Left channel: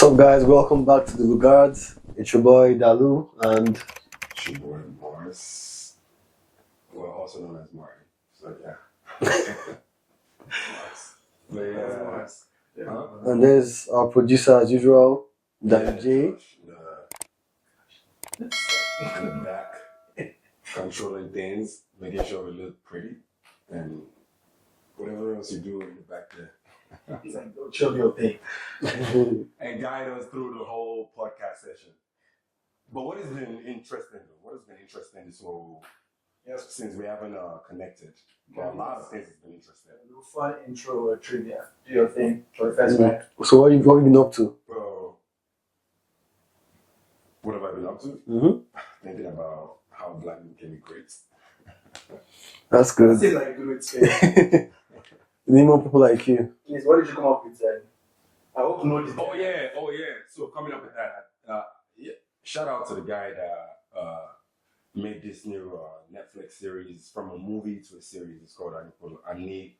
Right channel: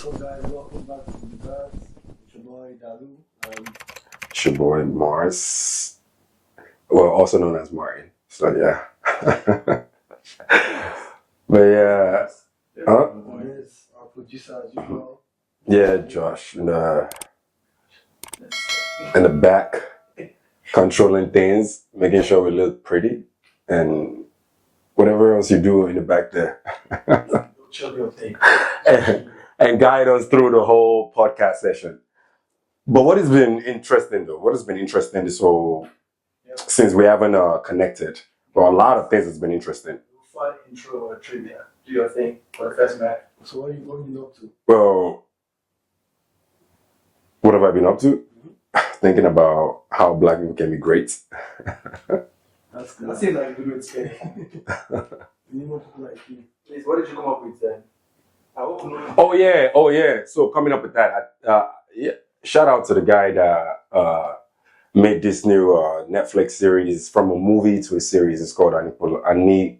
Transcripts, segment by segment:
What's up, guys? Welcome back to the Lugards. It's your boy Dalu, and It's your boy Mars, well, also known as Martin. So yeah, but yeah, and there's our producer as usual. yeah, G. Josh in the back, controlling things, making sure we look pretty, and whatever else you do in the back there. Chill your thing. and guide us through the whole podcast session. But what has been interesting though? What has been interesting this whole since we haven't connected? Well, a lot of things has been interesting. Fun intro trivia. Do your thing for the first night. So what have you been up to? Well, what have I been up to? Mm-hmm. Thinking about how black people can be great. That's I good. say like do it scary. We need more people like you. Please, what did you come up with then? I hope you know. Oh yeah. So coming up with that, yeah, shout out to the guy that made this new Netflix series from a movie to a series. It's called Anikulapo.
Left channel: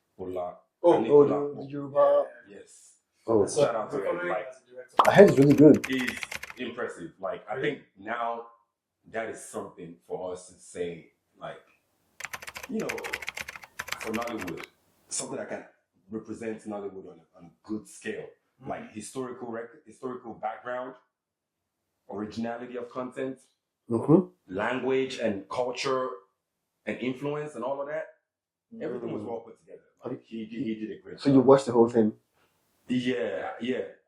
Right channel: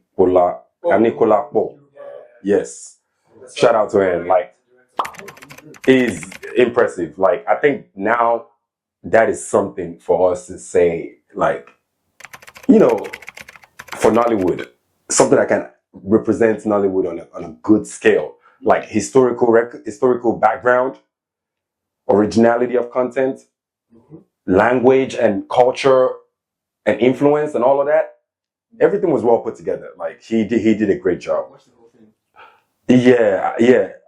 Yoruba. Yes. Oh, Shout out to him. Like, I heard it's really good. he's impressive. Like, I think now that is something for us to say, like, you know, for Nollywood, something that can represent Nollywood on a good scale, like historical background, originality of content, language and culture and influence and all of that. Everything was well put together. Like he did a great So you job. watched the whole thing? Yeah,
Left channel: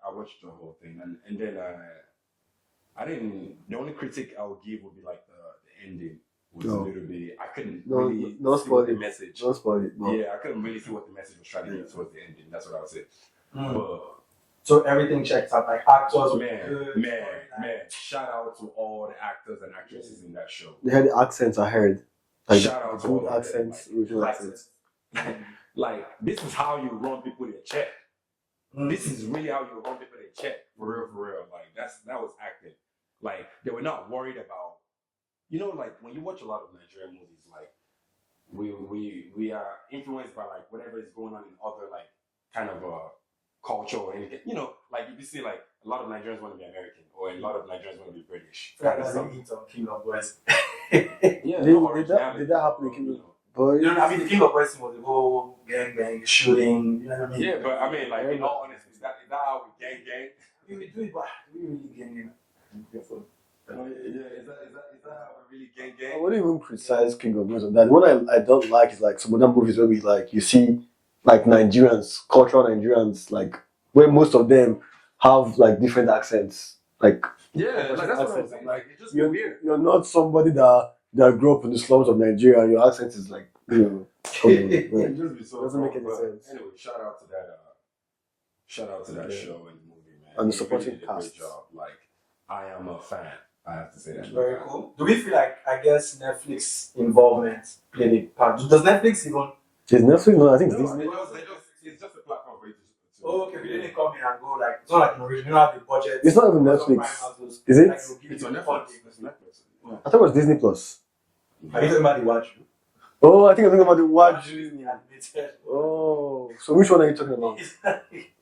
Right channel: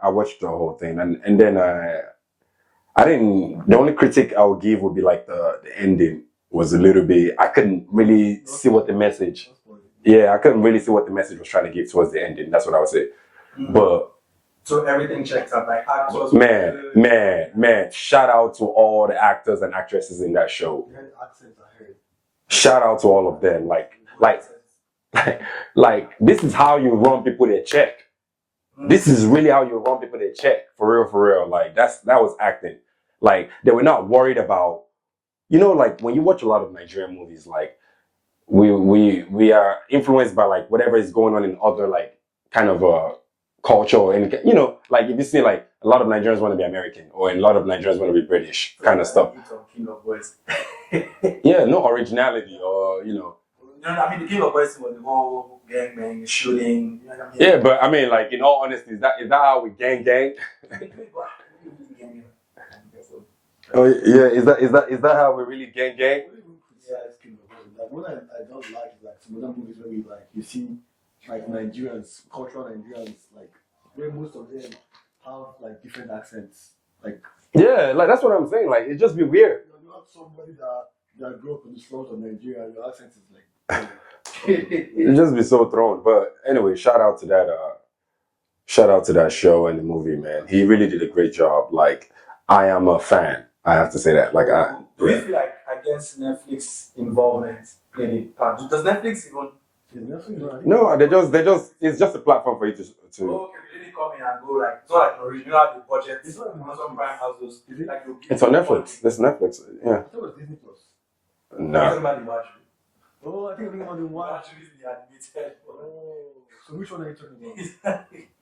I watched the whole thing, and then I didn't. The only critique I would give would be like the ending was a little bit. I couldn't really see what the message. Don't spoil it. Yeah, I couldn't really see what the message was trying to give towards the ending. That's what I would say. But So everything checks out, like actors. man, shout out to all the actors and actresses in that show. They had the accents I heard. Shout out to all of them. Like this is how you run people their check. This is really how you run people their check. For real. Like that was acting. Like they were not worried about, you know, like when you watch a lot of Nigerian movies, like we are influenced by like whatever is going on in other like kind of culture or any, you know, like if you see like a lot of Nigerians want to be American or a lot of Nigerians want to be British kind of stuff. King of Boys. Yeah, no originality, or, you know. But You know, I mean, the King of Boys was the whole gang bang, the shooting. You know what I mean? Yeah, but I mean, like in all honesty, is that how we gang? Oh yeah, is that how we really gang? I wouldn't even criticize King of Music. That what I don't like is like some other movies where we like you see like Nigerians, cultural Nigerians, like where most of them have like different accents. Like Yeah, like that's what I'm saying. Like it just be weird. You're not somebody that grew up in the slums of Nigeria. Your accent is like It just be so thrown. But anyway, shout out to that show and the movie, man. And He really did a great job. Like I am a fan. I have to say that. Like Do we feel like, I guess, Netflix involvement played a part? Does Netflix even? is Netflix? No, I think no, they just it's just a platform for you to Oh, okay, we didn't come in and go like, it's not like an original budget. It's not even Netflix. Is it? It's on Netflix. It's Netflix. Yeah. I thought it was Disney Plus. Are you No. talking about the watch? Oh, I think I'm thinking about the watch. Disney animated. Oh, so which one are you talking about?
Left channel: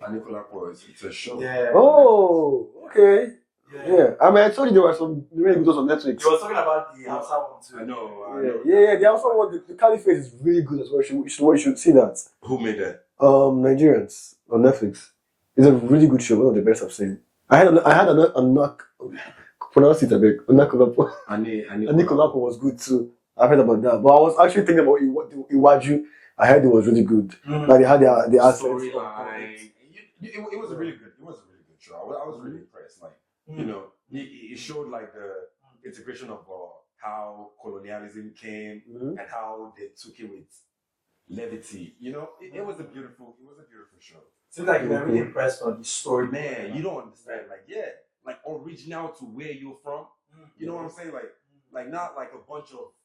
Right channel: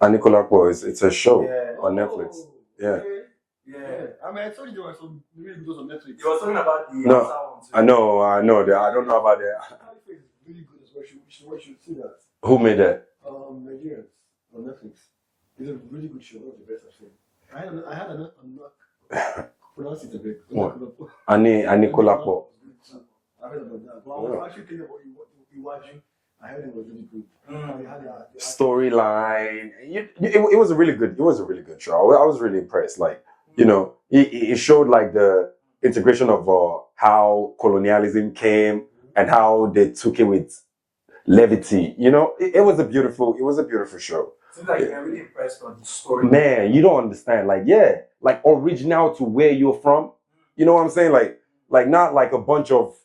Anikulapo it's a show. Yeah. On Oh, Netflix. Yeah. okay. Yeah. Yeah, I mean, I told you there were some really good on Netflix. You were talking about the No, Hausa one too. I know. I Yeah, don't know the about Alpha one, that. the Caliphate is really good as well. You should see that. Who made that? Nigerians on Netflix. It's a really good show. One of the best I've seen. I had a knock. Pronounce it a bit. Anikulapo Anikulapo. was good too. I heard about that, but I was actually thinking about Iwaju. I heard it was really good. Like they had the Storyline. It was a really good. It was a really good show. I was really impressed. Like you know, it showed like the integration of how colonialism came and how they took it with levity. You know, it was a beautiful show. Seems like you're really impressed on the story. Man, you don't understand. Like, yeah, like original to where you're from. You know what I'm saying? Like not like a bunch of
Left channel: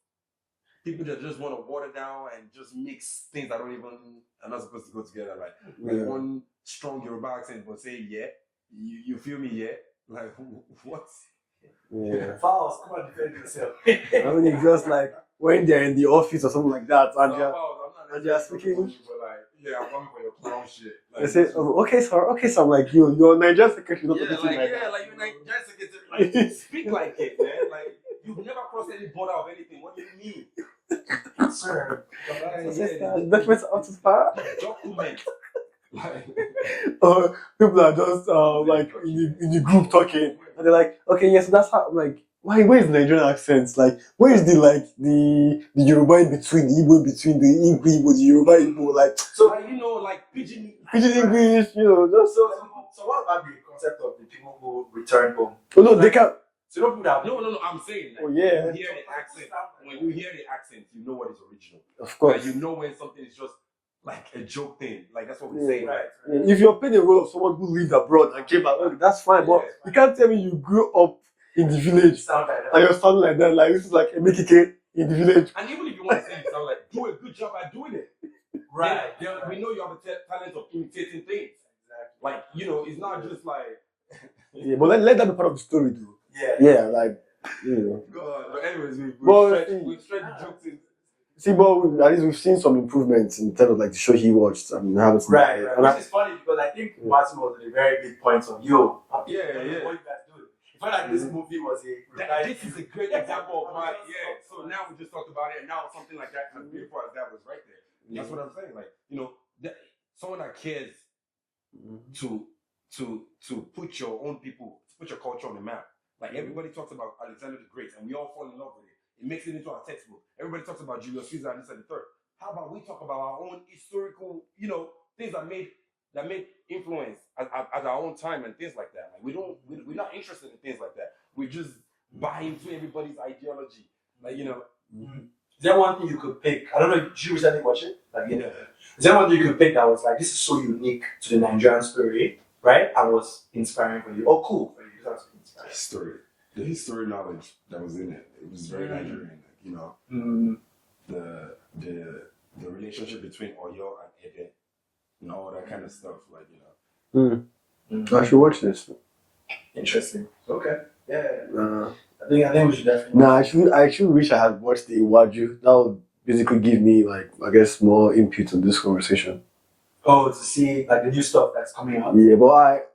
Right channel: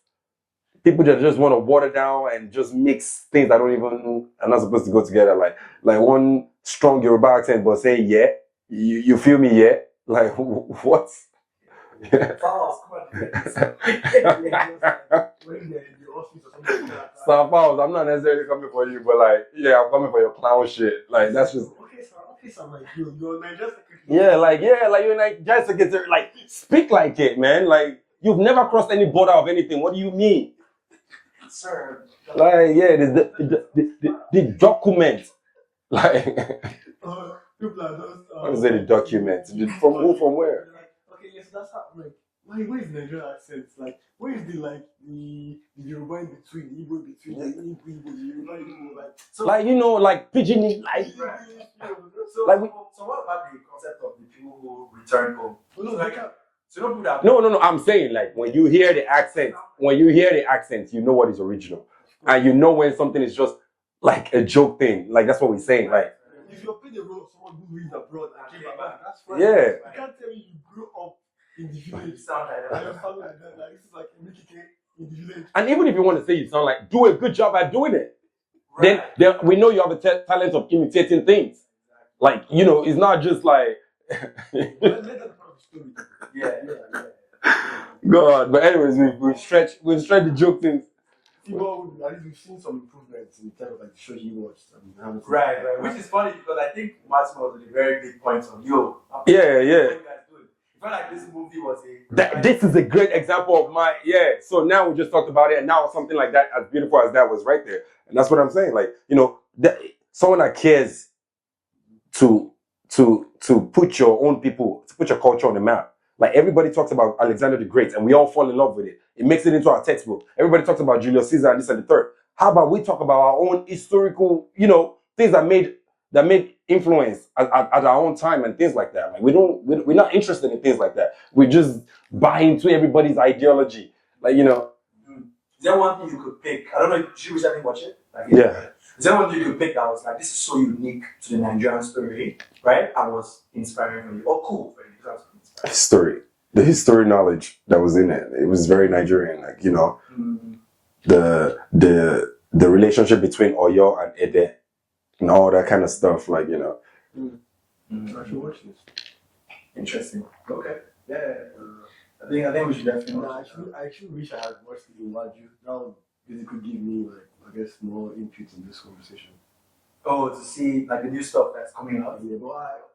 people that just want to water down and just mix things that are not supposed to go together. Like one strong Yoruba accent, but say yeah, you feel me? Yeah, like what? Fouls, come on, defend When it's just like when they're in the office or something like that. And Star Fouls, I'm not necessarily Yes, coming okay. for you, but like, yeah, I'm coming for your clown shit. Like, he that's says, just, "Oh, okay, sir, I'm like you're Nigerian secretary. yeah, like you're like, just secretary, like, speak like it, man. Like, you've never crossed any border of anything. What do you mean? Sir. Like, yeah, the document. Like, People are just like documents. in the group talking. From where? And they're like, okay, yes, that's how. I'm like, where is the Nigerian accents? Like, where is the Yoruba in between, the Igbo in between, the Igbo, the Yoruba Igbo, like, So, like, you know, like pidgin English, you know, just So, like. so what about the concept of the people who return home? Oh no, they can't. So don't put that. No. I'm saying, like, Yeah. when you hear the accent, you know what is original. Of course. And you know when something is just like a joke thing. Like, that's what we're saying. Like, If you're playing a role of someone who lived abroad and came back, okay, that's fine. Yeah. But you can't tell me you grew up in the village Sound like and you're sounding like that. Like this is like a Mekike in the village. and even if you want to say you sound like, do a good job at doing it. Right. Then we know you have a talent of imitating things. Like, you know, it's not just like, Yeah, but let that be part of the story, too. Yeah. Yeah, like, you know. God. But anyways, we've stretched the joke things. See, but at least we've seen some improvements in terms of like the show he watched and haven't seen. Right. And Which is funny because I think Martin was a very big point of yo. Yeah. What you guys doing? It felt like this movie was This is a great example of my, so now we just talked about it, and now something like that, as beautiful as that was right there. And that's what I'm saying. Like, you know, someone that cares to put your own people, to put your culture on the map. Like, everybody talks about Alexander the Great, and we all fall in love with it. It makes it into our textbook. Everybody talks about Julius Caesar and this and the third. How about we talk about our own historical, you know, things that made influence at our own time and things like that. Like, we're not interested in things like that. We just buy into everybody's ideology. Like, you know. Is there one thing you could pick? I don't know. Did you recently watch it? Like, Yeah. Is there one thing you could pick that was like, this is so unique to the Nigerian story, right? And was inspiring for you, or cool for you? That was inspiring. The history knowledge that was in it. It was very Nigerian. Like, you know, the relationship between Oyo and Ede and all that kind of stuff. Like, you know. I should watch this. Interesting. Okay. Yeah. I think we should definitely. Nah, I actually wish I had watched the Iwaju. That would basically give me like, I guess, more input on this conversation. Oh, to see like the new stuff that's coming out. Yeah, but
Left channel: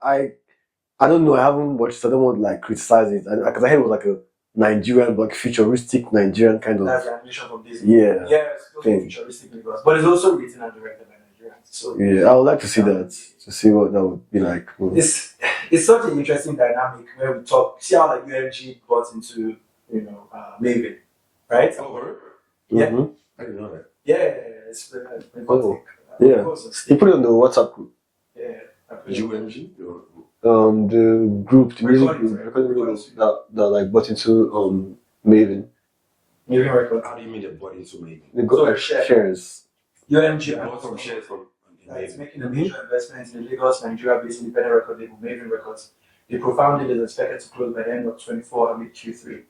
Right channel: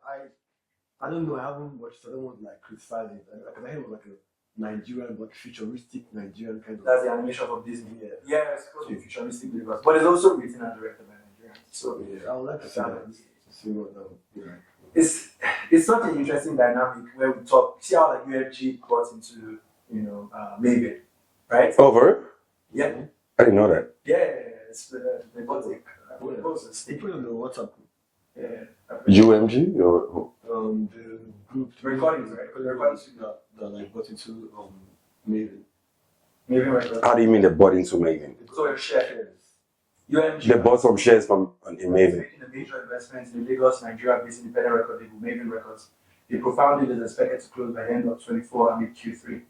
I don't know. I haven't watched. So I don't want to like criticize it because I heard it was like a Nigerian, like futuristic Nigerian kind of. That's the animation from Disney. Yeah. Yeah, it's supposed to be futuristic because, but it's also written and directed by Nigerians. So Yeah, I would like to see that, to see what that would be like. it's such an interesting dynamic when we talk. See how like UMG got into Maven, right? Over? Yeah. Mhm. I didn't know that. Yeah, it's Oh, yeah. He put it on the WhatsApp group. Yeah. UMG or The group, the music Recordings, group, right? recording group Recordings. that like bought into Maven. Maven Records. How do you mean they bought into Maven? They got So like share. shares. UMG. They bought some shares from in It's Maven. making a major investment in the Lagos, Nigeria-based independent record label, Maven Records. The profound deal is expected to close by the end of 24 and mid Q3.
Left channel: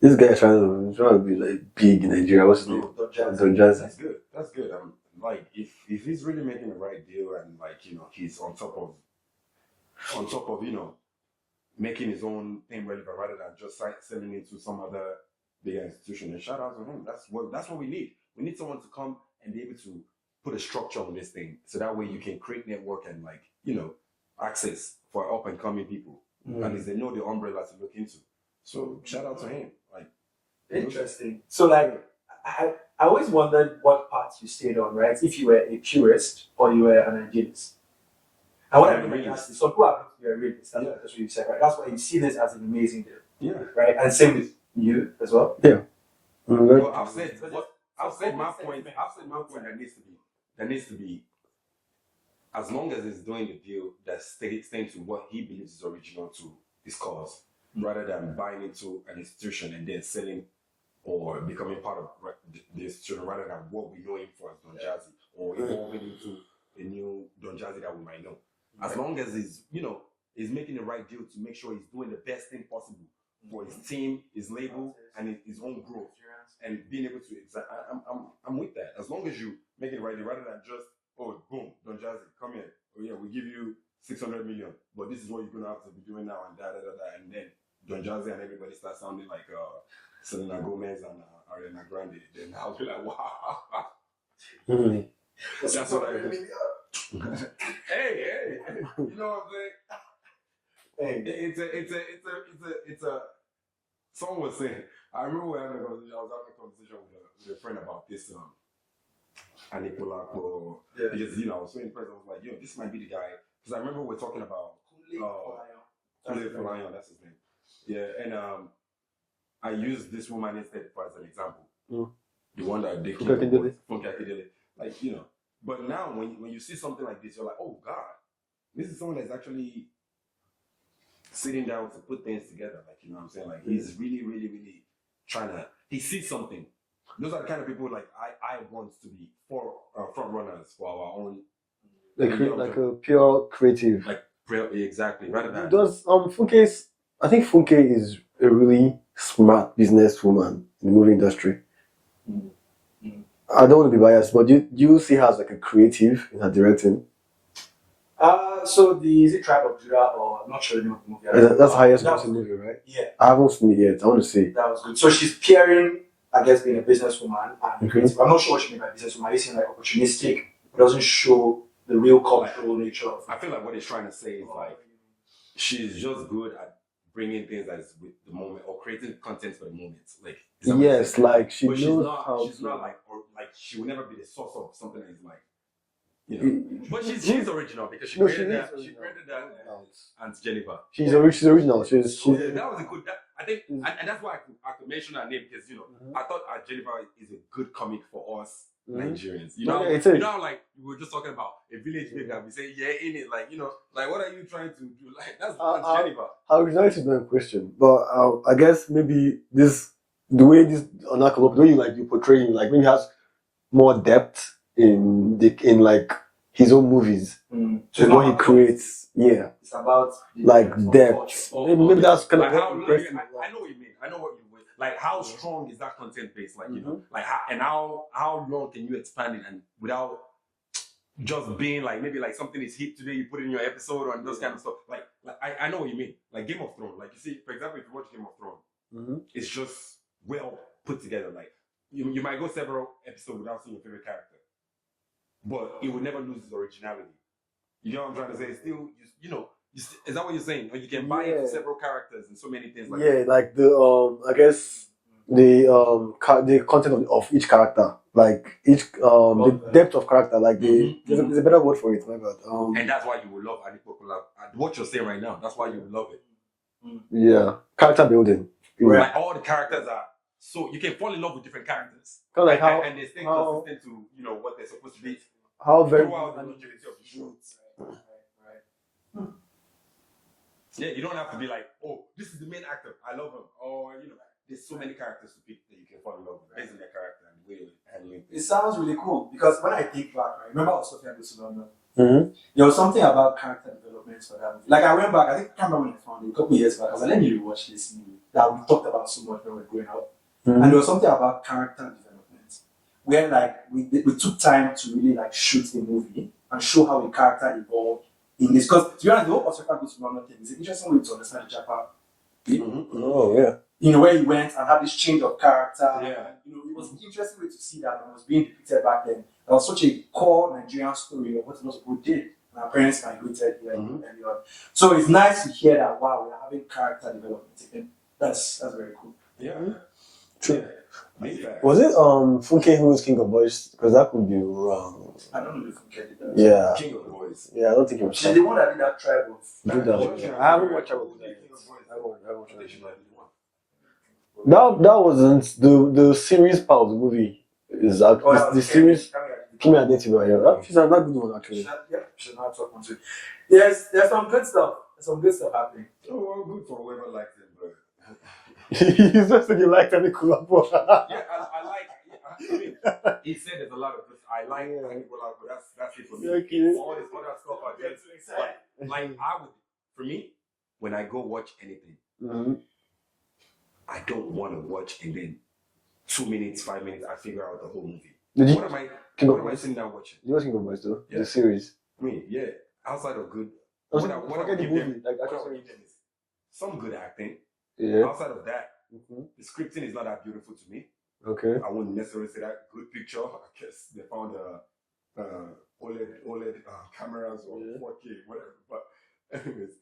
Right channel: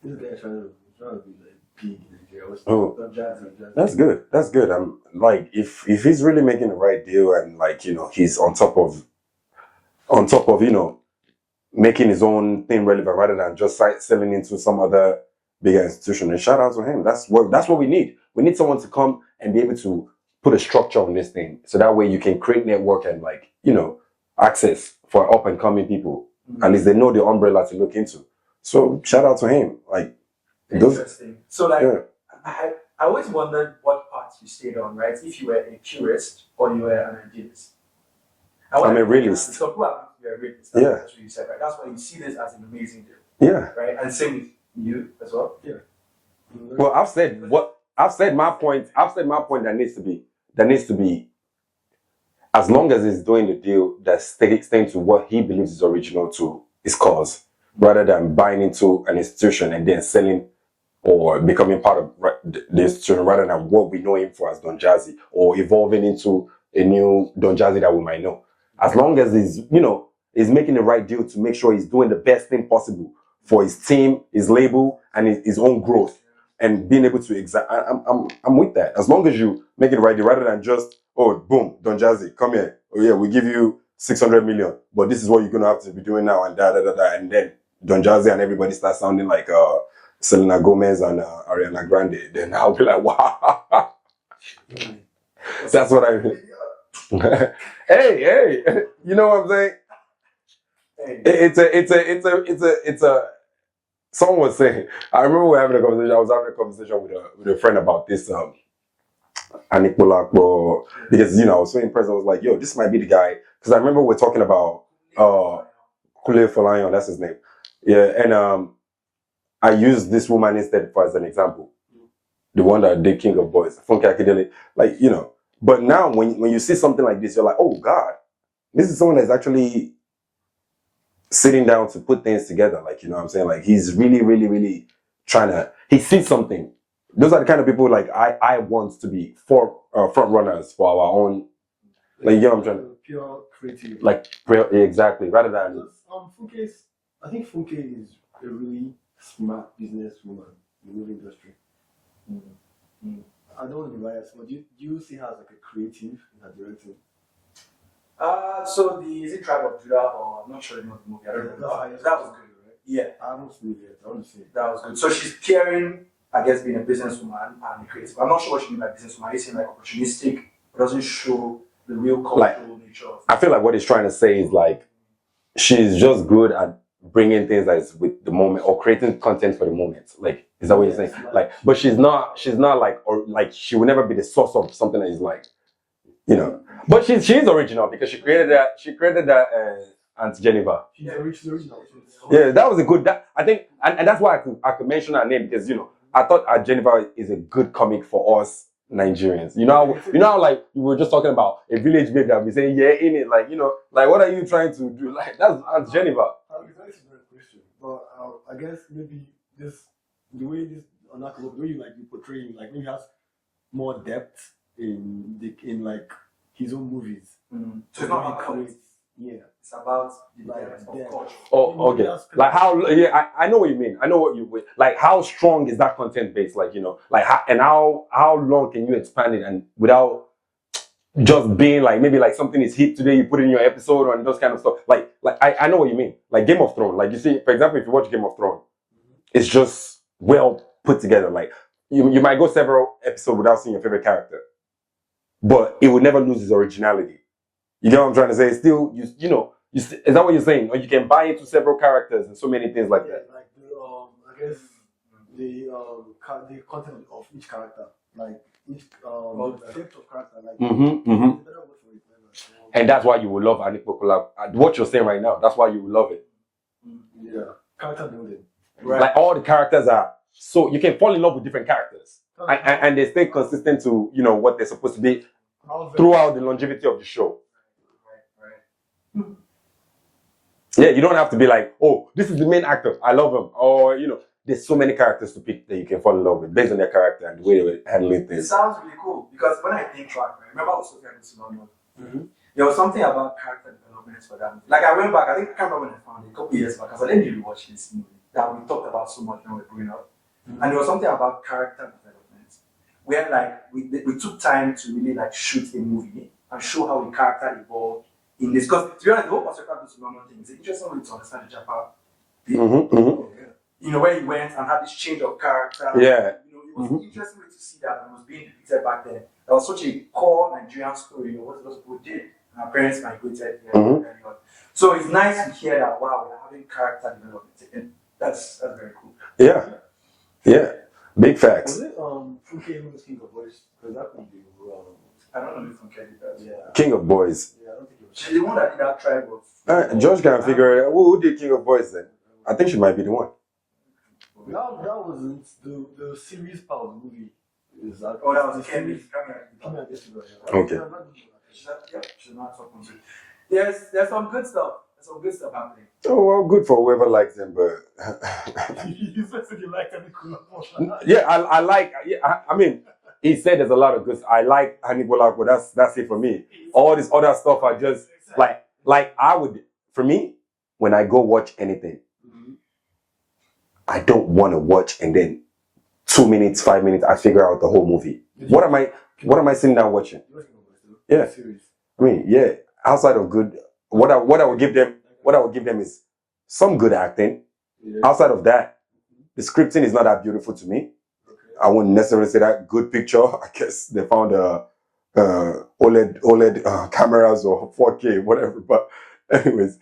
This guy trying to be like big in Nigeria. What's his name? Oh, Don Jazzy. Don Jazzy. that's good. That's good. I'm like, if he's really making the right deal and like, you know, he's on top of you know, making his own thing relevant rather than just selling into some other bigger institution. And shout out to him. That's what we need. We need someone to come and be able to put a structure on this thing, so that way you can create network and like, you know, access for up and coming people. At least they know the umbrella to look into. So shout out to him. Like, Interesting. So like, Yeah. I always wondered what path you stayed on, right? If you were a purist or you were an idealist. I'm a realist. Some people are a realist. That's Yeah. what you said, right? That's why you see this as an amazing deal, yeah. right? And same with you as well. Well, I've said my point that needs to be as long as he's doing the deal that's staying to what he believes is original to his cause, rather than buying into an institution and then selling or becoming part of the institution, rather than what we know him for as Don Jazzy, or evolving into a new Don Jazzy that we might know. As long as he's making the right deal to make sure he's doing the best thing possible for his team, his label, and his own growth, and being able to I'm with that. As long as you make it right, rather than just, oh, boom, Don Jazzy, come here. Oh yeah, we give you 600 million, but this is what you're gonna have to be doing now, and and then Don Jazzy and everybody starts sounding like Selena Gomez and Ariana Grande, then I'll be like, wow. That's what I mean. hey, you know what I'm saying? Hey. It's a. Someone was saying. I remember we were having a conversation. I was having a conversation with a friend about this. Anik Bolakbo, because I was so impressed. I was like, yo, this might be the guy. Because I remember we're talking about Kule Folayan, that's his name. Yeah, and I used this woman instead as an example. The one that did King of Boys, Funky Akindele. Like, but now when you see something like this, you're like, oh God, this is someone that's actually sitting down to put things together. Like, you know what I'm saying? Like, he's really, really, really trying to, he sees something. Those are the kind of people like I want to be front runners for our own. Like, a pure creative. Like, exactly. Rather than Funke I think Funke is a really smart businesswoman in the movie industry. I don't want to be biased, but do you see her as like a creative in her directing? So is it Tribe of Judah, or I'm not sure the name of the movie. That's the highest grossing movie, right? Yeah. I haven't seen it yet. I want to see. That was good. So she's pairing, I guess, being a businesswoman and creative. I'm not sure what she means by businesswoman. It seems like opportunistic. It doesn't show the real cultural nature of it. I feel like what he's trying to say is like she's just good at bringing things that's with the moment or creating content for the moment. Like, is that what you're saying? Like but she's not like, or like she will never be the source of something that is like, But she's original because she created that Aunt Geneva. She's original. Yeah, that was a good. I think, and that's why I could mention her name because I thought Aunt Geneva is a good comic for us Nigerians. How like we were just talking about a village babe that we saying in it, like like what are you trying to do? Like that's Aunt Geneva. Her originality is not a question, but I guess maybe the way this Onakolo, the way you portray him, like maybe has more depth in like his own movies. So what he creates. Yeah, it's about depth. Maybe that's kind of how. I know what you mean. I know what you mean. Like how strong is that content base? Like like how long can you expand it and without just being like maybe like something is hit today, you put it in your episode and those kind of stuff. Like I know what you mean. Like Game of Thrones. Like you see, for example, if you watch Game of Thrones, it's just well put together. Like you might go several episodes without seeing your favorite character, but it will never lose its originality. You get what I'm trying to say? Still, is that what you're saying? Or you can buy into several characters and so many things like like the I guess the content of each character, like each the depth of character, like there's a better word for it. My God. And that's why you will love Anik Pokola. What you're saying right now, that's why you will love it. Yeah, character building. Like all the characters are so you can fall in love with different characters, and they stay consistent to what they're supposed to be throughout the longevity of the show. Yeah, you don't have to be like, oh, this is the main actor, I love him, or there's so many characters to pick that you can fall in love with based on their character and the way they were handling things. It sounds really cool because when I think track, right, remember I was talking about London. There was something about character development for that movie. Like I went back, I can't remember when I found it a couple years back. I was like, let me rewatch this movie that we talked about so much when we were growing up. And there was something about character development where like we took time to really like shoot a movie and show how a character evolved in this. Because to be honest, the whole Osaka goes to London thing is an interesting way to understand the Japa. Oh yeah. Where he went and had this change of character. Yeah. It was an interesting way to see that and was being depicted back then. That was such a core Nigerian story of what those people did. And our parents migrated here early on. So it's nice to hear that, wow, we're having character development again. That's very cool. Yeah. Yeah. Big facts. Was it Funke who was King of Boys? Because that could be wrong. I don't know if Funke did that. Yeah. King of Boys. Yeah, I don't think it was. She's the one that did that Tribe of George can figure it out. Who did King of Boys then? I think she might be the one. That wasn't the series part of the movie. Is the series Kimi Adetiba, yeah. She's not good one actually. She's not top one too. There's some good stuff. There's some good stuff happening. Oh well, good for whoever likes him, but you just said you liked Annie Kulakbo. Yeah, I like. Yeah, I mean, he said there's a lot of good. I like Annie Kulakbo. That's it for me. Okay. All this other stuff, I just like I would. For me, when I go watch anything, I don't want to watch and then 2 minutes, 5 minutes, I figure out the whole movie. What am I sitting down watching? You watching Good Boys though? Yeah, the series. I mean, yeah. Outside of good, what I would give them is some good acting, Yeah. Outside of that, the scripting is not that beautiful to me. Okay. I wouldn't necessarily say that good picture. I guess they found OLED cameras or 4K, whatever. But anyways,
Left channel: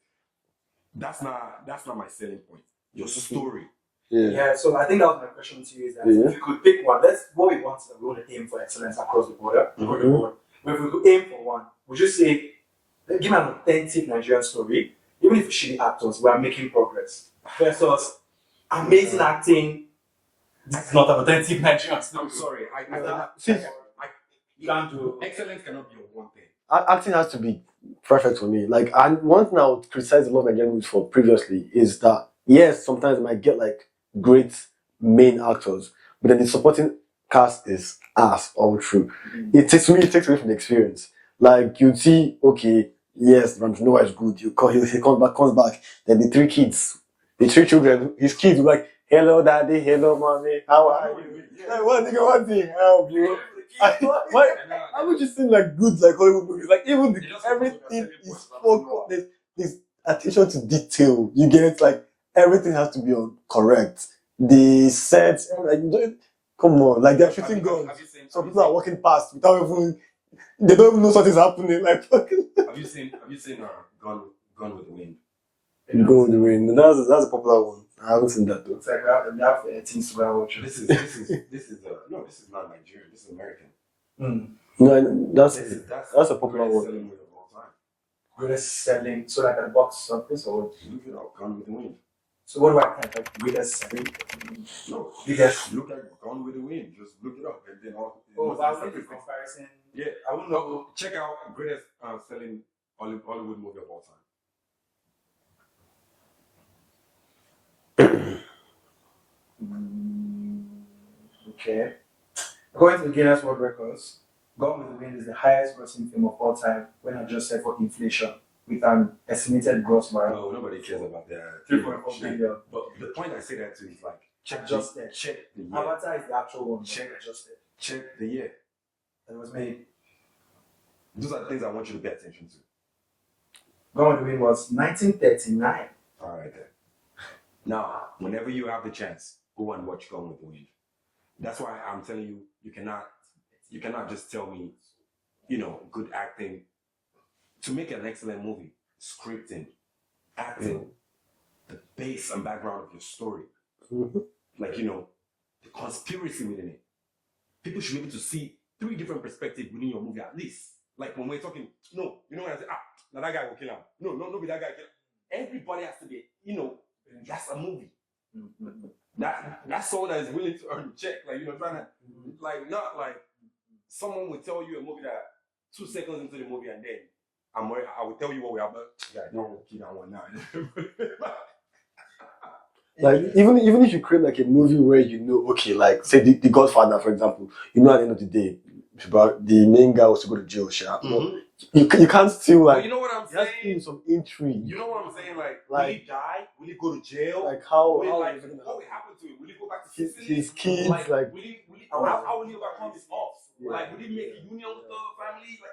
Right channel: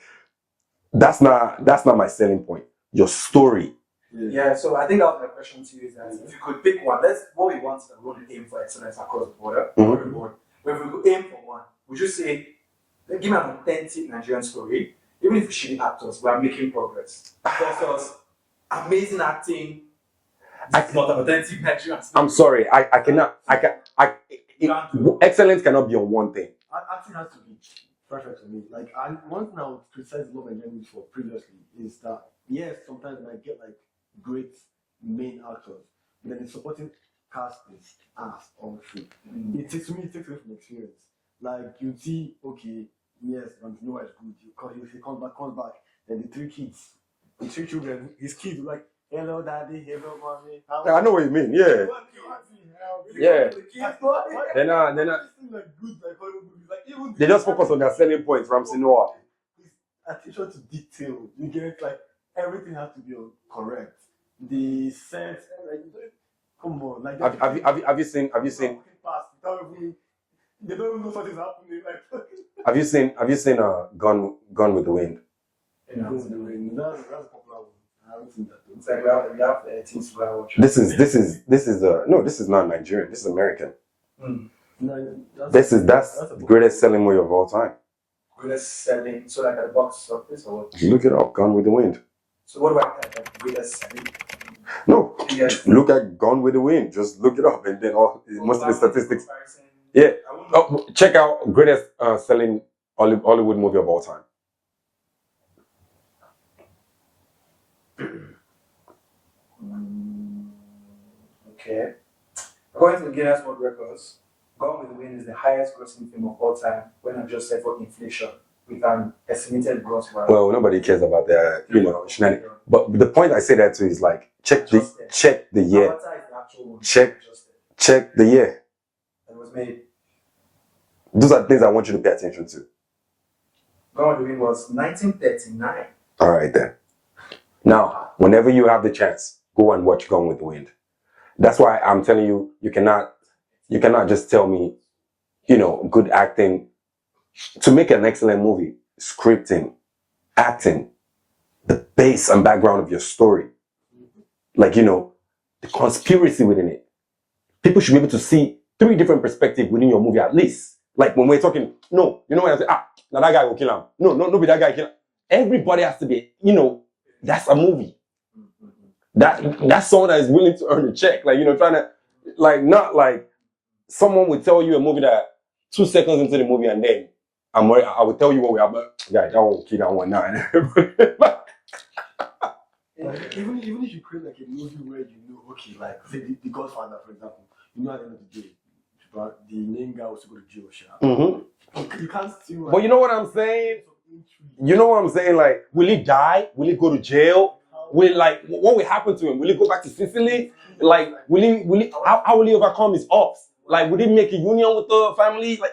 that's not my selling point. Your story. Yeah, so I think that was my question to you is that if you could pick one, that's what we want to aim for excellence across the border. But if we could aim for one, would you say, give me an authentic Nigerian story, even if we shitty actors, we are making progress. Versus amazing acting, it's not an authentic Nigerian story. I'm sorry, I cannot. Excellence cannot be on one thing. Acting has to be perfect for me. Like, and one thing I would criticize a lot of Nigerian movies for previously is that yes, sometimes I might get like great main actors, but then the supporting cast is ass all through. It takes away from the experience. Like you see, okay, yes, Ramsey Noah is good. He comes back. Then the three children, his kids were like, hello daddy, hello mommy. I know what you mean. Yeah. One thing, help you. Yeah. They're not just seem like good like Hollywood movies. Like even they just focus on their selling points. Ramsey Noah. There's attention to detail. You get like everything has to be on correct. The sets, like come on, like they're shooting. Have you seen? Are walking past without even. They don't even know something's happening. Like Have you seen? Gone with the Wind? Gone with the Wind. That's a popular one. I haven't seen that though. It's like we have things to watch. This is not Nigerian. This is American. No, that's a the greatest selling movie of all time. Greatest selling, so like a box office or what? Look it up. Gone with the Wind. So what do I think? Like greatest selling? No, look at Gone with the Wind. Just look it up, and then most of the statistics. Yeah. Check out greatest selling Hollywood movie of all time. Okay. According to the Guinness World Records, Gone with the Wind is the highest grossing film of all time when adjusted for inflation, with an estimated gross value. Well, nobody cares about that, shenanigans. But the point I say that to is like check the year. Avatar is the actual one. Check the year. It was made. Those are the things I want you to pay attention to. Gone with the Wind was 1939. All right then. Now, whenever you have the chance, go and watch Gone with the Wind. That's why I'm telling you, you cannot just tell me, good acting. To make an excellent movie, scripting, acting, the base and background of your story, like, the conspiracy within it. People should be able to see 3 different perspectives within your movie at least. Like when we're talking, no, when I say, now that guy will kill him. No, be that guy kill him. Everybody has to be, that's a movie. That's someone that is willing to earn a check. Like, trying to, like, not like someone would tell you a movie that 2 seconds into the movie and then I will tell you what we have. Yeah, that one will kill that one now. Like even if you create like a movie where okay, like say the Godfather, for example, at the end of the day, the main guy was to go to jail. You can't still like. But you know what I'm saying? Some intrigue. You know what I'm saying? Like, will he die? Will he go to jail? Like how? What will happen to him? Will he go back to Sicily? His kids, like, will he? How will he overcome his ops? Like, would he make a union with the family? Like,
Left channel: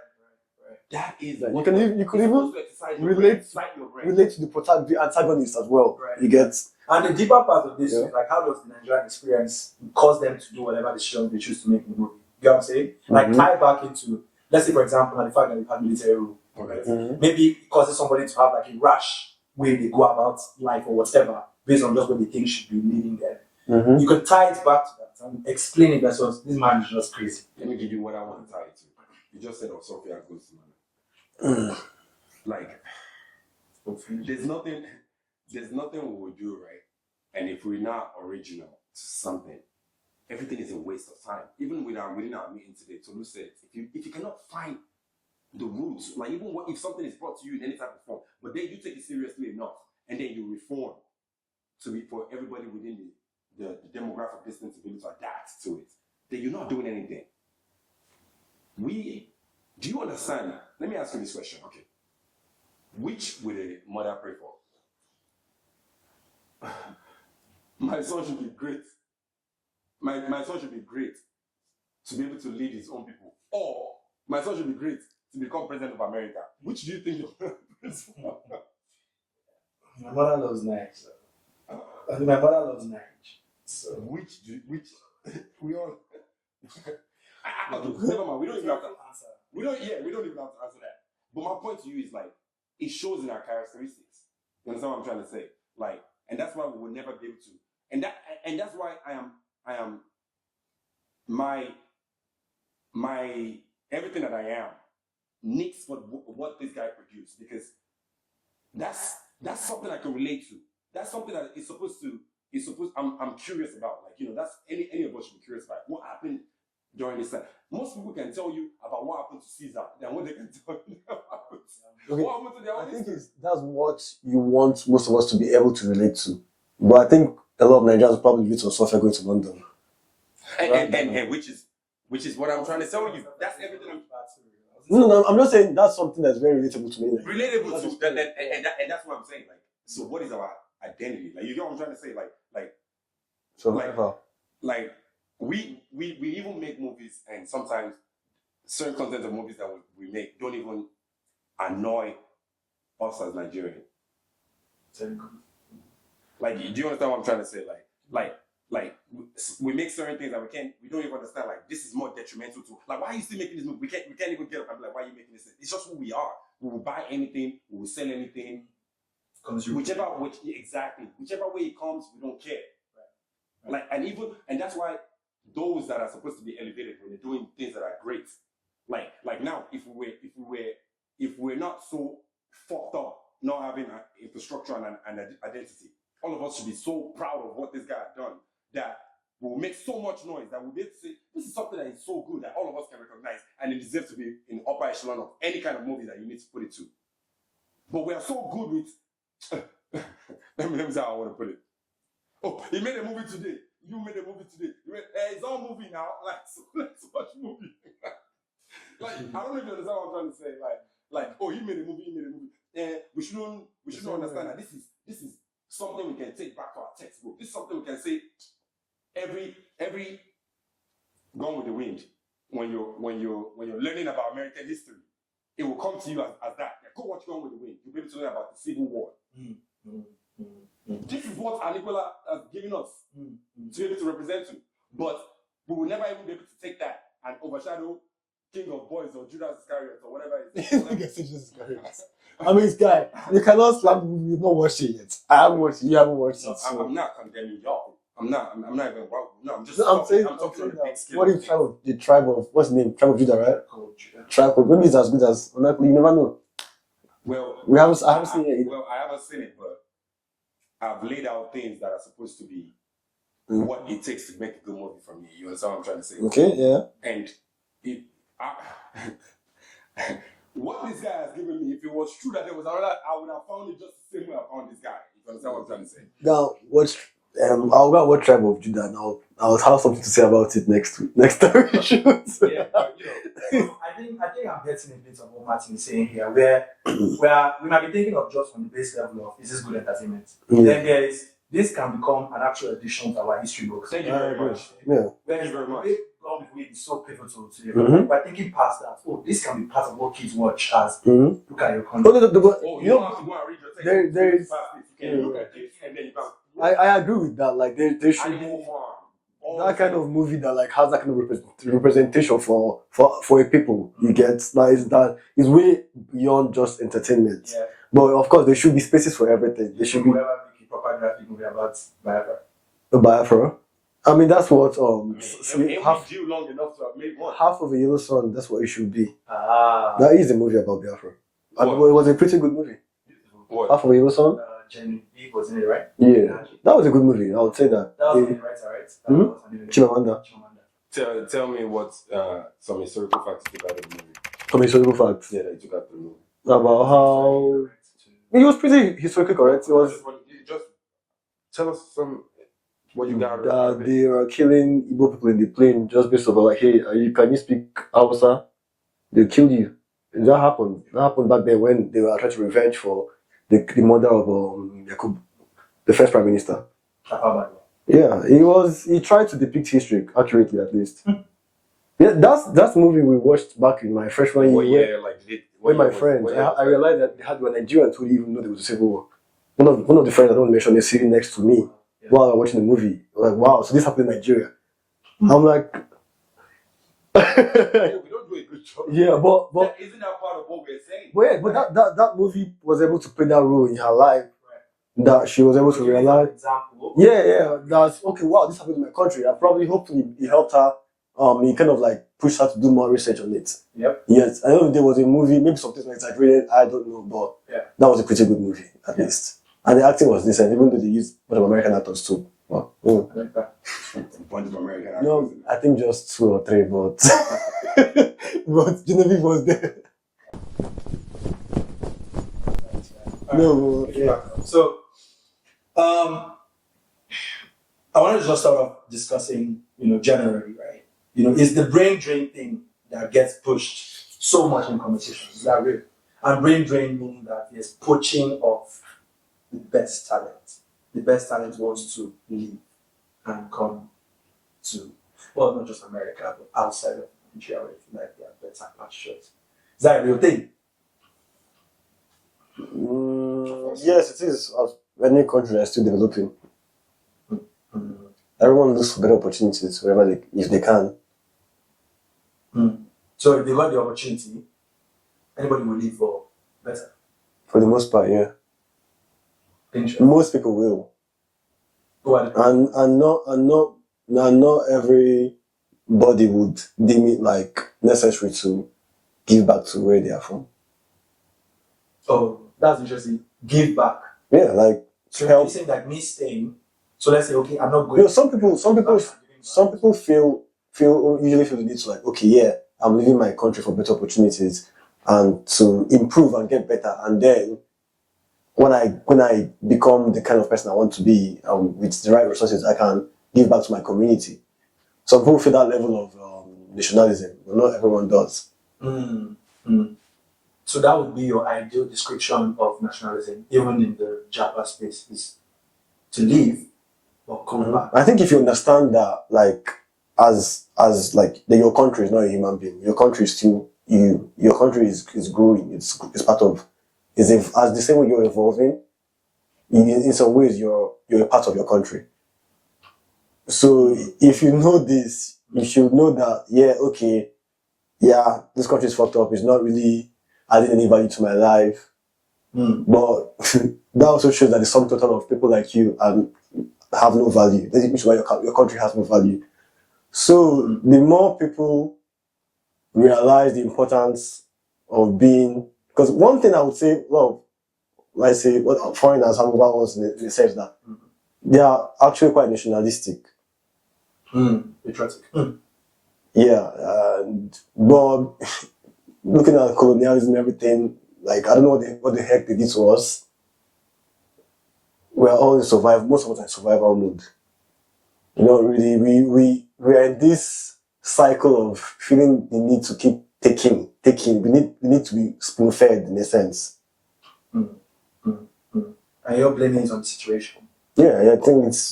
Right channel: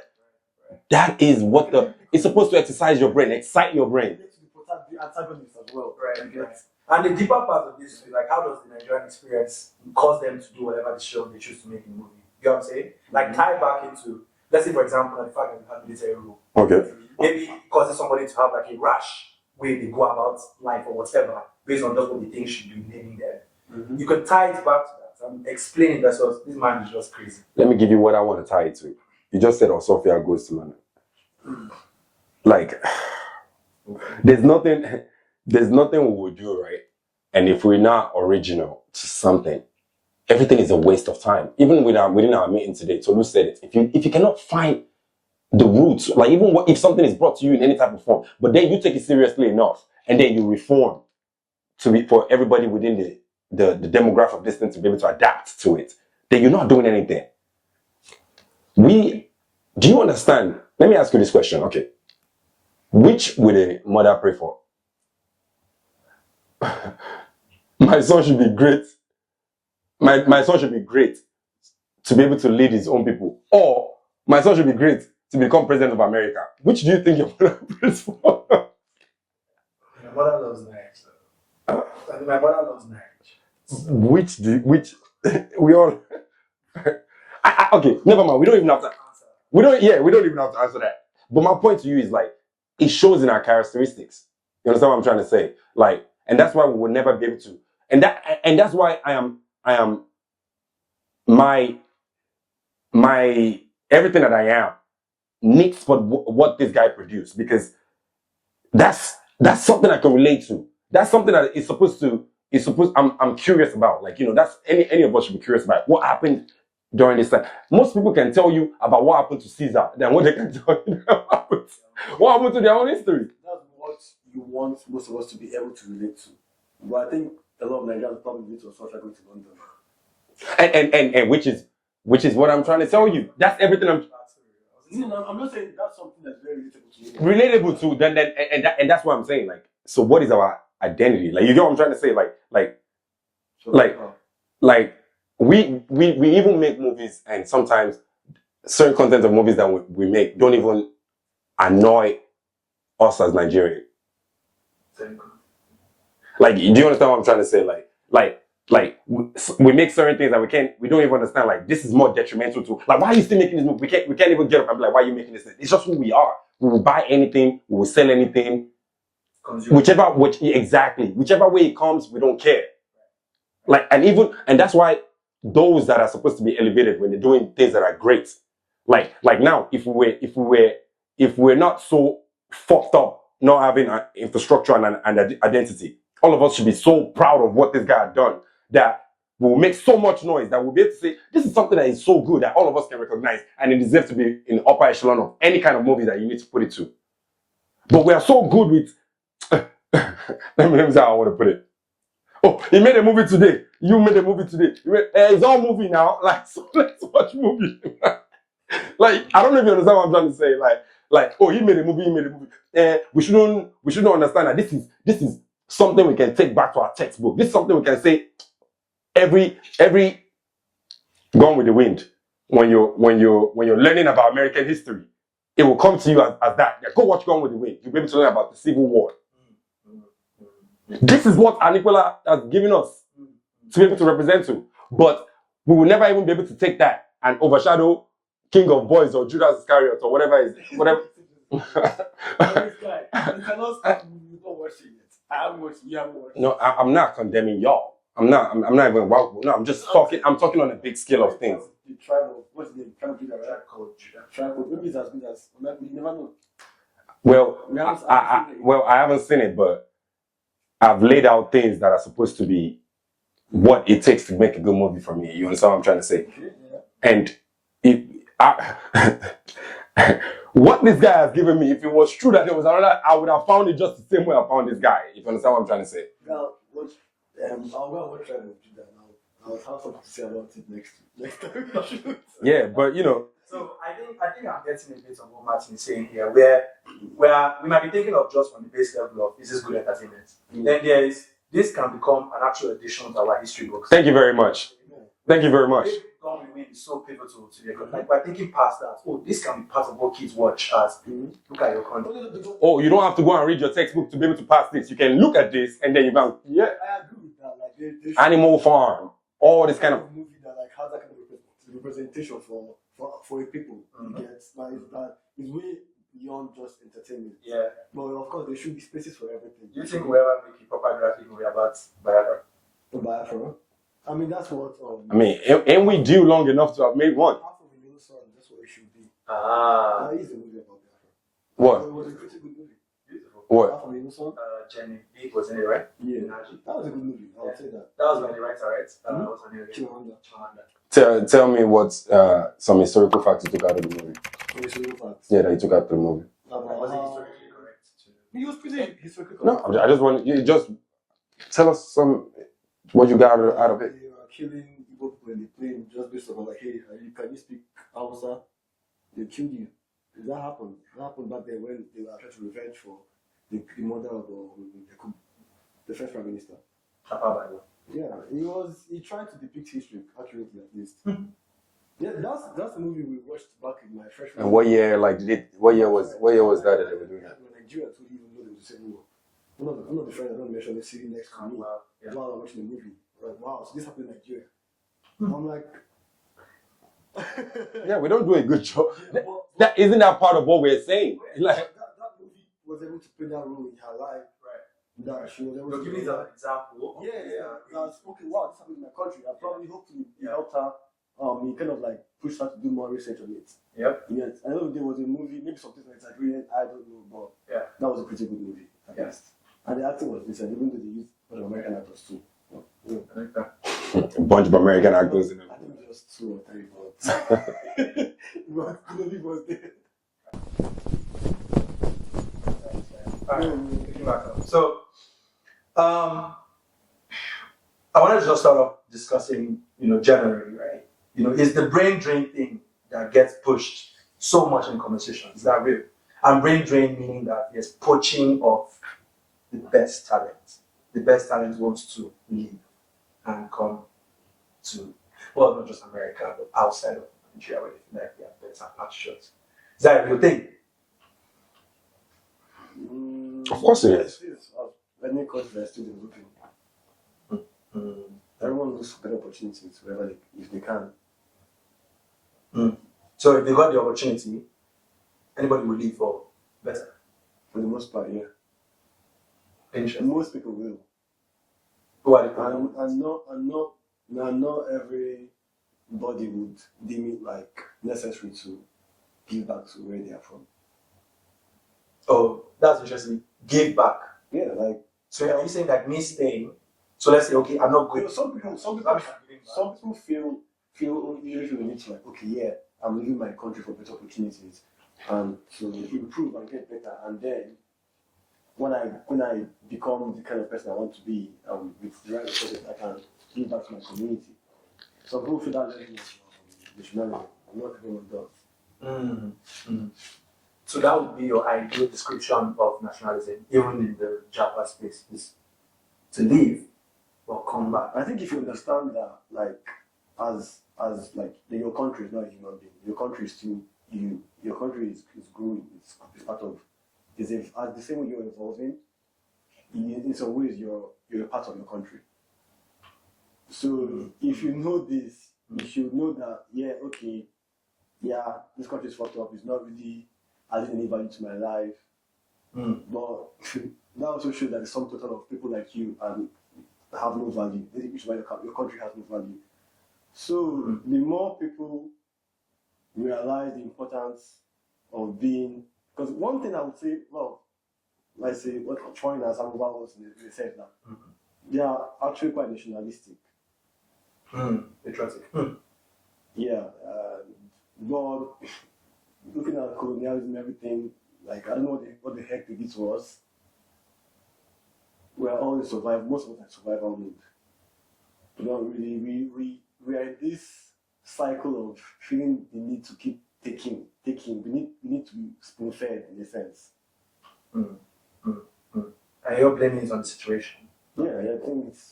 that is what it's supposed to exercise your brain, excite your brain. Relate to the antagonist as well. Right. You get. And the deeper part of this is like, how does the Nigerian experience cause them to do whatever decision they choose to make in the movie? You know what I'm saying? Like tie back into, let's say for example, the fact that we have military rule. Okay. Maybe it causes somebody to have like a rash way they go about life or whatever, based on just what they think should be living there. You could tie it back to that and explain it. That's what this man is just crazy. Let me give you what I want to tie it to. You just said Sophia goes to London. Like, there's nothing we would do, right? And if we're not original to something, everything is a waste of time. Even within our meeting today, Tolu said it. If you cannot find the roots, like even if something is brought to you in any type of form, but then you take it seriously enough, and then you reform for everybody within the demographic of this thing to be able to adapt to it, then you're not doing anything. Do you understand? Let me ask you this question, okay? Which would a mother pray for? My son should be great. My son should be great to be able to lead his own people. Or my son should be great to become president of America. Which do you think your mother prays for? My mother loves Nike. And my mother loves marriage. Which we all okay, never mind. We don't even have to answer. we don't even have to answer that. But my point to you is like it shows in our characteristics. You understand what I'm trying to say? Like, and that's why we will never be able to. And that's why I am my everything that I am needs for what this guy produced, because that's something I can relate to. That's something that I'm curious about. Like, that's any of us should be curious about what happened during this time. Most people can tell you about what happened to Caesar than what they can tell you what happened to their own history. That's what you want most of us to be able to relate to. But I think a lot of Nigerians probably relate to Sophia going to London. And which is what I'm trying to tell you. That's everything I'm. No, I'm not saying that's something that's very relatable to me. Relatable to then and that's what I'm saying. Like, so what is our identity? Like, you get what I'm trying to say? Like we even make movies, and sometimes certain content of movies that we make don't even annoy us as Nigerians. Like, do you understand what I'm trying to say? Like we make certain things that we don't even understand. Like, this is more detrimental to, like, why are you still making this movie? We can't even get up and be like, why are you making this? It's just who we are. We will buy anything, we will sell anything. Whichever way it comes, we don't care. Like, and that's why those that are supposed to be elevated when they're doing things that are great. Like now, if we're not so fucked up, not having an infrastructure and an identity, all of us should be so proud of what this guy had done that we'll make so much noise that we'll be able to say, this is something that is so good that all of us can recognize, and it deserves to be in the upper echelon of any kind of movie that you need to put it to. But we are so good with, let me see how I want to put it. Oh, he made a movie today. You made a movie today. It's all movie now. Like, so let's watch movie. Like, I don't know if you understand what I'm trying to say. Like, oh, he made a movie. We shouldn't understand that this is something we can take back to our textbook. This is something we can say every Gone with the Wind. When you're learning about American history, it will come to you as that. Yeah, go watch Gone with the Wind. You'll be able to learn about the Civil War. This is what Anipola has given us to be able to represent to. But we will never even be able to take that and overshadow King of Boys or Judas Iscariot or whatever it is. Whatever. I mean, this guy, you cannot say you've not watched it yet. I haven't watched it. You haven't watched it. No, I'm not condemning y'all. I'm not even. No, I'm just talking. I'm talking on a big scale of things. The tribe of, what's the name? Tribe of Judah, right? Tribe of, maybe it's as good as, you never know. Well, I haven't seen it. Well, I haven't seen it, but I've laid out things that are supposed to be what it takes to make a good movie for me. You understand what I'm trying to say? Okay, yeah. And what this guy has given me, if it was true that there was another, I would have found it just the same way I found this guy. If you understand what I'm trying to say. Now, I'll go watch Tribe of Judah now. I'll have something to say about it next time we shoot. Yeah, but I think I'm getting a bit of what Martin is saying here, where we might be thinking of just from the base level of, is this good entertainment? Then this can become an actual addition to our history books. Thank you very much. Yeah. Thank you very much. Gone with the Wind is so pivotal to the economy. We're thinking past that. Oh, this can be part of what kids watch as look at your content. You don't have to go and read your textbook to be able to pass this. You can look at this and then you can. Yeah, I agree with that. Like, there should Animal Farm. All that this kind of movie that like has that kind of representation for a people. You get that is way beyond just entertainment. Yeah. But of course, there should be spaces for everything. There should be whoever making proper graphic movie about Biafra. Biafra. I mean, that's what. Ain't we due long enough to have made one? Half of a Yellow Sun. That's what it should be. That is a movie about Biafra. It was a pretty good movie. Beautiful. What? Half of a Yellow Sun. Jenny Deep was in it, right? Yeah, that was a good movie. I would say that. That was on the writer, right? That was on the Chimamanda. Tell me what some historical facts you took out of the movie. Some historical facts. Yeah, that you took out of the movie. About how it was pretty historically correct. I just want you just tell us what you got out of it. They were killing Igbo people in the plane just based on like, hey, can you speak Hausa? They killed you. And that happened. That happened back then when they were trying to revenge for the mother of Yakub, the first prime minister. Yeah, he tried to depict history accurately, at least. Yeah, that's the movie we watched back in my freshman year. What year? Like, with my friends. I realized that they had Nigerians who didn't even know there was a civil war. one of the friends I don't mention is sitting next to me Yeah. while I'm watching the movie. Like, wow, so this happened in Nigeria. I'm like, Yeah, we don't do a good job. yeah, but Isn't that part of what we're saying? but that movie was able to play that role in her life. That she was able to Give me an realize. example. Yeah. That's okay. Wow, this happened in my country. I probably, hopefully, it helped her. It kind of like pushed her to do more research on it. Yep. Yes, I know there was a movie. Maybe something like exaggerated. I don't know, but Yeah. that was a pretty good movie at least. And the acting was decent, even though they used a bunch of American actors too. Wow. I like that. A bunch of American No, actors. I think just 2 or 3, but but Genevieve was there. No, yeah. So, I wanted to just start off discussing, generally, right? Is the brain drain thing that gets pushed so much in conversations, is that real? And brain drain meaning that there's poaching of the best talent. The best talent wants to leave and come to, well, not just America, but outside of Nigeria where they feel like they are better pastures. Is that a real thing? Of course it yes, it is. Any country that's still developing. Mm. Everyone looks for better opportunities wherever if they can. So if they got the opportunity, anybody will leave for better. For the most part, yeah. Interesting. Most people will. Who are the people? And not everybody would deem it like necessary to give back to where they are from. Oh, that's interesting. Give back. Yeah, like So you're saying that me staying, so let's say, okay, I'm not going. some people usually feel the need to like, okay, yeah, I'm leaving my country for better opportunities and to improve and get better, and then when I become the kind of person I want to be, with the right resources, I can give back to my community. Some people feel that level of nationalism, but not everyone does. So that would be your ideal description of nationalism, even in the Japa space, is to leave or come back. I think if you understand that, like, as like your country is not a human being, your country is still you. Your country is growing. It's part of. As the same way you're evolving, in some ways you're a part of your country. So if you know this, you should know that, this country is fucked up. It's not really adding any value to my life. But that also shows that the sum total of people like you have no value. That means why your country has no value. So the more people realize the importance of being, because one thing I would say, what foreigners have over us in the sense that they are actually quite nationalistic. Patriotic. Yeah, but looking at colonialism and everything, like, I don't know what the heck they did to us. We're all in most of us are in survival mode. Really, we're in this cycle of feeling the need to keep taking. We need to be spoon-fed in a sense. And you're blaming it on the situation. Yeah, I think it's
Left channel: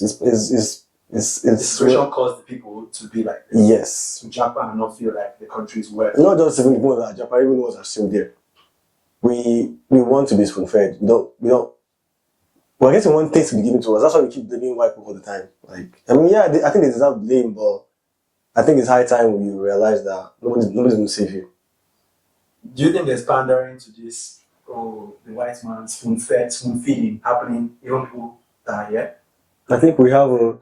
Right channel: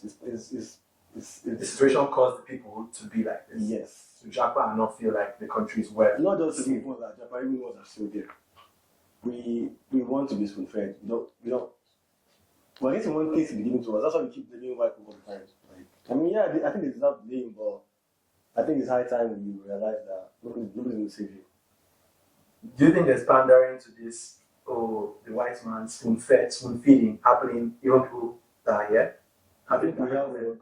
The situation caused the people to be like this. Yes. To Japa and not feel like the country is well. Not just even people that Japan, even those are still there. We want to be spoon-fed. I guess we want things to be given to us. That's why we keep blaming white people all the time. Like, I think they deserve blame, but I think it's high time when you realize that nobody's going to save you. Do you think there's pandering to this? Oh, the white man spoon feeding happening, even people that are here? I think we have a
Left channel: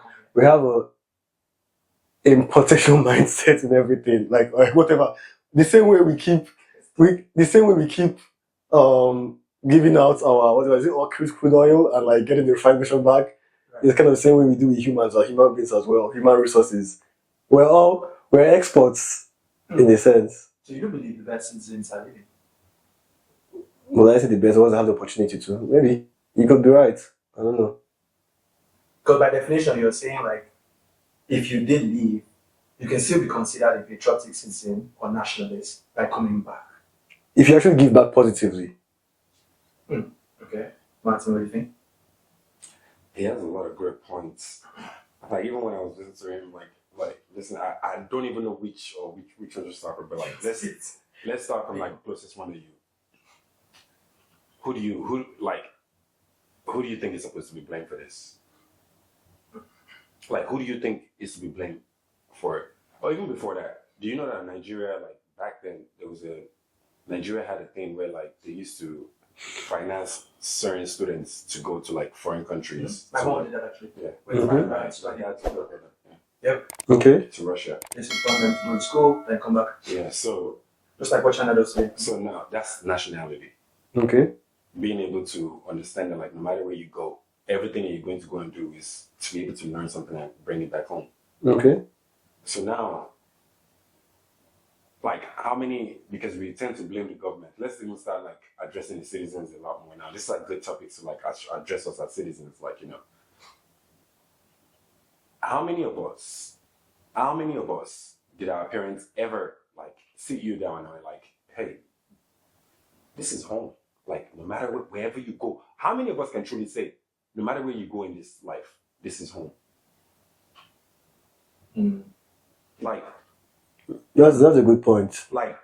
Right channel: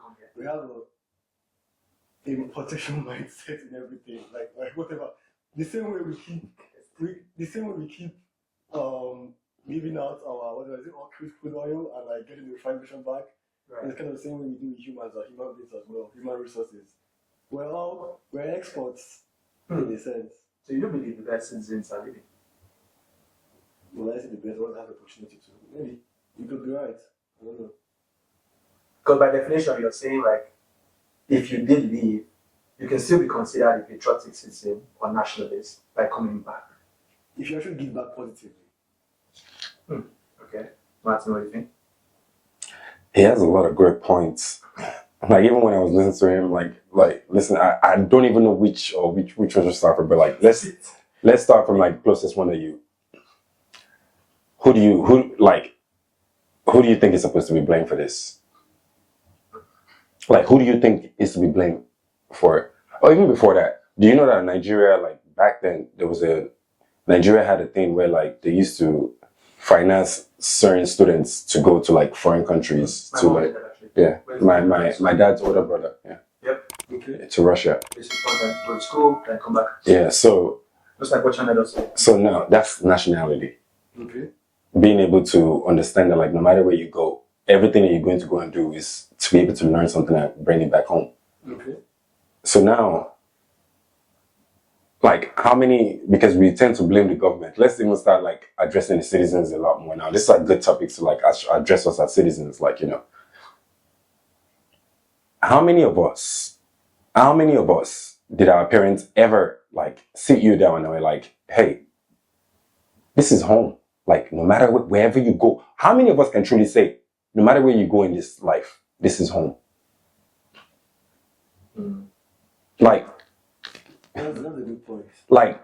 importation mindset in everything. Like, whatever. The same way we keep giving out our crude oil and like getting the refined version back. Right. It's kind of the same way we do with humans or human beings as well. Human resources. We're exports in a sense. So you don't believe the best citizens are living? Well, I say the best ones that have the opportunity to. Maybe you could be right. I don't know. Because by definition, you're saying like, if you did leave, you can still be considered a patriotic citizen or nationalist by coming back. If you actually give back positively. Okay. Martin, what do you think? He has a lot of great points. Like, even when I was listening to him, listen, I don't even know which one to start from, but like, let's start from like closest one to you. who do you think is supposed to be blamed for this? Like, who do you think is to be blamed for it? Or even before that, do you know that Nigeria, like back then, Nigeria had a thing where like they used to finance certain students to go to like foreign countries My to mom like, did that actually. yeah, When my dad's older brother, yeah, Yep. Okay. to Russia. It's important to go to school, then come back. Yeah, so Just like what China does. so now that's nationality. Okay. Being able to understand that like no matter where you go, everything that you're going to go and do is to be able to learn something and bring it back home. Okay. So now, like how many, because we tend to blame the government, let's even start like addressing the citizens a lot more now. These are good topics to like address us as citizens, like, you know. How many of us did our parents ever like sit you down and were like, hey, this is home. Like no matter wherever you go, how many of us can truly say, no matter where you go in this life, this is home? Like, That's a good point. like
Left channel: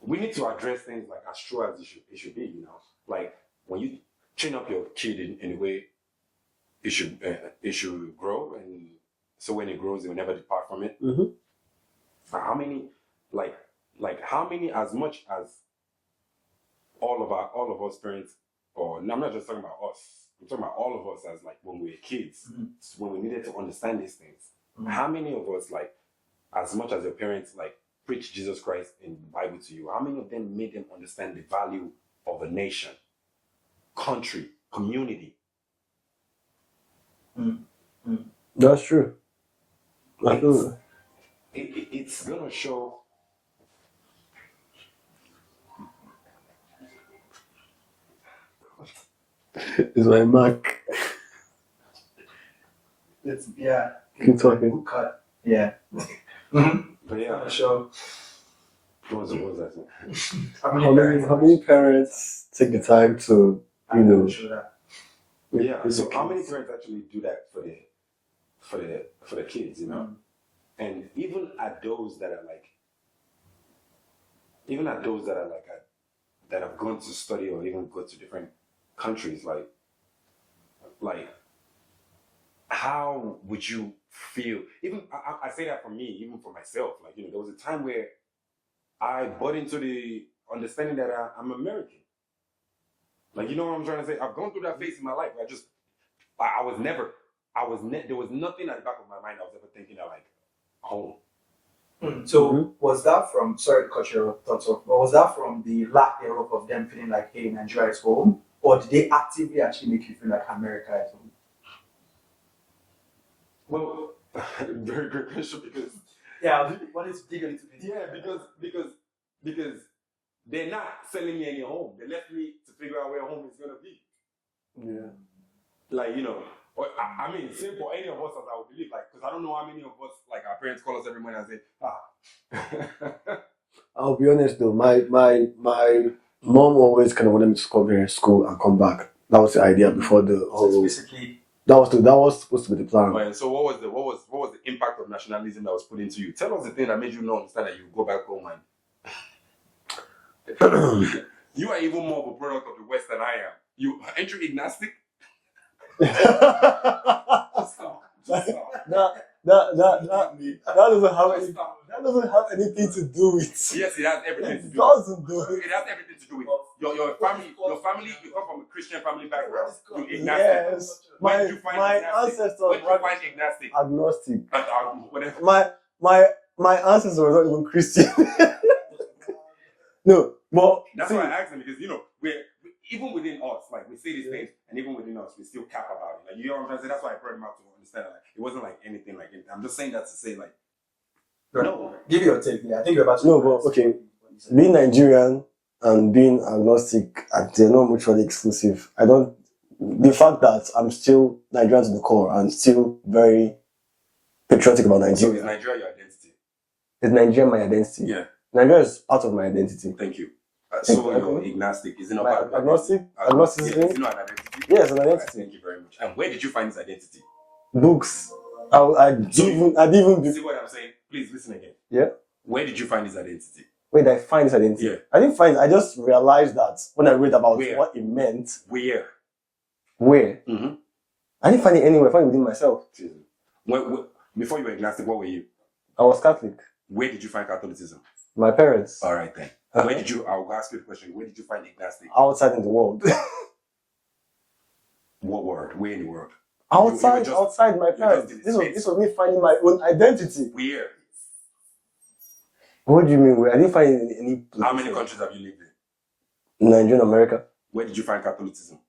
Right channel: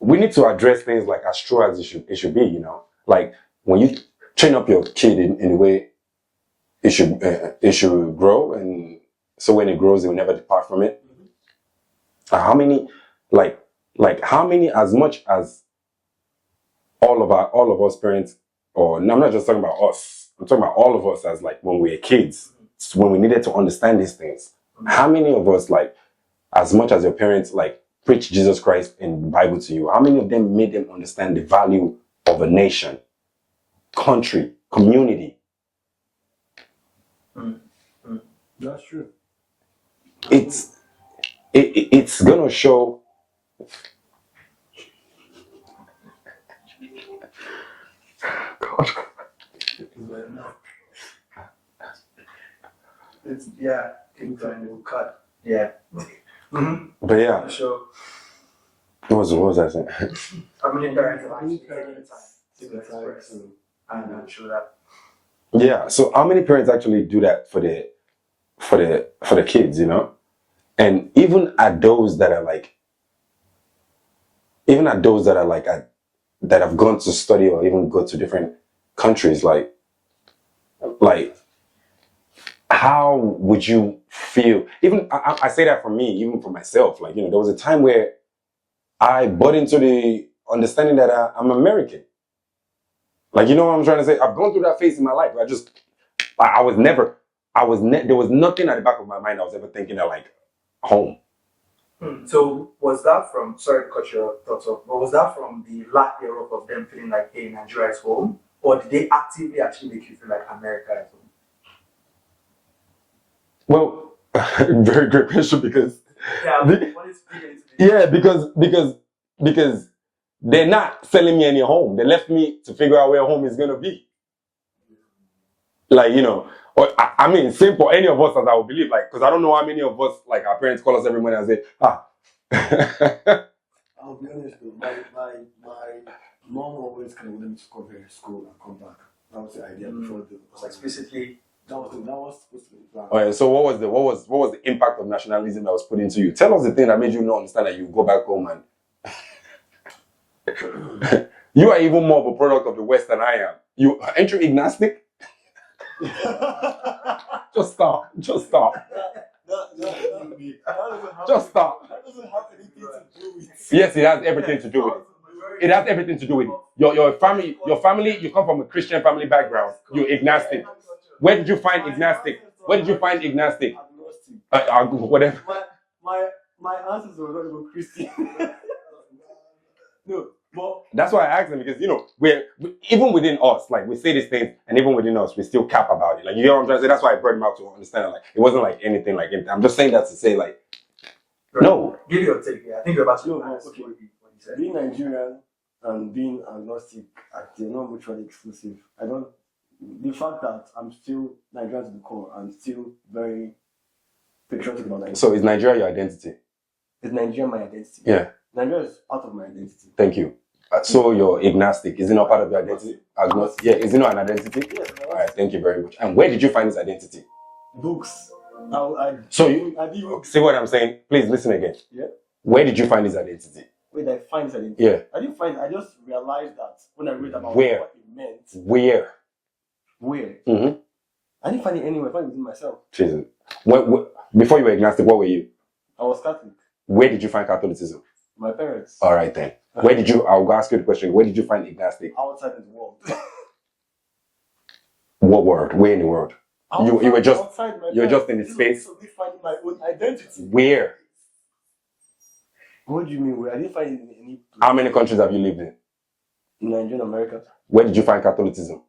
we need to address things like as true as it should be, you know. Like when you train up your kid in the way it should grow, and so when it grows, it will never depart from it. Mm-hmm. How many, like how many, as much as all of us parents, or no, I'm not just talking about us. I'm talking about all of us as like when we were kids, when we needed to understand these things. How many of us, like, as much as your parents like preach Jesus Christ in the Bible to you, how many of them made them understand the value of a nation, country, community? That's true. It's gonna show. God, it's my Mac. It's yeah. Keep talking. Good cut. Yeah. But yeah, Sure. what was I saying? How How many parents take the time to, I you know know, sure that. Yeah. So how many parents actually do that for the kids, you know? And even at those that are like, that have gone to study or even go to different countries, like how would you feel? Even I say that for me, even for myself. Like, you know, there was a time where I bought into the understanding that I'm American. Like, you know what I'm trying to say? I've gone through that phase in my life. There was nothing at the back of my mind I was ever thinking that like home. So was that from, sorry to cut your thoughts off, but was that from the lack thereof of them feeling like, hey, Nigeria is home? Or did they actively actually make you feel like America is home? Well, very great question, because What is bigger into this? because they're not selling me any home. They left me to figure out where home is gonna be. yeah. Like, you know, or I mean, same for any of us, as I would believe. Like, because I don't know how many of us, like, our parents call us every morning and say, I'll be honest though, my mom always kind of wanted me to come here, school, and come back. That was the idea before the So whole. it's basically That was supposed to be the plan. Alright, so what was the impact of nationalism that was put into you? Tell us the thing that made you not understand that you go back home and you are even more of a product of the West than I am. Aren't you agnostic? Just stop. That doesn't have Just stop. That doesn't have anything to do with. Yes, it has everything to do with it. It has everything to do with it. Your family, you come from a Christian family background. You're agnostic. Yes. Where did you find agnostic? Where did you find agnostic? Agnostic. Whatever. My ancestors were not even Christian. No, but That's why I asked them, because, you know, even within us, like, we say these things, and even within us, we still cap about it. Like, you know what I'm trying to say? That's why I brought him out to understand. Like, it wasn't like anything like anything. I'm just saying that to say, like, no. Give your take. Yeah, I think you're about to. No, but okay. Being Nigerian and being agnostic, they're not mutually exclusive. The fact that I'm still Nigerian to the core and still very patriotic about Nigeria. So is Nigeria your identity? Is Nigeria my identity? Yeah. Nigeria is part of my identity. Thank you. So you're agnostic. Is it not part of your identity? Agnostic. Yeah, is it not an identity? Yes, an identity. All right, thank you very much. And where did you find this identity? Books. I didn't even. See what I'm saying? Please listen again. Yeah. Where did you find this identity? Where did I find this identity? Yeah. I didn't find it. I just realized that when I read about Where? what it meant. Where? Where? Mm-hmm. I didn't find it anywhere. I found it within myself. Jesus. Before you were agnostic, what were you? I was Catholic. Where did you find Catholicism? My parents. All right then. Where did you? I'll ask you the question. Where did you find agnostic? Outside in the world. What world? Where in the world? Outside, you were just outside my you were parents. just in the this space. this was me finding my own identity. Where? What do you mean? Where? I didn't find it in any place. How many countries have you lived in? Nigeria, America. Where did you find Catholicism?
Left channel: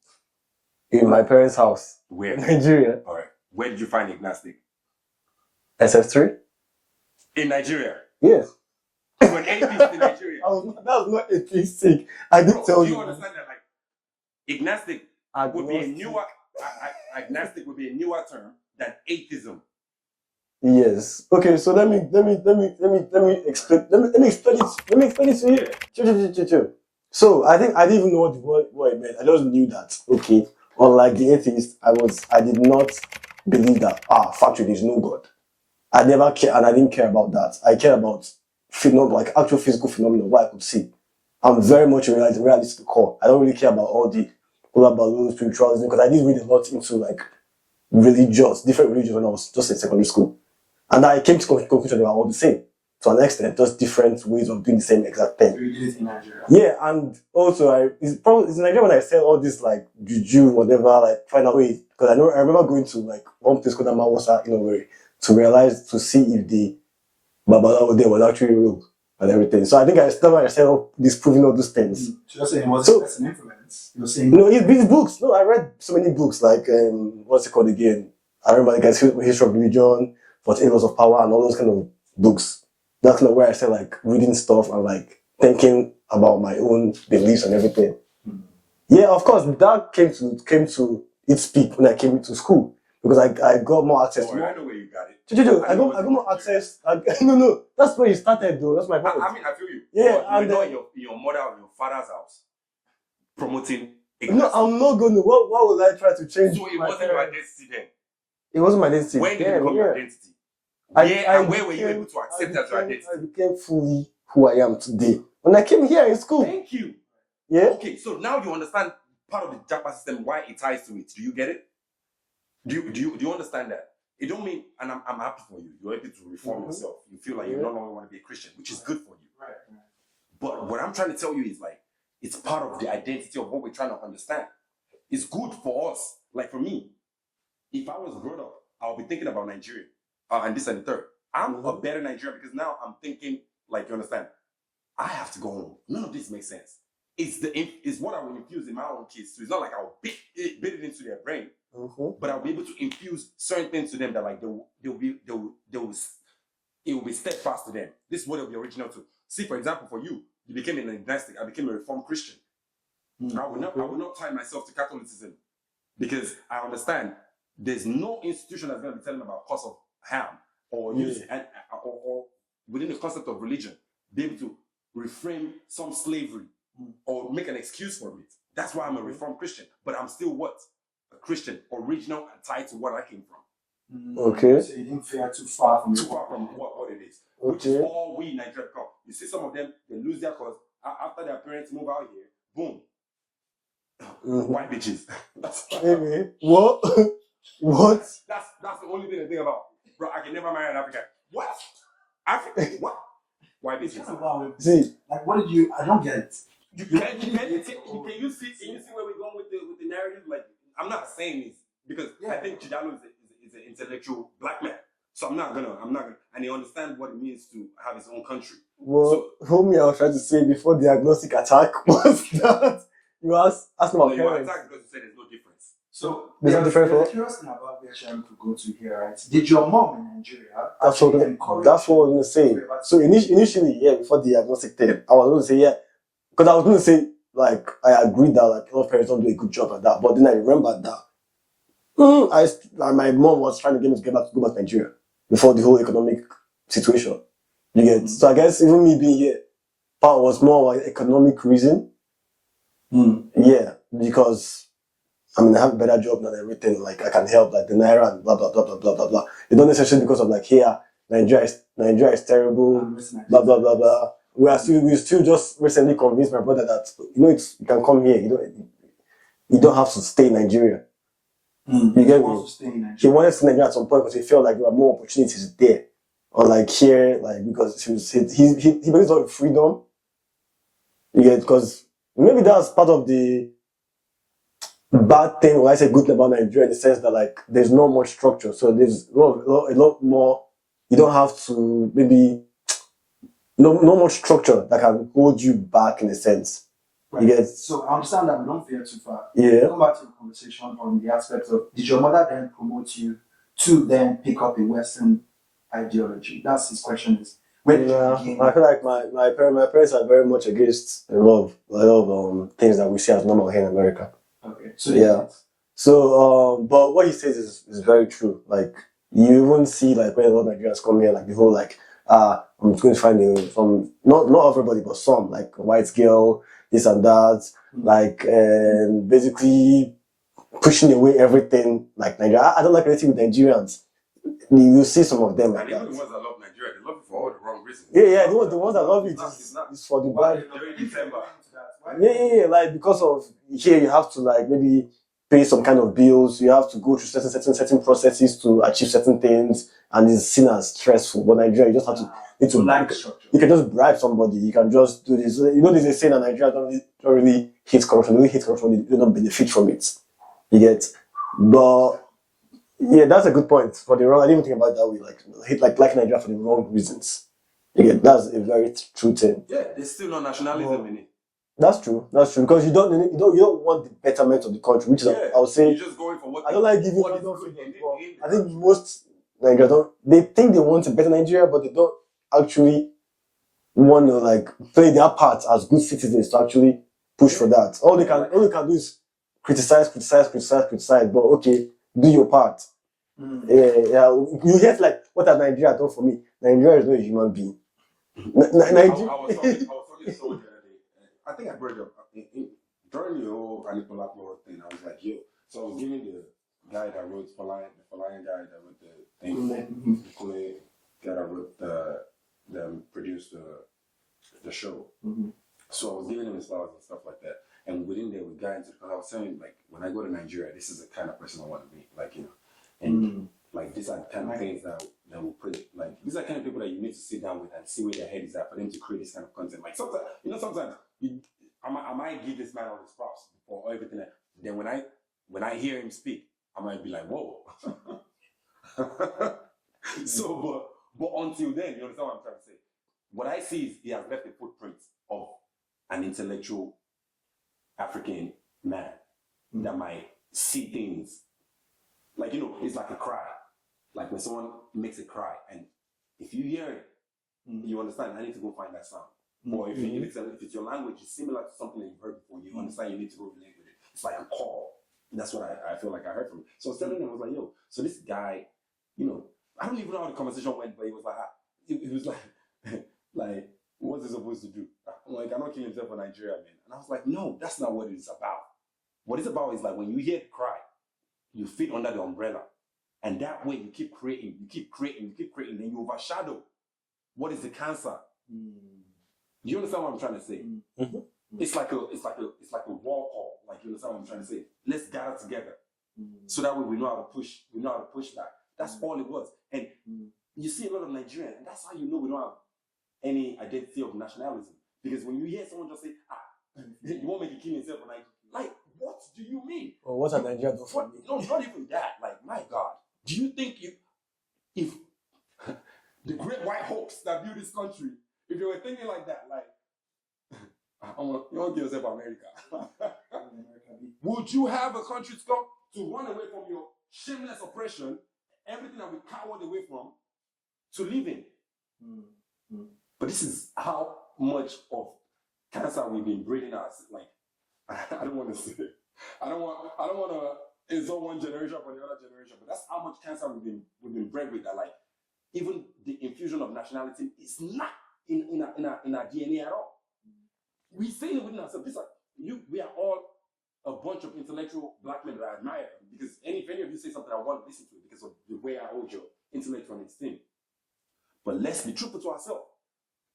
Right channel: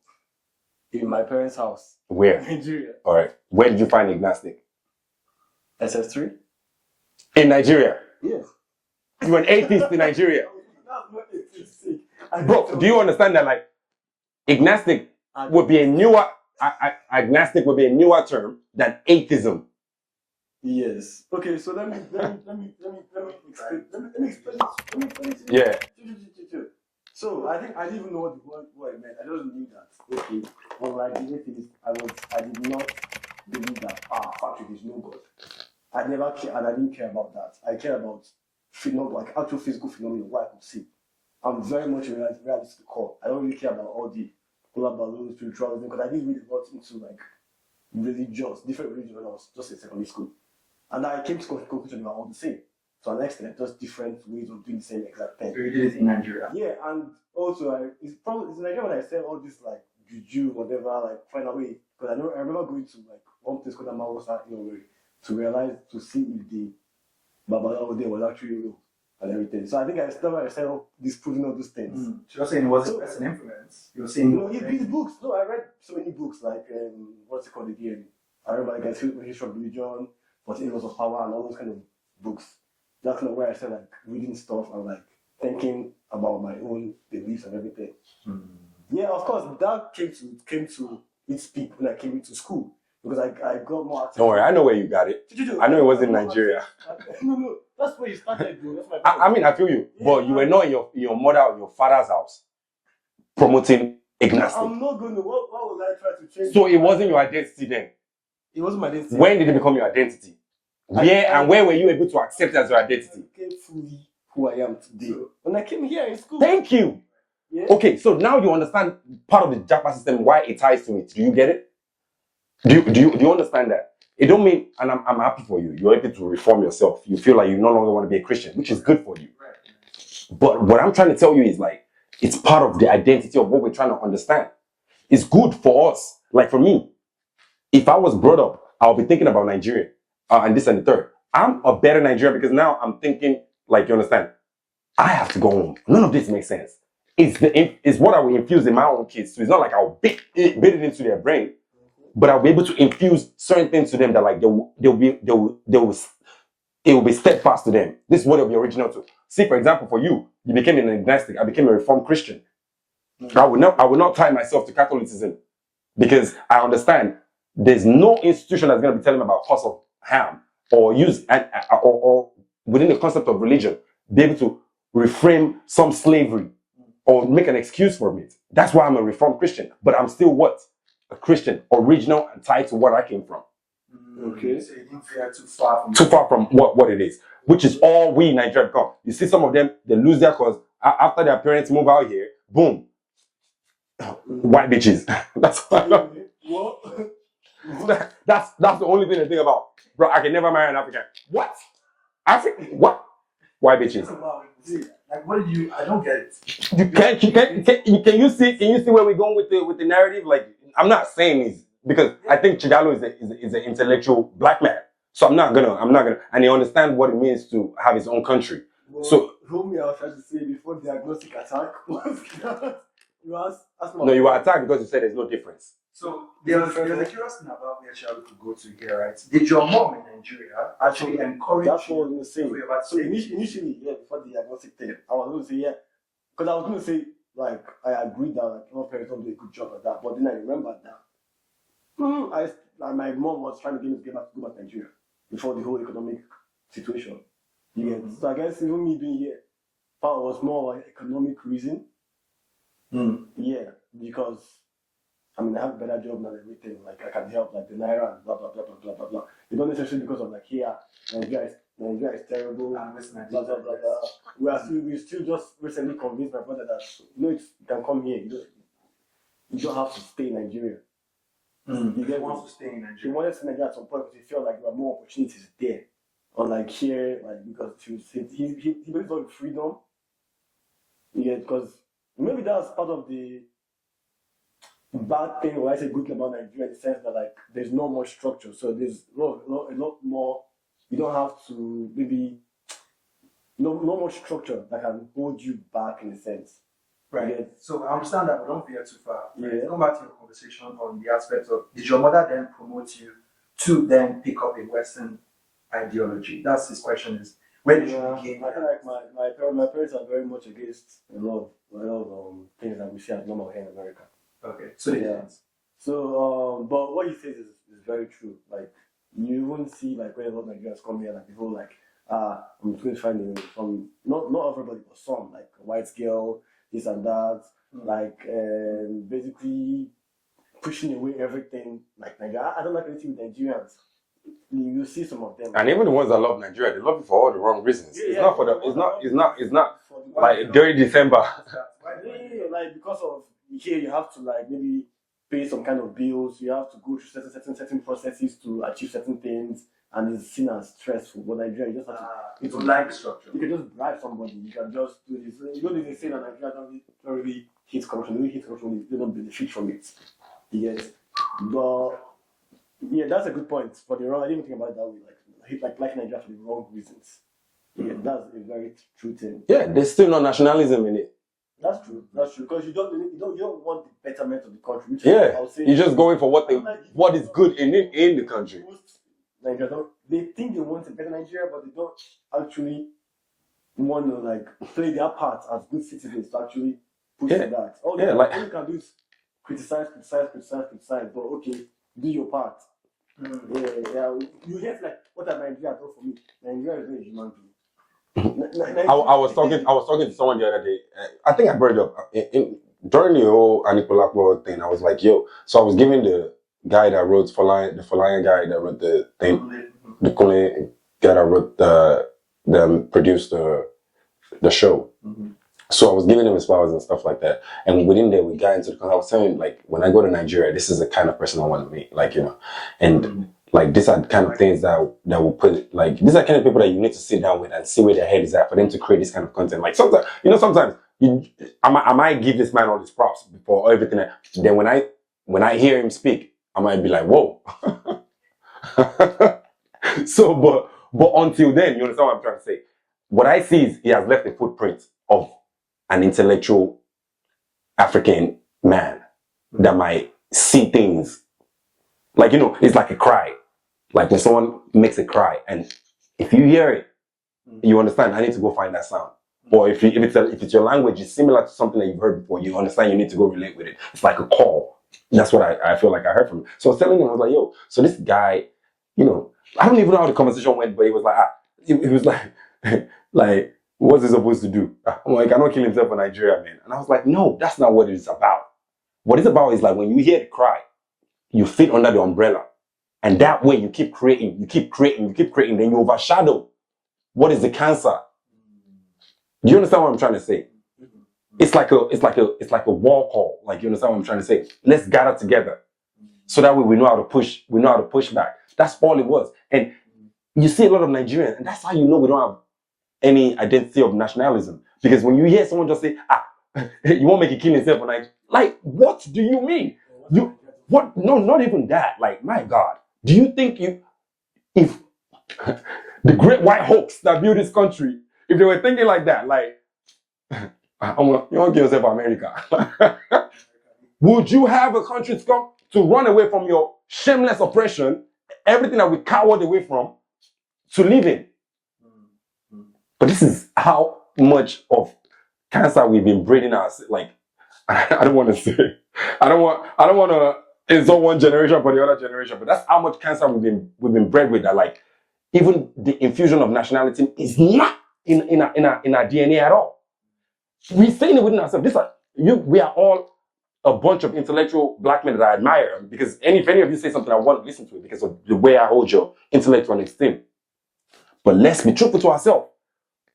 In my parents' house. Where? Nigeria. All right. Where did you find agnostic? SF3? In Nigeria. Yes. You were an atheist in Nigeria. That was not atheistic. I did Bro, tell do you understand that like agnostic would be a newer agnostic would be a newer term than atheism? Yes. Okay, so let me explain. Let me explain it to you. Yeah. Chill. So I think I didn't even know what it meant. I just knew that. Okay. Unlike the atheist, I did not believe that factually there's no God. I never cared, and I didn't care about that. I care about like actual physical phenomena, what I could see. I'm very much a realist to the core. I don't really care about all the balloons, spiritualism, because I did read a lot into like different religions when I was just in secondary school. And I came to conclusion they were all the same. To an extent, just different ways of doing the same exact thing. So you did it in Nigeria? Yeah, and also it's in Nigeria when I sell all this like juju, whatever, like find out ways. Because I remember going to like one place called Amawasa, to see if the Babalawo there was actually real and everything. So I think I started disproving all those things. So you're saying it was an influence? You're saying it's these books. No, I read so many books like what's it called again? I remember like History of Religion, 14 Laws of Power, and all those kind of books. That's kind of where I started like reading stuff and like thinking about my own beliefs and everything. Yeah, of course, that came to its peak when I came into school. Because I got more access. Don't worry, I know where you got it. I know it was in Nigeria. No, that's where you started though. That's my point. I mean, I feel you. Yeah, but you were not in your mother or your father's house promoting agnostic. I'm not going to. What would I try to change? So it wasn't your identity then? It wasn't my identity. When did it become your identity? Where were you able to accept as your identity? I became fully who I am today. When I came here in school. Thank you. Yeah. Okay, so now you understand part of the Japa system, why it ties to it. Do you get it? Do you understand that? It don't mean, and I'm happy for you. You're able to reform yourself. You feel like you no longer want to be a Christian, which is good for you. But what I'm trying to tell you is like, it's part of the identity of what we're trying to understand. It's good for us. Like for me, if I was brought up, I'll be thinking about Nigeria and this and the third. I'm a better Nigerian because now I'm thinking, like, you understand? I have to go home. None of this makes sense. It's what I will infuse in my own kids. So it's not like I'll bait it into their brain. But I'll be able to infuse certain things to them that like it will be steadfast to them. This is what it'll be original to. See, for example, for you, you became an agnostic. I became a Reformed Christian. I will not tie myself to Catholicism because I understand there's no institution that's going to be telling me about cause of harm or use or within the concept of religion be able to reframe some slavery or make an excuse for it. That's why I'm a Reformed Christian. But I'm still what? A Christian, original and tied to what I came from. Okay. So you didn't fare too far from what it is, which is all we in Nigeria become. You see some of them, they lose their cause after their parents move out here, boom. White bitches. That's what? That's the only thing to think about. Bro, I can never marry an African. What? African? What? White bitches. See, like what did you? I don't get it. Can you see where we're going with the narrative? Like, I'm not saying this because I think Chigalo is an intellectual black man. So I'm not gonna, and he understands what it means to have his own country. Well, so homie, I was trying to say before the agnostic attack was that you asked about. No, you were attacked because you said there's no difference. So there's a curious thing about where Sharon could go to here, right? Did your mom in Nigeria actually encourage? That's what I was gonna say. So initially, yeah, before the agnostic thing, I was gonna say yeah, because I was gonna say like I agree that like a lot of parents don't do a good job at that, but then I remembered that my mom was trying to get me to go back to Nigeria before the whole economic situation. You get so I guess even me being here, part was more like economic reason. Yeah, because I mean I have a better job than everything. Like I can help like the naira and blah blah blah blah blah blah blah. It's not necessarily because of like here Nigeria is terrible. Blah blah blah blah. We still just recently convinced my brother that you can come here. You don't have to stay in Nigeria. You get me? wants to stay in He Nigeria. wanted to stay in Nigeria at some point because he felt like there were more opportunities there. Or like here, like because he believes in freedom. You get, because maybe that's part of the bad thing when I say good thing about Nigeria in the sense that like there's not much structure. So there's a lot more. You don't have to maybe no much structure that can hold you back in a sense. Right. You get, So I understand that we don't veer too far. yeah. Come back to your conversation on the aspect of did your mother then promote you to then pick up a Western ideology? That's his question is where did you begin? I feel like my parents are very much against a lot of things that we see as normal here in America. Okay. So Yeah. So but what he says is very true. Like you even see like when a lot of Nigerians come here, like the whole like I'm going to find from not everybody but some like a white girl, this and that, like and basically pushing away everything like Nigeria. I don't like anything with Nigerians. You see some of them, And even the ones that love Nigeria, they love it for all the wrong reasons. Yeah, It's not the ones that love it's not it's for the like during December. Yeah, like because of here you have to like maybe pay some kind of bills, you have to go through certain processes to achieve certain things, and it's seen as stressful. But Nigeria, you just have to you can just bribe somebody, you can just do this. You know, there's a saying that Nigeria don't really hate corruption, they don't hate corruption, they don't benefit from it. You get, but yeah, that's a good point. For the wrong, I didn't even think about it that way. Like hate like Nigeria for the wrong reasons. You get, that's a very true thing. Yeah, there's still no nationalism in it. That's true. That's true because you don't want the betterment of the country, which is I would say you're just going for what what is good in the country. I think most Nigerians they think they want to better Nigeria, but they don't actually want to like play their part as good citizens to actually push for that. All you can do is criticize. But okay, do your part. Yeah. You hear like what has Nigeria done for me? Nigeria is not a human being. I was talking to someone the other day. I think I brought it up during the whole Anikulapo thing. I was like, yo. So I was giving the guy that wrote the Falayan guy that wrote the thing, the Kule guy that wrote produced the show. Mm-hmm. So I was giving him his flowers and stuff like that. And within there, we got into the. I was telling him like, when I go to Nigeria, this is the kind of person I want to meet. Like and. Like these are the kind of things that will put like these are the kind of people that you need to sit down with and see where their head is at for them to create this kind of content. Like sometimes I might give this man all his props for everything. Then when I hear him speak, I might be like, whoa. So but until then, you understand what I'm trying to say? What I see is he has left a footprint of an intellectual African man that might see things like it's like a cry. Like when someone makes a cry, and if you hear it, you understand. I need to go find that sound. Or if it's your language is similar to something that you've heard before, you understand. You need to go relate with it. It's like a call. That's what I feel like I heard from him. So I was telling him, I was like, yo. So this guy, I don't even know how the conversation went, but he was like, it was like, what's he supposed to do? I'm like, I don't kill himself for Nigeria, man. And I was like, no, that's not what it's about. What it's about is like when you hear the cry, you fit under the umbrella. And that way you keep creating, then you overshadow what is the cancer. Do you understand what I'm trying to say? Mm-hmm. It's like a wall call. Like, you understand what I'm trying to say? Let's gather together. So that way we know how to push back. That's all it was. And you see a lot of Nigerians, and that's how you know we don't have any identity of nationalism. Because when you hear someone just say, you won't make a killing yourself for Nigeria. Like, what do you mean? Well, Nigeria does? What? No, not even that. Like, my God. Do you think if the great white hawks that built this country, if they were thinking like that, like, you want to kill yourself for America, would you have a country to run away from your shameless oppression, everything that we cowered away from, to live in? But this is how much of cancer we've been breeding us. Like, I don't want to say, I don't want to insult one generation for the other generation, but that's how much cancer we've been bred with. That like, even the infusion of nationality is not in our DNA at all. We're saying it within ourselves. We are all a bunch of intellectual black men that I admire, because if any of you say something, I want to listen to it because of the way I hold your intellect on esteem. But let's be truthful to ourselves.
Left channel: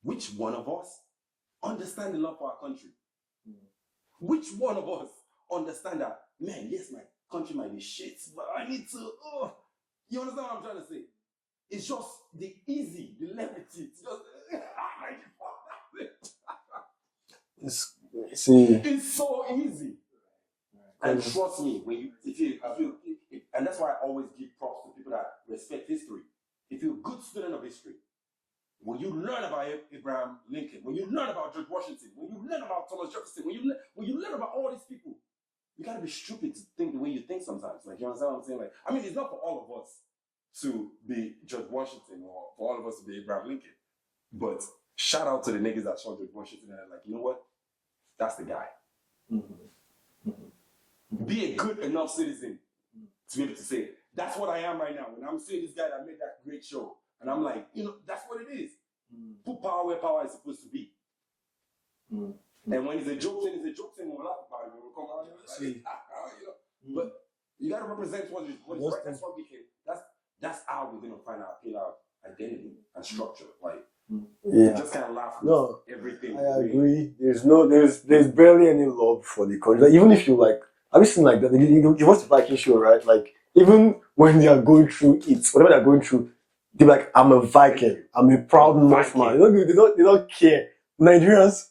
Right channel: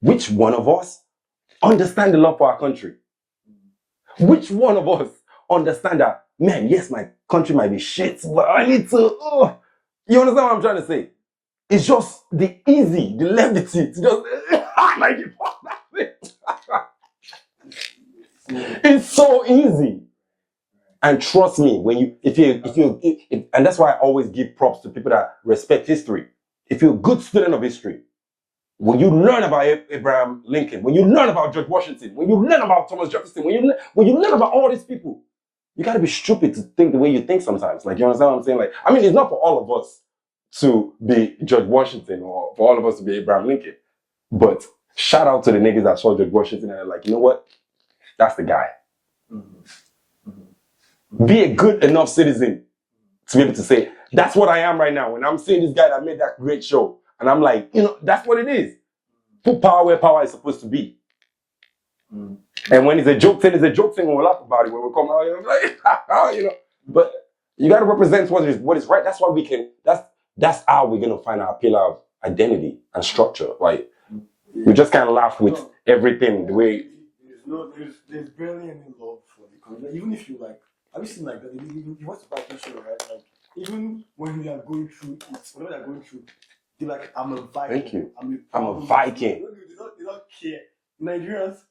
Which one of us understand the love for our country? Which one of us understand that man, yes, my country might be shit, but I need to. You understand what I'm trying to say? It's just the levity. It's just like it's so easy. And trust me, and that's why I always give props to people that respect history. If you're a good student of history, when you learn about Abraham Lincoln, when you learn about George Washington, when you learn about Thomas Jefferson, when you learn about all these people, you gotta be stupid to think the way you think sometimes. Like, you understand what I'm saying? Like, I mean, it's not for all of us to be George Washington or for all of us to be Abraham Lincoln. But shout out to the niggas that saw George Washington and are like, you know what? That's the guy. Be a good enough citizen to be able to say, that's what I am right now. When I'm seeing this guy that made that great show, and I'm like, you know, that's what it is. Put power where power is supposed to be. And when it's a joke thing, when we laugh about it, when we come out, you know, like, you know. But you got to represent what is right. That's why we can. That's how we're gonna find our pillar of identity and structure. Like, we just can't laugh with everything. The way there's barely any love for the country. Like, even if you like, have you seen like that? You watch the Viking show, right? Like, even when they are going through it, whatever they're going through, they're like, I'm a Viking. I'm a proud Northman. They don't care. Nigerians.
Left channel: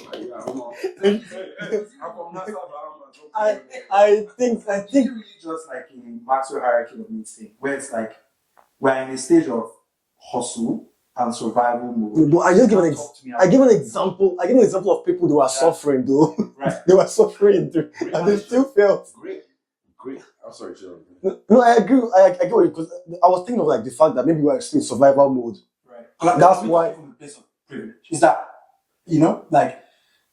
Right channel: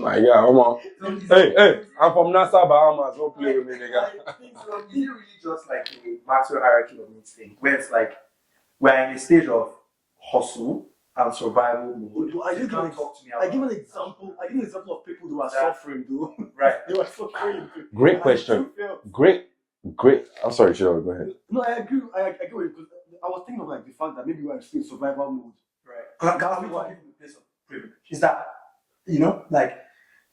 My God, come on. Hey, I'm from Nassau, Bahamas. I think really just like a Maxwell hierarchy of needs thing, where it's like we're in a stage of hustle and survival mode. But I give an example of people who are suffering though. Right. They were suffering. Great question. Great. I'm sorry, Cheryl, go ahead. No, I agree. I get what because I was thinking of like the fact that maybe we are still in survival mode. Right. That's why. From the place of privilege. Is that, you know, like,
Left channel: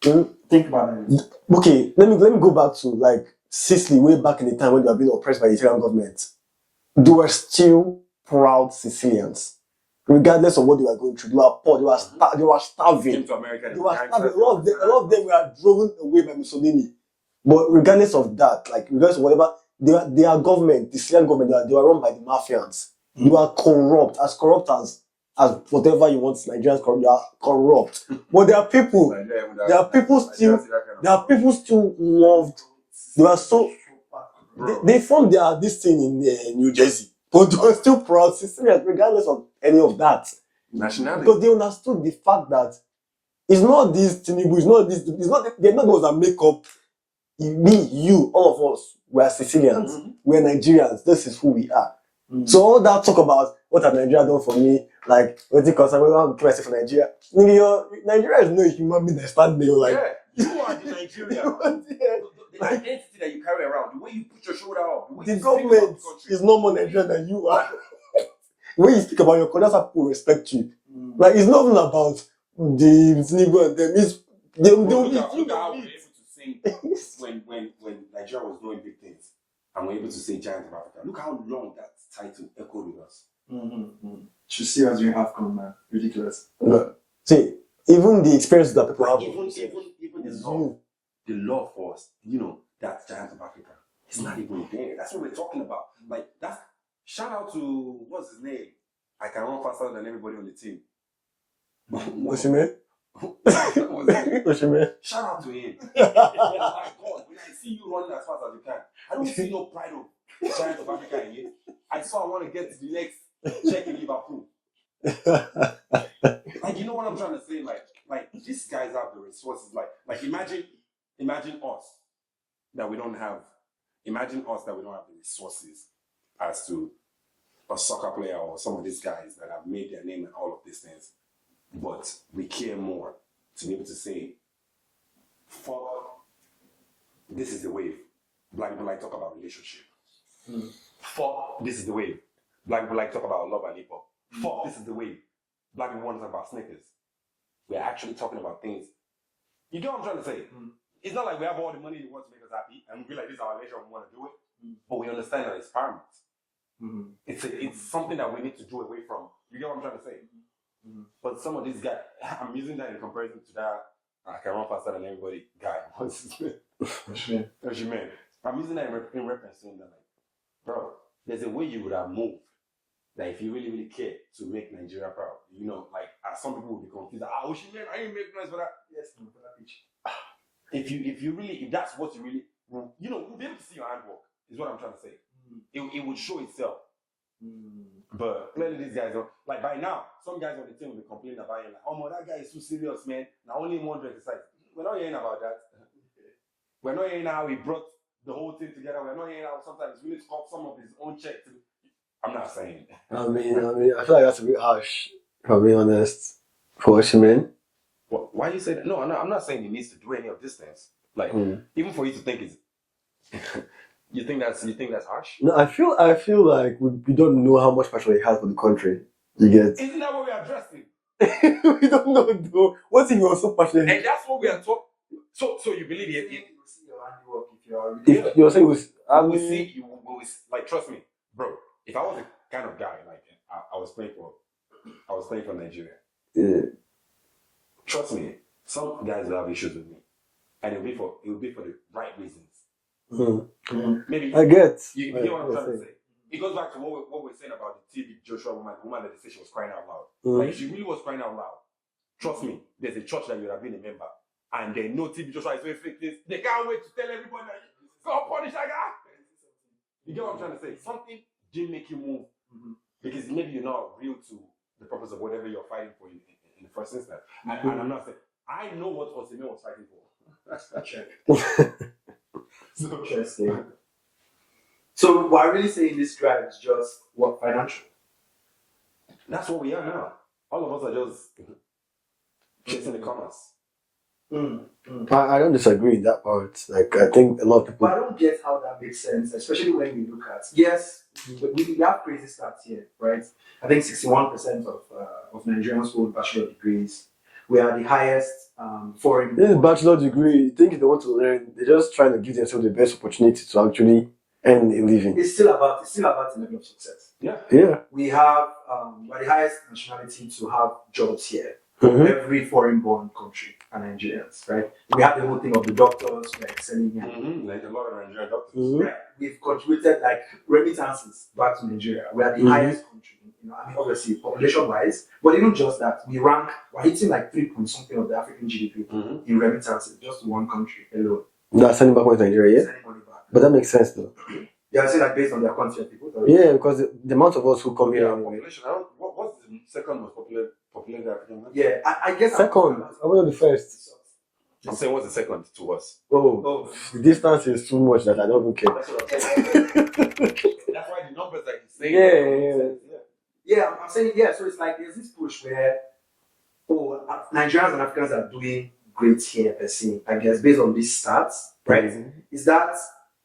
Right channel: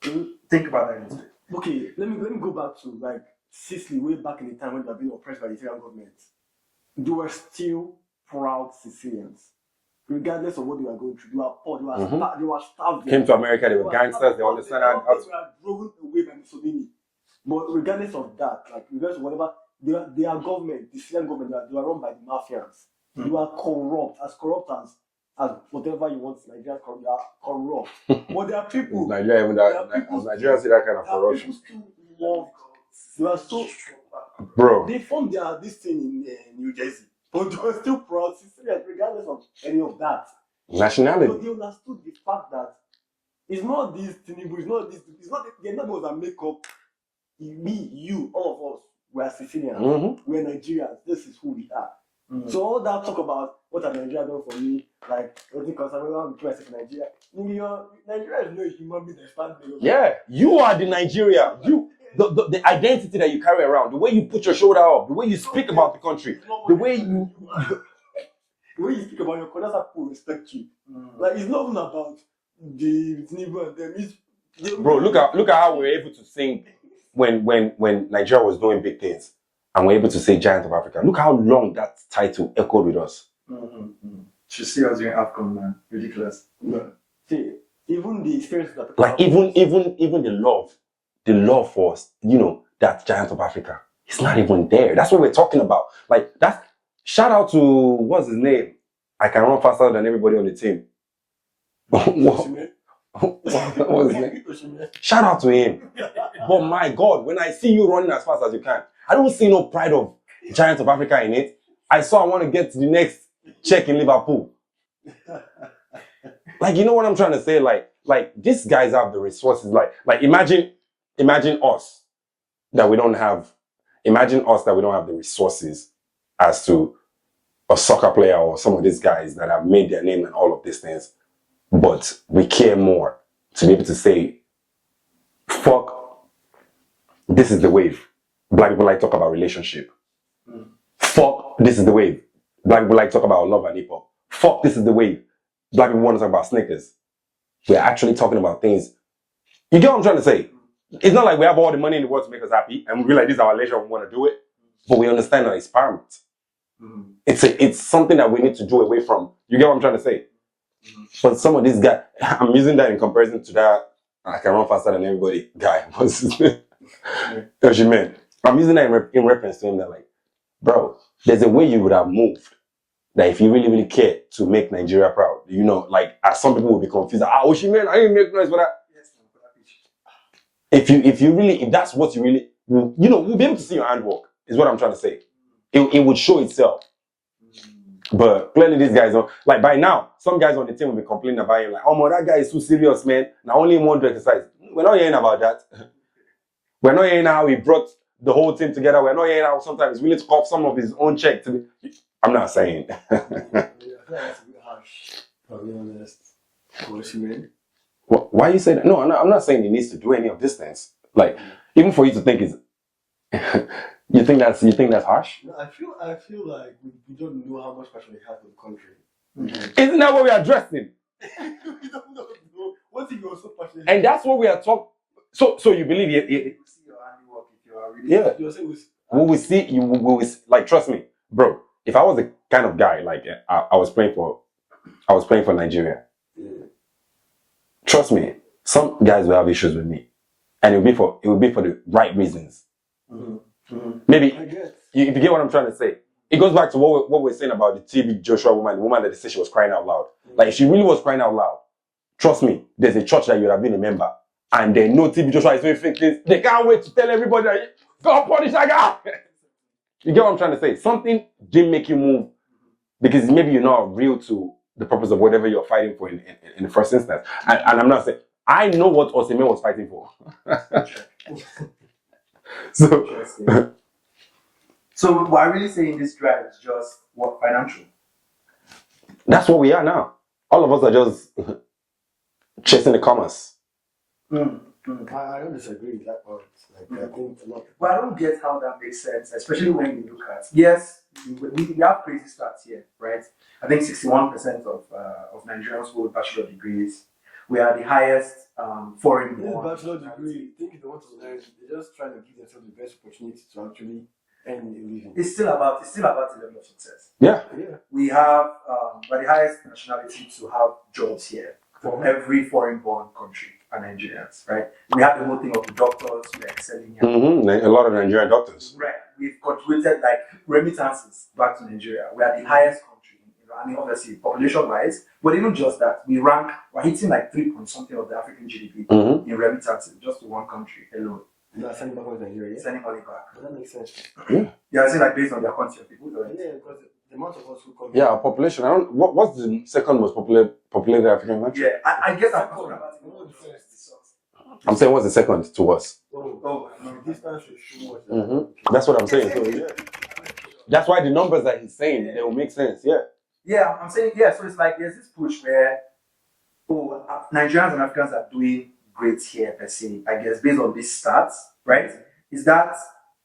think about that. Okay, let me go back to like Sicily, way back in the time when they were being oppressed by the Italian government. They were still proud Sicilians, regardless of what they were going through. They were poor. They were starving. Came to America, they were gangsters. A lot of them were driven away by Mussolini. But regardless of that, like regardless of whatever, their government, the Sicilian government, they were run by the mafians. They were corrupt as whatever you want. Nigerians corrupt. They are corrupt. But there are people. People still loved. They were so. Bro. They formed this thing in New Jersey, but they were still proud Sicilians, regardless of any of that. Nationality. Because they understood the fact that it's not this Tinubu, they're not those that make up me, you, all of us. We're Sicilians. We're Nigerians. This is who we are. So all that talk about what have Nigeria done for me, like what it concern, we want to play for Nigeria. Nigeria is no human being that stand there. Like, yeah, you are the Nigeria. The identity that you carry around, the way you put your shoulder up, the way you speak about the country. It's no more Nigerian than you are. The way you speak about your country, that's how people respect you. Like, it's not even about the Tinubu and them. Bro, look at how we were able to sing when Nigeria was doing big things. And we're able to say Giant of Africa. Look how long that title echoed with us. Should see us doing AFCON, man. Ridiculous. See, even the experience that people like even the love for us, you know, that Giant of Africa, it's not even there. That's what we're talking about. Like, that's shout out to what's his name? I can run faster than everybody on the team. What's his name? Shout out to him. But my God, when I see you running as fast as you can, I don't see no pride of Giants of Africa in it. I want to get to the next check in Liverpool. Like, you know what I'm trying to say? Like these guys have the resources. Like imagine us that we don't have. Imagine us that we don't have the resources as to a soccer player or some of these guys that have made their name and all of these things. But we care more to be able to say, fuck, this is the wave. Black people like to talk about relationship. Fuck, this is the wave. Black people like to talk about love and hip hop. Fuck, this is the wave. Black people want to talk about sneakers. We're actually talking about things. You get what I'm trying to say? It's not like we have all the money in the world to make us happy and we realize this is our leisure, we want to do it. But we understand that it's paramount. It's something that we need to do away from. You get what I'm trying to say? But some of these guys, I'm using that in comparison to that I can run faster than everybody guy. What's his name? Oshimen. I'm using that in reference to him that, like, bro, there's a way you would have moved that if you really, really care to make Nigeria proud, you know, like, as some people will be confused. Oshimen, I didn't make noise for that. Yes, for that pitch. if that's what you really, we'll be able to see your handwork. Is what I'm trying to say. It would show itself. But clearly these guys don't. Like by now, some guys on the team will be complaining about him. Like, oh man, that guy is too serious, man. Now only one to exercise. We're not hearing about that. We're not hearing how he brought the whole team together. We're not hearing how sometimes he's willing to cough some of his own check to be. I'm not saying. I feel like that's a bit harsh, if I'm being honest. For Osimhen. Why you say that? No, I'm not saying he needs to do any of these things. Like, even for you to think is, you think that's harsh? No, I feel like we don't know how much pressure he has for the country. You get? Isn't that what we are addressing? We don't know though. What if he was so passionate? And that's what we are talking. So you believe it? You see your handiwork if you are really. Yeah, you're saying we will see. Like, trust me, bro. If I was the kind of guy like I was playing for Nigeria. Yeah. Trust me, some guys will have issues with me, and it will be for the right reasons. Maybe I get. If you get what I'm trying to say, it goes back to what we're saying about the TB Joshua woman, the woman that said she was crying out loud. Like, if she really was crying out loud, trust me, there's a church that you would have been a member, and they know TB Joshua is doing fake things. They can't wait to tell everybody that God punish that guy. You get what I'm trying to say? Something didn't make you move because maybe you're not real to the purpose of whatever you're fighting for in the first instance. And I'm not saying, I know what Osimhen was fighting for. So what I really say in this drive is just what financial. That's what we are now. All of us are just chasing the commerce. I don't disagree with that part. Like, I think a lot of people. But I don't get how that makes sense, especially when you look at, yes, we have crazy stats here, right? I think 61% of Nigerians hold bachelor degrees. We are the highest foreign. This bachelor degree, you think if they want to learn, they're just trying to give themselves the best opportunity to actually earn a living. It's still about the level of success. Yeah. We have we're the highest nationality to have jobs here. Every foreign-born country are Nigerians, right? We have the whole thing of the doctors who are excelling here. A lot of Nigerian doctors. Right. We've contributed like remittances back to Nigeria. We are the highest country. I mean, obviously, population-wise, but even just that, we're hitting like 3 point something of the African GDP in remittances, just to one country alone. They're sending back money to Nigeria, yeah? Sending money back. But that makes sense, man. Yeah, I say like based on their quantity of people. Yeah, because the amount of us who come here. Population. What's the second most populated African country? Yeah, I guess second. I want the first. I'm saying what's the second to us? The distance is too much that I don't even care. That's what I'm saying. That's why the numbers that he's saying don't make sense. Yeah, I'm saying, so it's like there's this push where, Nigerians and Africans are doing great here per se, I guess, based on these stats, right? Is that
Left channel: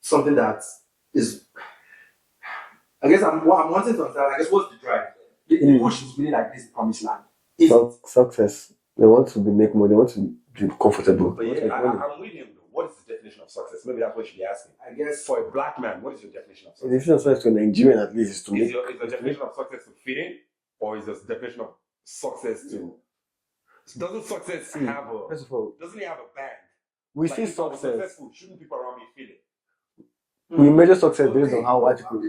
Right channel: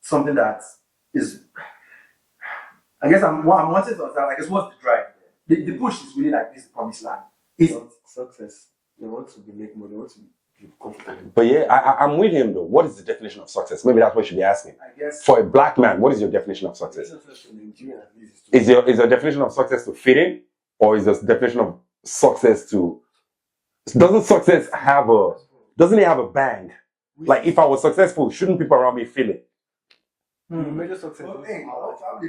something that is, I guess I'm wanting to understand, I guess, what's the drive there? The push is really like this promised land. Success. They want to make money, they want to be comfortable. But I'm with him though. What is the definition of success? Maybe that's what you should be asking. I guess for a black man, what is your definition of success? The definition of success to a Nigerian at least is your definition of success to fit in, or is the definition of success to? Doesn't success have a? Doesn't it have a bang? Like if I was successful, shouldn't people around me feel it? We measure success based on how white people.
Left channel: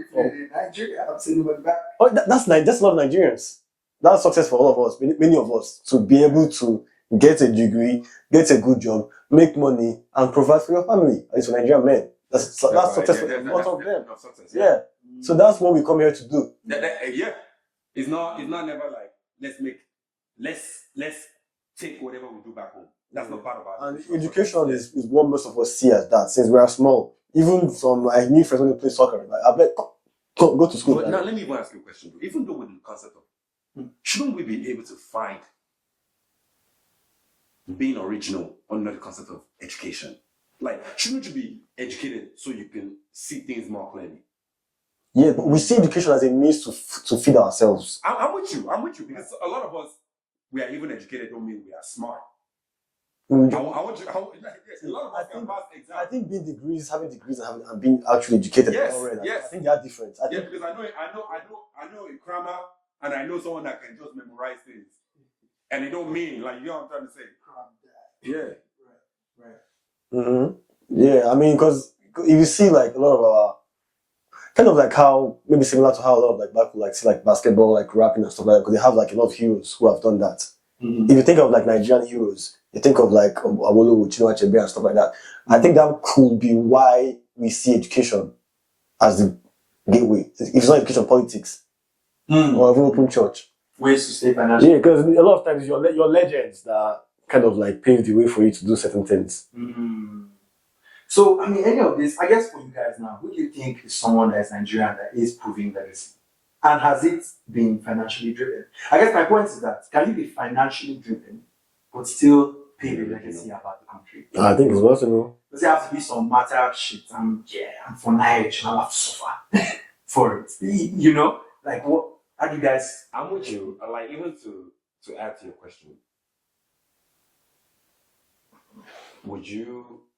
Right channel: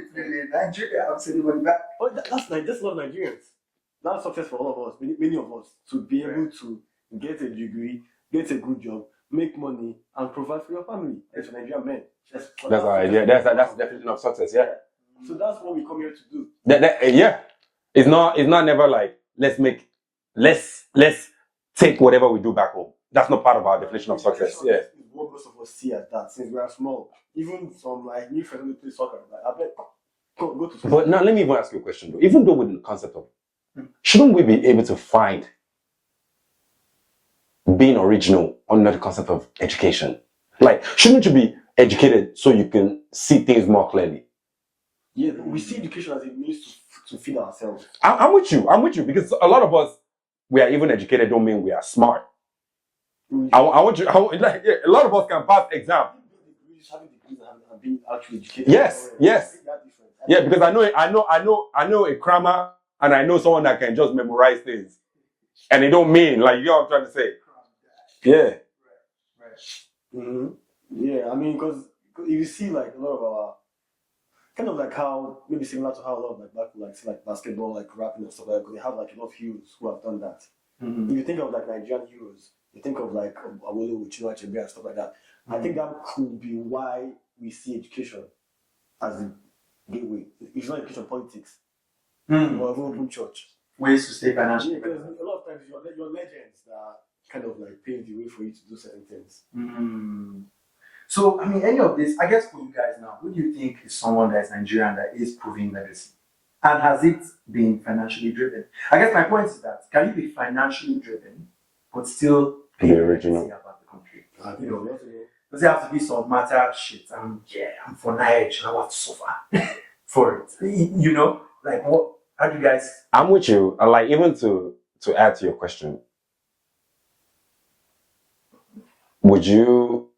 Nigeria, I'm sending money back. That's a lot of Nigerians. That's success for all of us, many of us, to be able to get a degree, get a good job, make money, and provide for your family. It's for Nigerian men. That's success. That's the definition of success. Yeah. So that's what we come here to do. It's not never like let's take whatever we do back home. That's not part of our definition of success. Education is what most of us see as that since we are small. Even some I knew friends when they play soccer. Like I bet go to school. But now let me even ask you a question though. Even though with the concept of shouldn't we be able to find being original under the concept of education? Like, shouldn't you be educated so you can see things more clearly? Yeah, but we see education as a means to feed ourselves. I'm with you because a lot of us, we are even educated don't mean we are smart. A lot of us can pass exams. I think having degrees and being actually educated. Yes. I think they are different. Because I know a crammer and I know someone that can just memorize things, and it don't mean like you know what I'm trying to say. Yeah. Right. Yeah, I mean, because if you see like a lot of our kind of like how maybe similar to how a lot of like black people like see like basketball, like rapping and stuff like that, because they have like a lot of heroes who have done that. If you think of like Nigerian heroes, you think of like Awolowo, Chinua Achebe and stuff like that. I think that could be why we see education as the gateway. If it's not education, politics or even open church. Ways to stay financially. Yeah, because a lot of times your legends that kind of like pave the way for you to do certain things. So, I mean, any of this, I guess for you guys now, who do you think is someone that is Nigerian that is proving legacy? And has it been financially driven? I guess my point is that, can you be financially driven, but still be legacy about the country? I think it's possible. Does it have to be some matter shit? I'm for knowledge, I have to suffer for it. You know? Like, what? How do you guys... I'm with you. Like, even to add to your question, would you...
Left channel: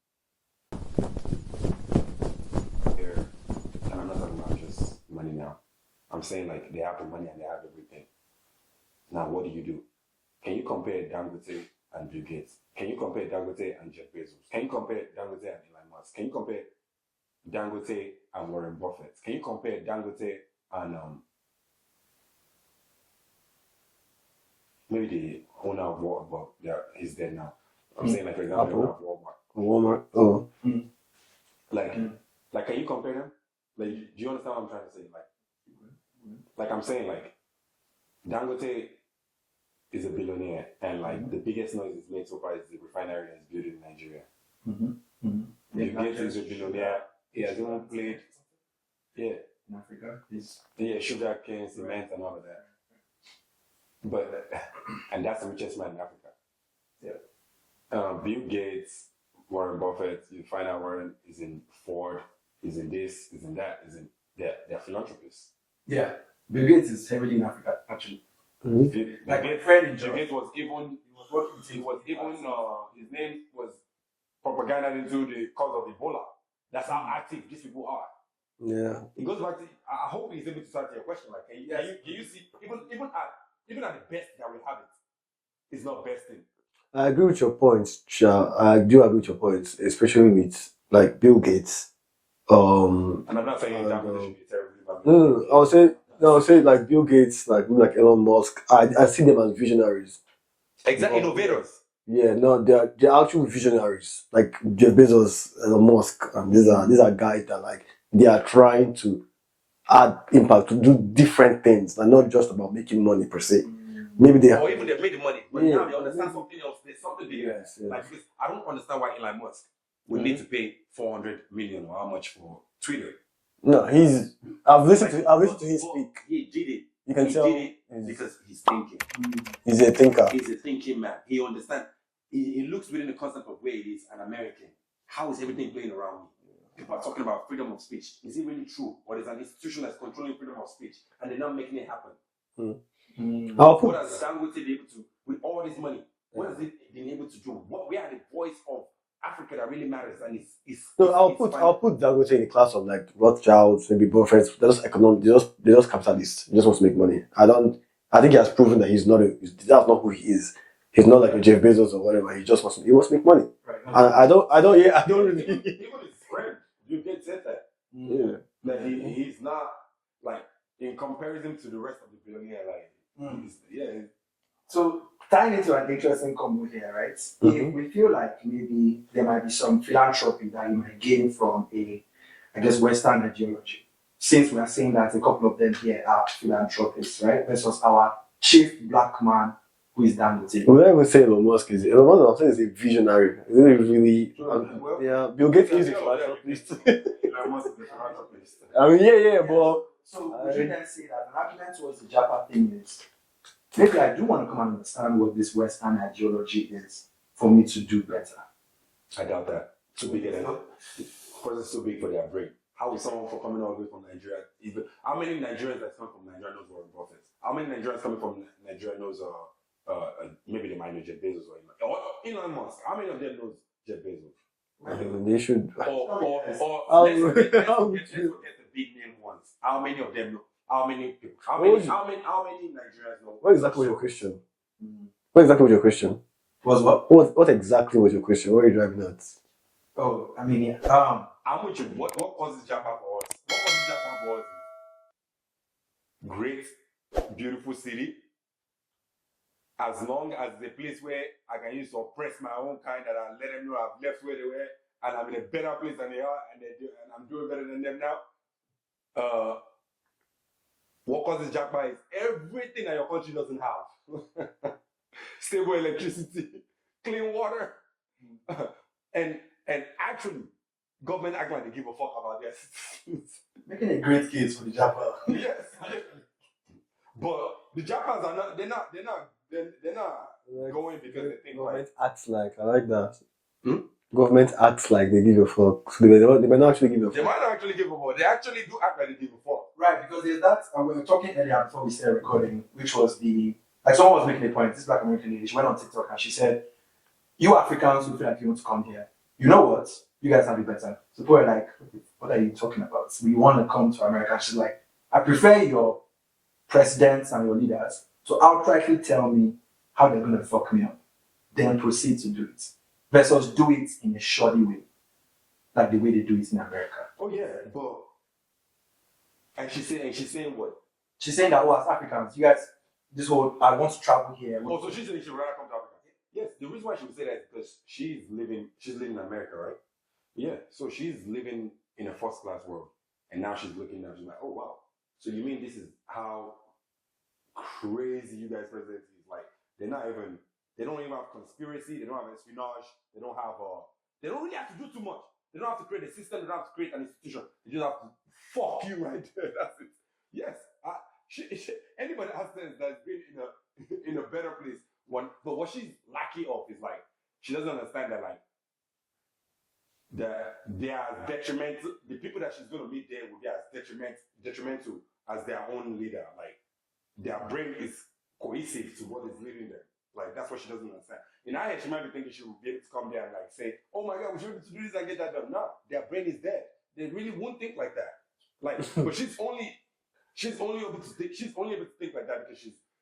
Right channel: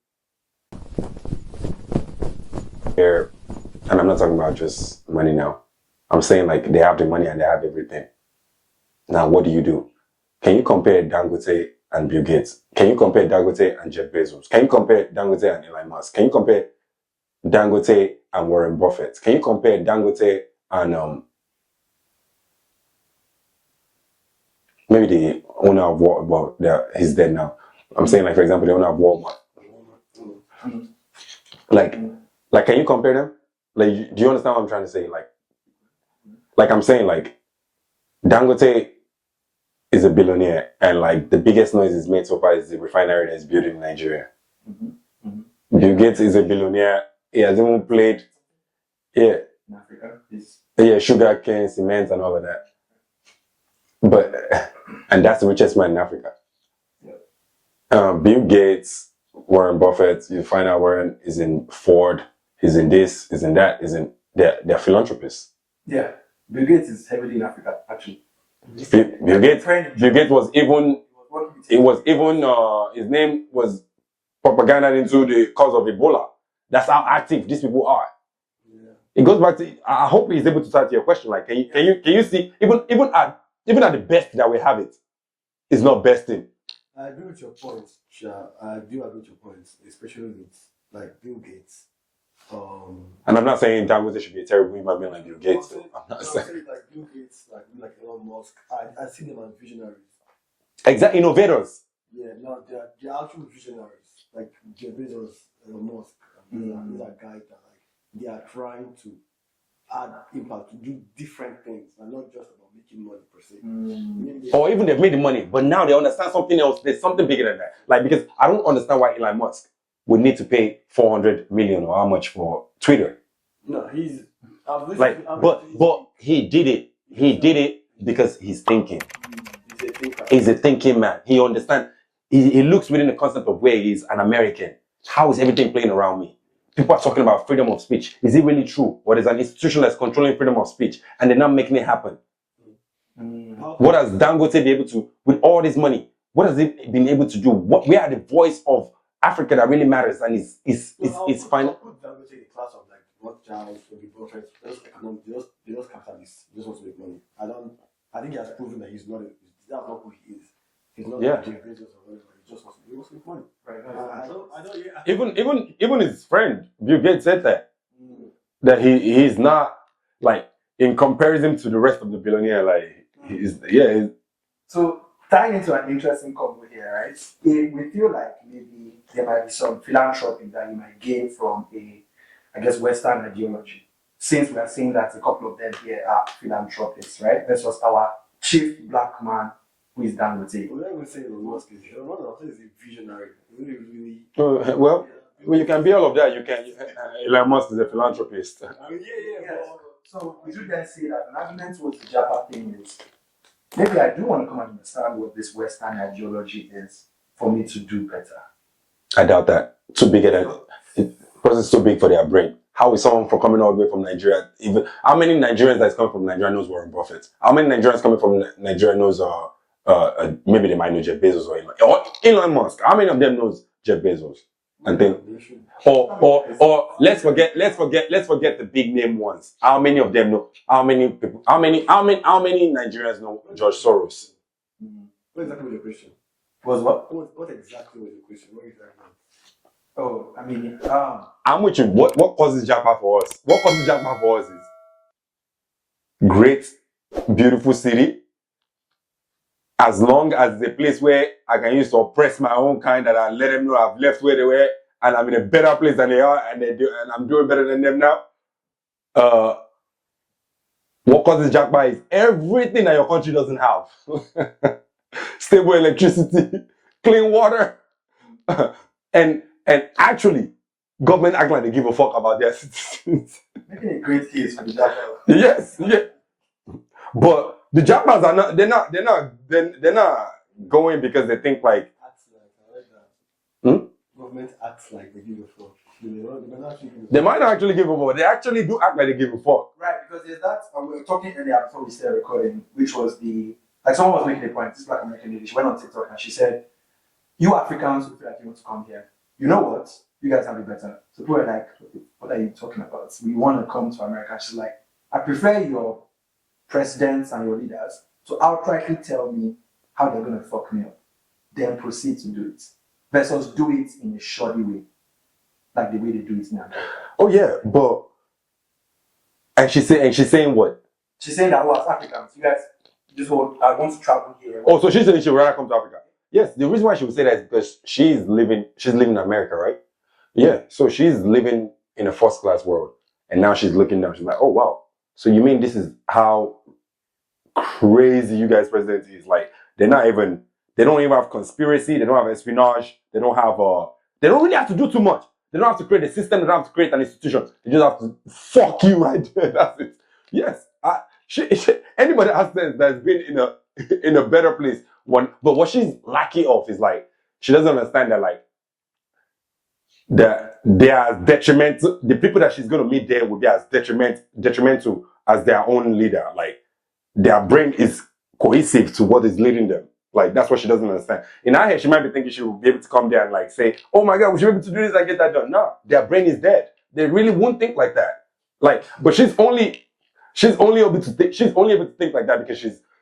Here, and I'm not talking about just money now. I'm saying like they have the money and they have everything. Now, what do? Can you compare Dangote and Bill Gates? Can you compare Dangote and Jeff Bezos? Can you compare Dangote and Elon Musk? Can you compare Dangote and Warren Buffett? Can you compare Dangote and maybe the owner of Walmart? Well, he's dead now. I'm saying like, for example, the owner of Walmart. Walmart. Oh. Like, can you compare them? Like, do you understand what I'm trying to say? Like I'm saying, like, Dangote is a billionaire, and like the biggest noise is made so far is the refinery that is built in Nigeria. Bill Gates is a billionaire. He has even played, in Africa, sugar cane, cement, and all of that. But and that's the richest man in Africa. Bill Gates, Warren Buffett, you find out Warren is in Ford, he's in this, he's in that, they're philanthropists. Yeah, Bill Gates is heavily in Africa, actually. Bill Gates was even, his name was propaganda into the cause of Ebola. That's how active these people are. Yeah. It goes back to, I hope he's able to start your question. Like, can you see, even at the best that we have it's not besting. I agree with your points, Cha. I do agree with your points, especially with like Bill Gates. And I'm not saying Dangote should be a terrible human being. No. I'll say like Bill Gates, like Elon Musk. I see them as visionaries. Exactly, innovators. Yeah, no, they're actual visionaries. Like Jeff Bezos, Elon Musk, and these are guys that like they are trying to add impact, to do different things, and not just about making money per se. Maybe even they've made the money, but now they understand something else. There's something bigger than that. Like, because I don't understand why Elon Musk would need to pay 400 million or how much for Twitter. No, I've listened to his but speak. he did it. He did it because he's thinking. He's a thinker. He's a thinking man. He understands. He looks within the concept of where he's an American. How is everything playing around me? People are talking about freedom of speech. Is it really true? Or there's an institution that's controlling freedom of speech and they're not making it happen? What has Dangote been able to, with all this money, what has it been able to do? We are the voice of Africa that really matters, and I'll put Dangote in the class of like Rothschilds, maybe Buffett. They're just they're just capitalists. He just wants to make money. I think he has proven that that's not who he is. He's not like a Jeff Bezos or whatever. He wants to make money. Right. Even his friend Bill Gates said that. That he's not, like, in comparison to the rest of the billionaire, like So tying into an interesting combo here, right? We feel like maybe there might be some philanthropy that you might gain from Western ideology. Since we are seeing that a couple of them here are philanthropists, right? Versus our chief black man, who is Dangote. We don't even say Elon Musk is a visionary. Is it really? Well, yeah, Bill Gates can be all of that. You can. Elon Musk is a philanthropist. I mean, but so would you then say that an argument towards the Japa thing is, maybe I do want to come and understand what this Western ideology is for me to do better? I doubt that. Too big because it's too big for their brain. How is someone from coming all the way from Nigeria? How many Nigerians that's coming from Nigeria knows Warren Buffett? How many Nigerians coming from Nigeria knows maybe they might know Jeff Bezos or Elon Musk? How many of them knows Jeff Bezos? And then they should. Or let's forget the big name ones. How many of them know? How many people? How many Nigerians know George Soros? What exactly was your question? Was what? What exactly was your question? What are you driving at? Oh, I mean, I'm with you. What causes Japa for us? What causes Japa for us is great, beautiful city, as long as the place where I can use to oppress my own kind, that I let them know I've left where they were and I'm in a better place than they are, and and I'm doing better than them now. What causes Japa is everything that your country doesn't have. Stable electricity, clean water, and actually, government act like they give a fuck about their citizens. Making a great case for the Japa. Yes, yeah. But the Japas are not. They're not going because they think like. Acts like, I like that. Hmm? Government acts like they give a fuck. So they might not actually give a fuck. They might not actually give a fuck. They actually do act like they give a fuck. Right, because there's that, we were talking earlier before we started recording, which was like someone was making a point, this Black American lady, she went on TikTok and she said, you Africans who feel like you want to come here, you know what? You guys have it better. So people are like, what are you talking about? We want to come to America. She's like, I prefer your presidents and your leaders to outrightly tell me how they're going to fuck me up, then proceed to do it. Versus do it in a shoddy way, like the way they do it in America. Oh yeah, but and she's saying what? She's saying that, as Africans, you guys, this whole, I want to travel here. Oh, so she's saying she would rather come to Africa. Yes, the reason why she would say that is because she's living in America, right? Yeah, so she's living in a first class world, and now she's looking down. She's like, oh wow, so you mean this is how crazy you guys' president is? Like they don't even have conspiracy, they don't have espionage, they don't really have to do too much. They don't have to create a system, they don't have to create an institution. They just have to fuck you right there. That's it. Yes. Anybody that has sense that's been in a better place. But what she's lacking of is like, she doesn't understand that like they are detrimental. The people that she's gonna meet there will be as detrimental as their own leader. Like their brain is cohesive to what is leading them. Like that's what she doesn't understand. In her head, she might be thinking she will be able to come there and like say, "Oh my God, we should be able to do this and get that done." No, their brain is dead. They really won't think like that. Like, but she's only able to think like that because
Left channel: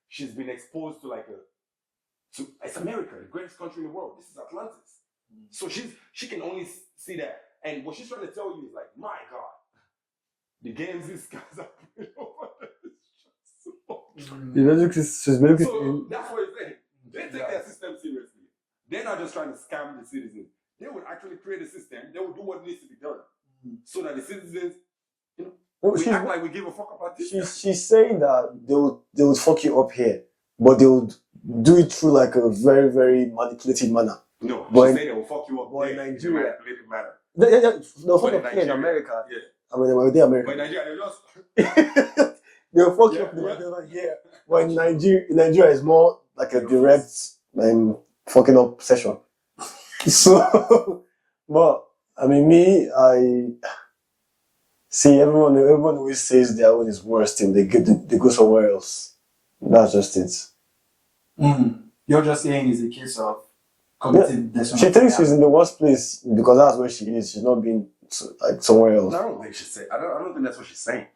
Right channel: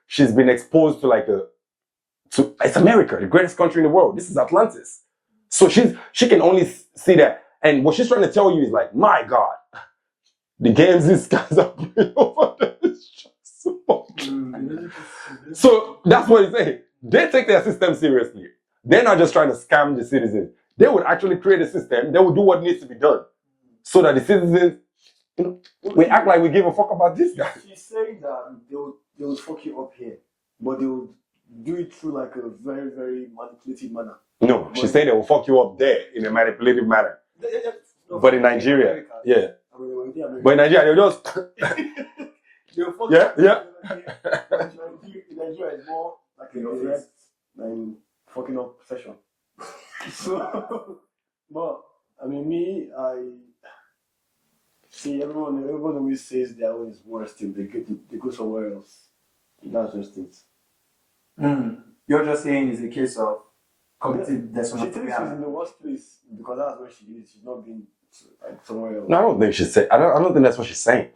she's been exposed to it's America, the greatest country in the world. This is Atlantis. So she can only see that. And what she's trying to tell you is like, my God, the games these guys are playing over there is just so much. So that's what he's saying. They take their system seriously. They're not just trying to scam the citizens. They would actually create a system. They would do what needs to be done so that the citizens, we act like we give a fuck about this. She's saying that they would fuck you up here, but they would do it through like a very, very manipulative manner. No, she's saying they will fuck you up there in a manipulative manner. No, but in Nigeria, America, yeah. I mean, they're America. But in Nigeria, they'll just they'll fuck you up. Yeah. But in Nigeria is more like a direct fucking up session. So, but I mean, I see everyone always says their own is worse till they go somewhere else. That's just it. You're just saying it's a case of committing She thinks she's in the worst place because that's where she is. She's not being like somewhere else. No, I don't think she's saying. I don't think that's what she's saying.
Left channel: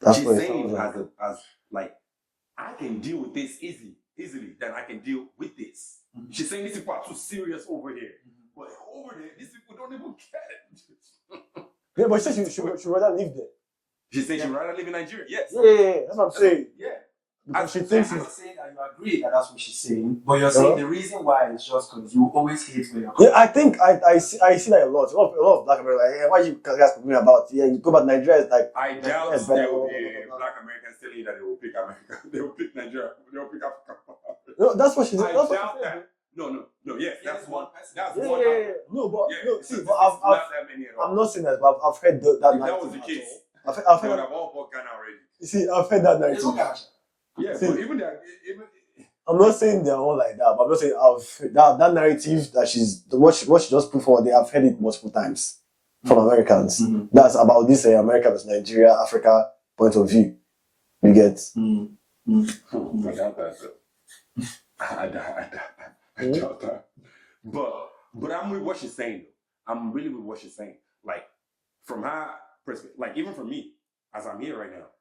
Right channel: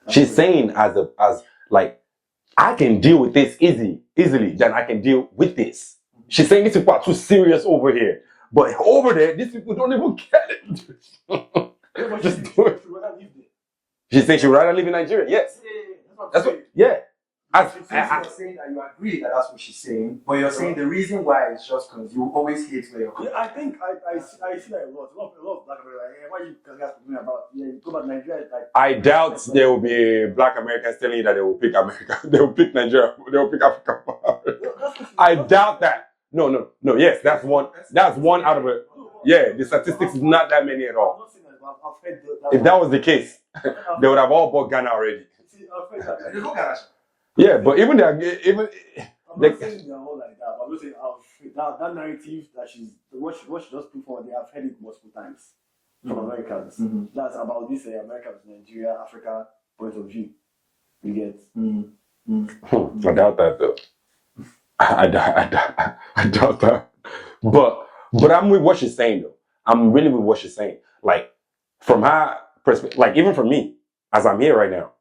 That's she's saying as like, I can deal with this easily than I can deal with this. She's saying these people are too serious over here, but over there, these people don't even get it. Yeah, but she'd rather live there. She's saying she'd rather live in Nigeria. Yes. Yeah, that's what I'm saying. Yeah. I'm saying that you agree that that's what she's saying, but you're saying the reason why is just because you always hate where you're coming. Yeah, I think I see that a lot. A lot of Black Americans like, hey, why you guys complaining about? Yeah, you go back to Nigeria, it's like I doubt there will be Black Americans telling you that they will pick America. They will pick Nigeria. They will pick Africa. No, that's what she's. I doubt that. No. Yes, that's one. That's one out of it. No, but the statistics is not that many at all. I'm not saying that, but I've heard that. If that was the case, they would have all bought Ghana already. See, I've heard that narrative. Yeah, but even I'm not saying they're all like that, but I'm not saying that narrative that what she just put forward. I've heard it multiple times from Americans. Mm-hmm. That's about this America versus Nigeria, Africa point of view. You get? I doubt that though. I doubt that. But I'm with what she's saying though. I'm really with what she's saying. Like from her perspective, like even for me, as I'm here right now,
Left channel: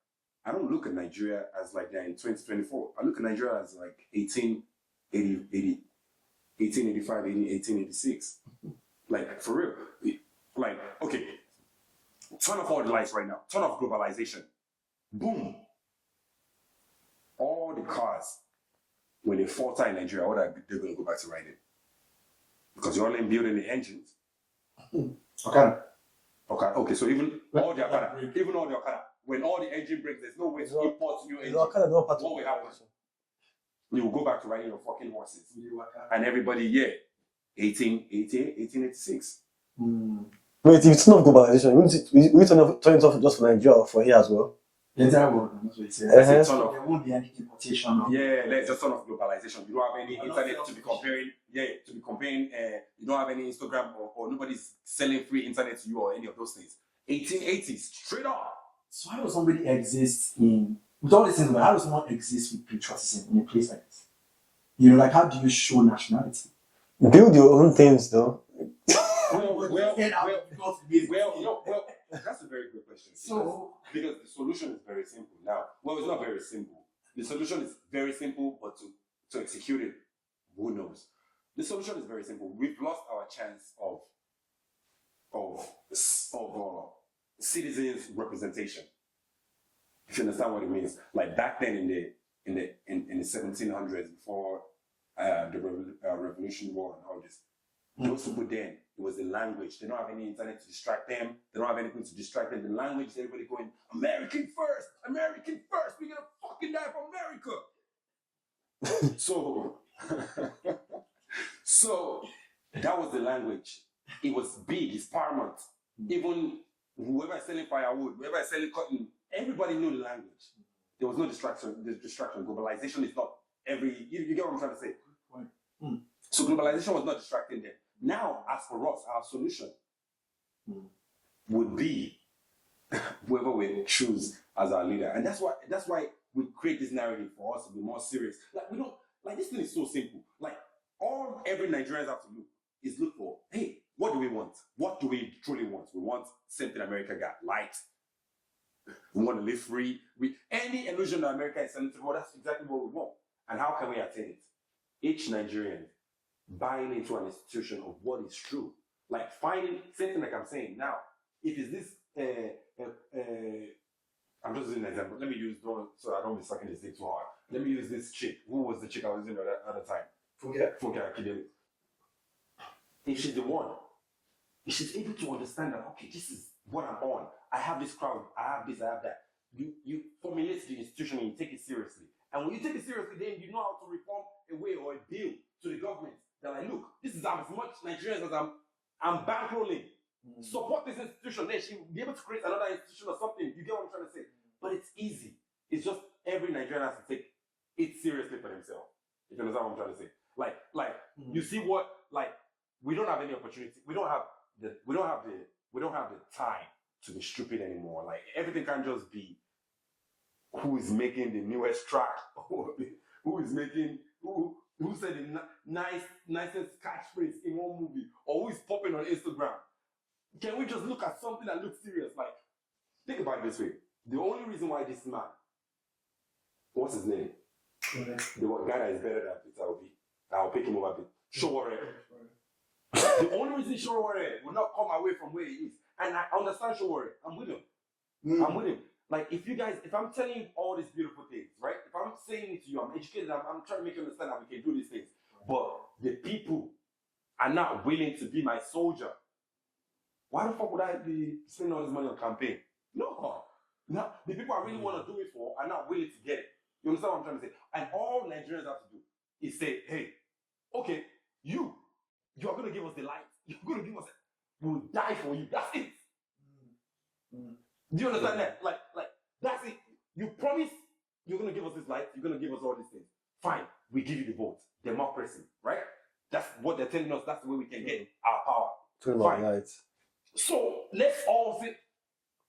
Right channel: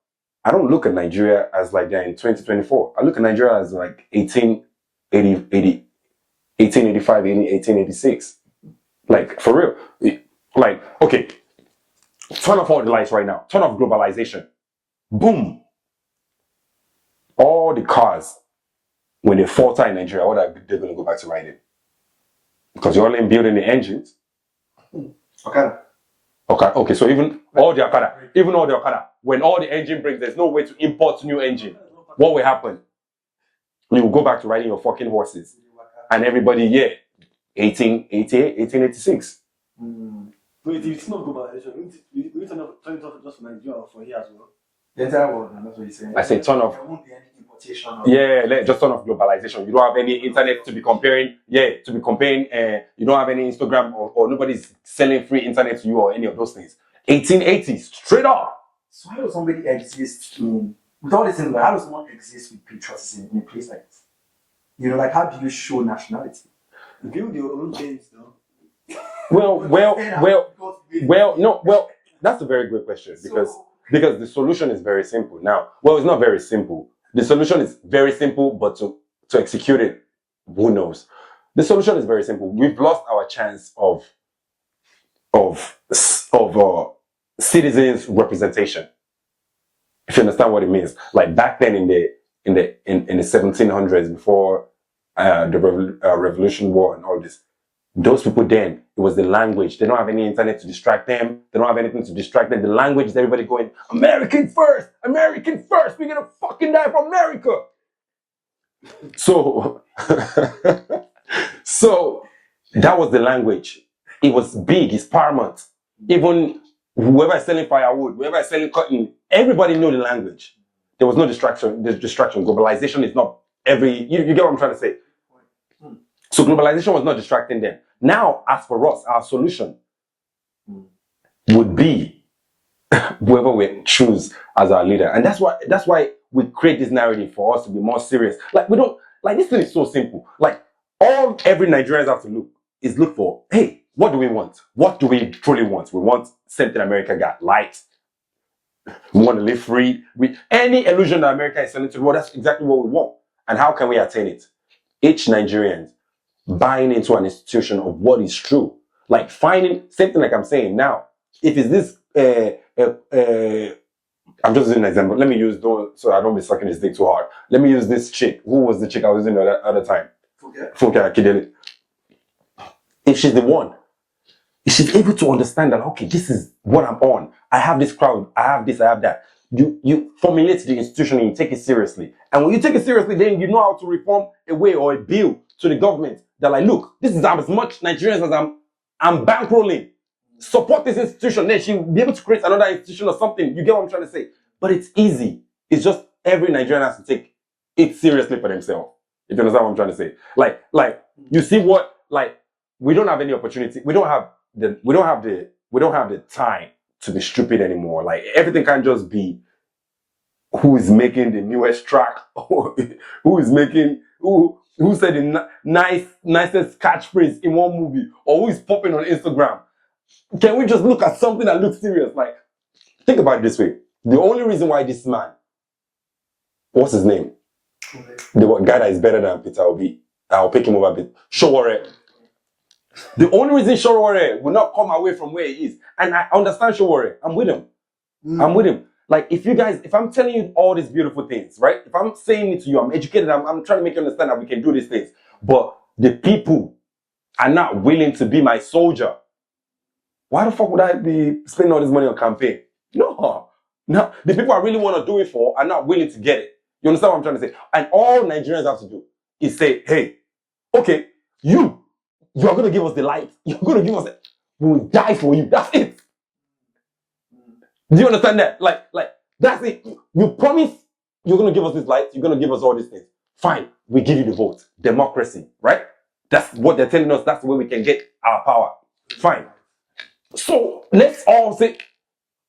I don't look at Nigeria as like they're in 2024. I look at Nigeria as like 1885, 1886. Like, for real. Like, okay, turn off all the lights right now. Turn off globalization. Boom. All the cars when they falter in Nigeria, what are they going to go back to riding? Because you're only building the engines. Okay. Okay, so even all the Okada, when all the engine breaks, there's no way to import new engine. What will happen? You will go back to riding your fucking horses. And everybody, 1888, 1886. Wait, it's not globalization. We turn it off just for Nigeria or for here as well. The entire world, and that's what you say. I say turn off. There won't be any importation. Just turn off globalization. You don't have any internet to be comparing. You don't have any Instagram or nobody's selling free internet to you or any of those things. 1880s, straight up. So how does somebody exist with all these things? How does someone exist with patriotism in a place like this? You know, like how do you show nationality? Build your own things, though. That's a very good question because the solution is very simple. Now, it's not very simple. The solution is very simple, but to execute it, who knows? The solution is very simple. We've lost our chance of citizens' representation. If you understand what it means, like back then in the 1700s, before the Revolution War and all this. Those people then, it was the language. They don't have any internet to distract them. They don't have anything to distract them. The language is everybody going, American first! American first! We're gonna fucking die for America! So that was the language. It was big, it's paramount. Even whoever is selling firewood, whoever is selling cotton, everybody knew the language. There was no distraction. There's distraction. Globalization is not you get what I'm trying to say? So globalization was not distracting them. Now, as for us, our solution would be whoever we choose as our leader. And that's why we create this narrative for us to be more serious. Like this thing is so simple. Like every Nigerians have to look for, hey, what do we want? What do we truly want? We want something America got, light. We want to live free. Any illusion that America is selling to the world, that's exactly what we want. And how can we attain it? Each Nigerian buying into an institution of what is true. Like finding, same thing like I'm saying now, if it's this, I'm just using an example. Let me use, so I don't be sucking this dick too hard. Let me use this chick. Who was the chick I was using the other time? Funke Akindele. If she's the one, if she's able to understand that, okay, this is what I'm on. I have this crowd. I have this, I have that. You formulate the institution and you take it seriously. And when you take it seriously, then you know how to reform a way or a bill to the government that like, look, this is as much Nigerians as I'm bankrolling. Support this institution. Then she'll be able to create another institution or something. You get what I'm trying to say? But it's easy. It's just every Nigerian has to take it seriously for themselves. If you understand what I'm trying to say. Like you see what, like, we don't have any opportunity. We don't have the time to be stupid anymore. Like everything can't just be who is making the newest track, or who said the nicest catchphrase in one movie, or who is popping on Instagram. Can we just look at something that looks serious? Like, think about it this way. The only reason why this man, what's his name? The guy that is better than Peter Obi, I'll pick him over a bit. Showore. The only reason Showore will not come away from where he is, and I understand Showore, I'm with him. I'm with him. Like, if I'm telling you all these beautiful things, right? If I'm saying it to you, I'm educated, I'm trying to make you understand that we can do these things. But the people are not willing to be my soldier. Why the fuck would I be spending all this money on campaign? No. The people I really want to do it for are not willing to get it. You understand what I'm trying to say? And all Nigerians have to do is say, hey, okay, you're going to give us the light. You're going to give us it. We'll die for you. That's it. Do you understand that? Like, that's it. You promise you're going to give us this light. You're going to give us all these things. Fine. We give you the vote. Democracy, right? That's what they're telling us. That's the way we can get our power. Fine. So let's all say,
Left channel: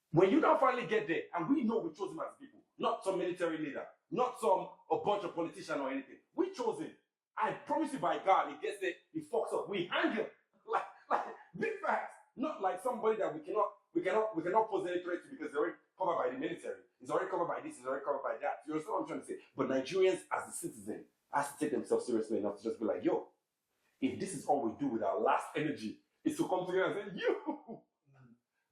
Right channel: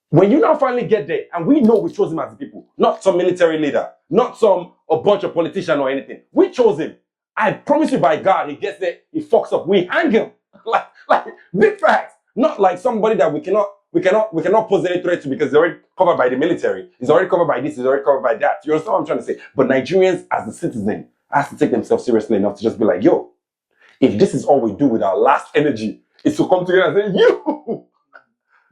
when you now finally get there, and we know we chose him as the people, not some military leader, not a bunch of politician or anything. We chose him. I promise you by God, he gets there, he fucks up. We hang him. like big facts. Not like somebody that we cannot pose any threat to because he's already covered by the military. He's already covered by this, he's already covered by that. You understand what I'm trying to say? But Nigerians, as a citizen, have to take themselves seriously enough to just be like, yo, if this is all we do with our last energy, is to come together and say, you,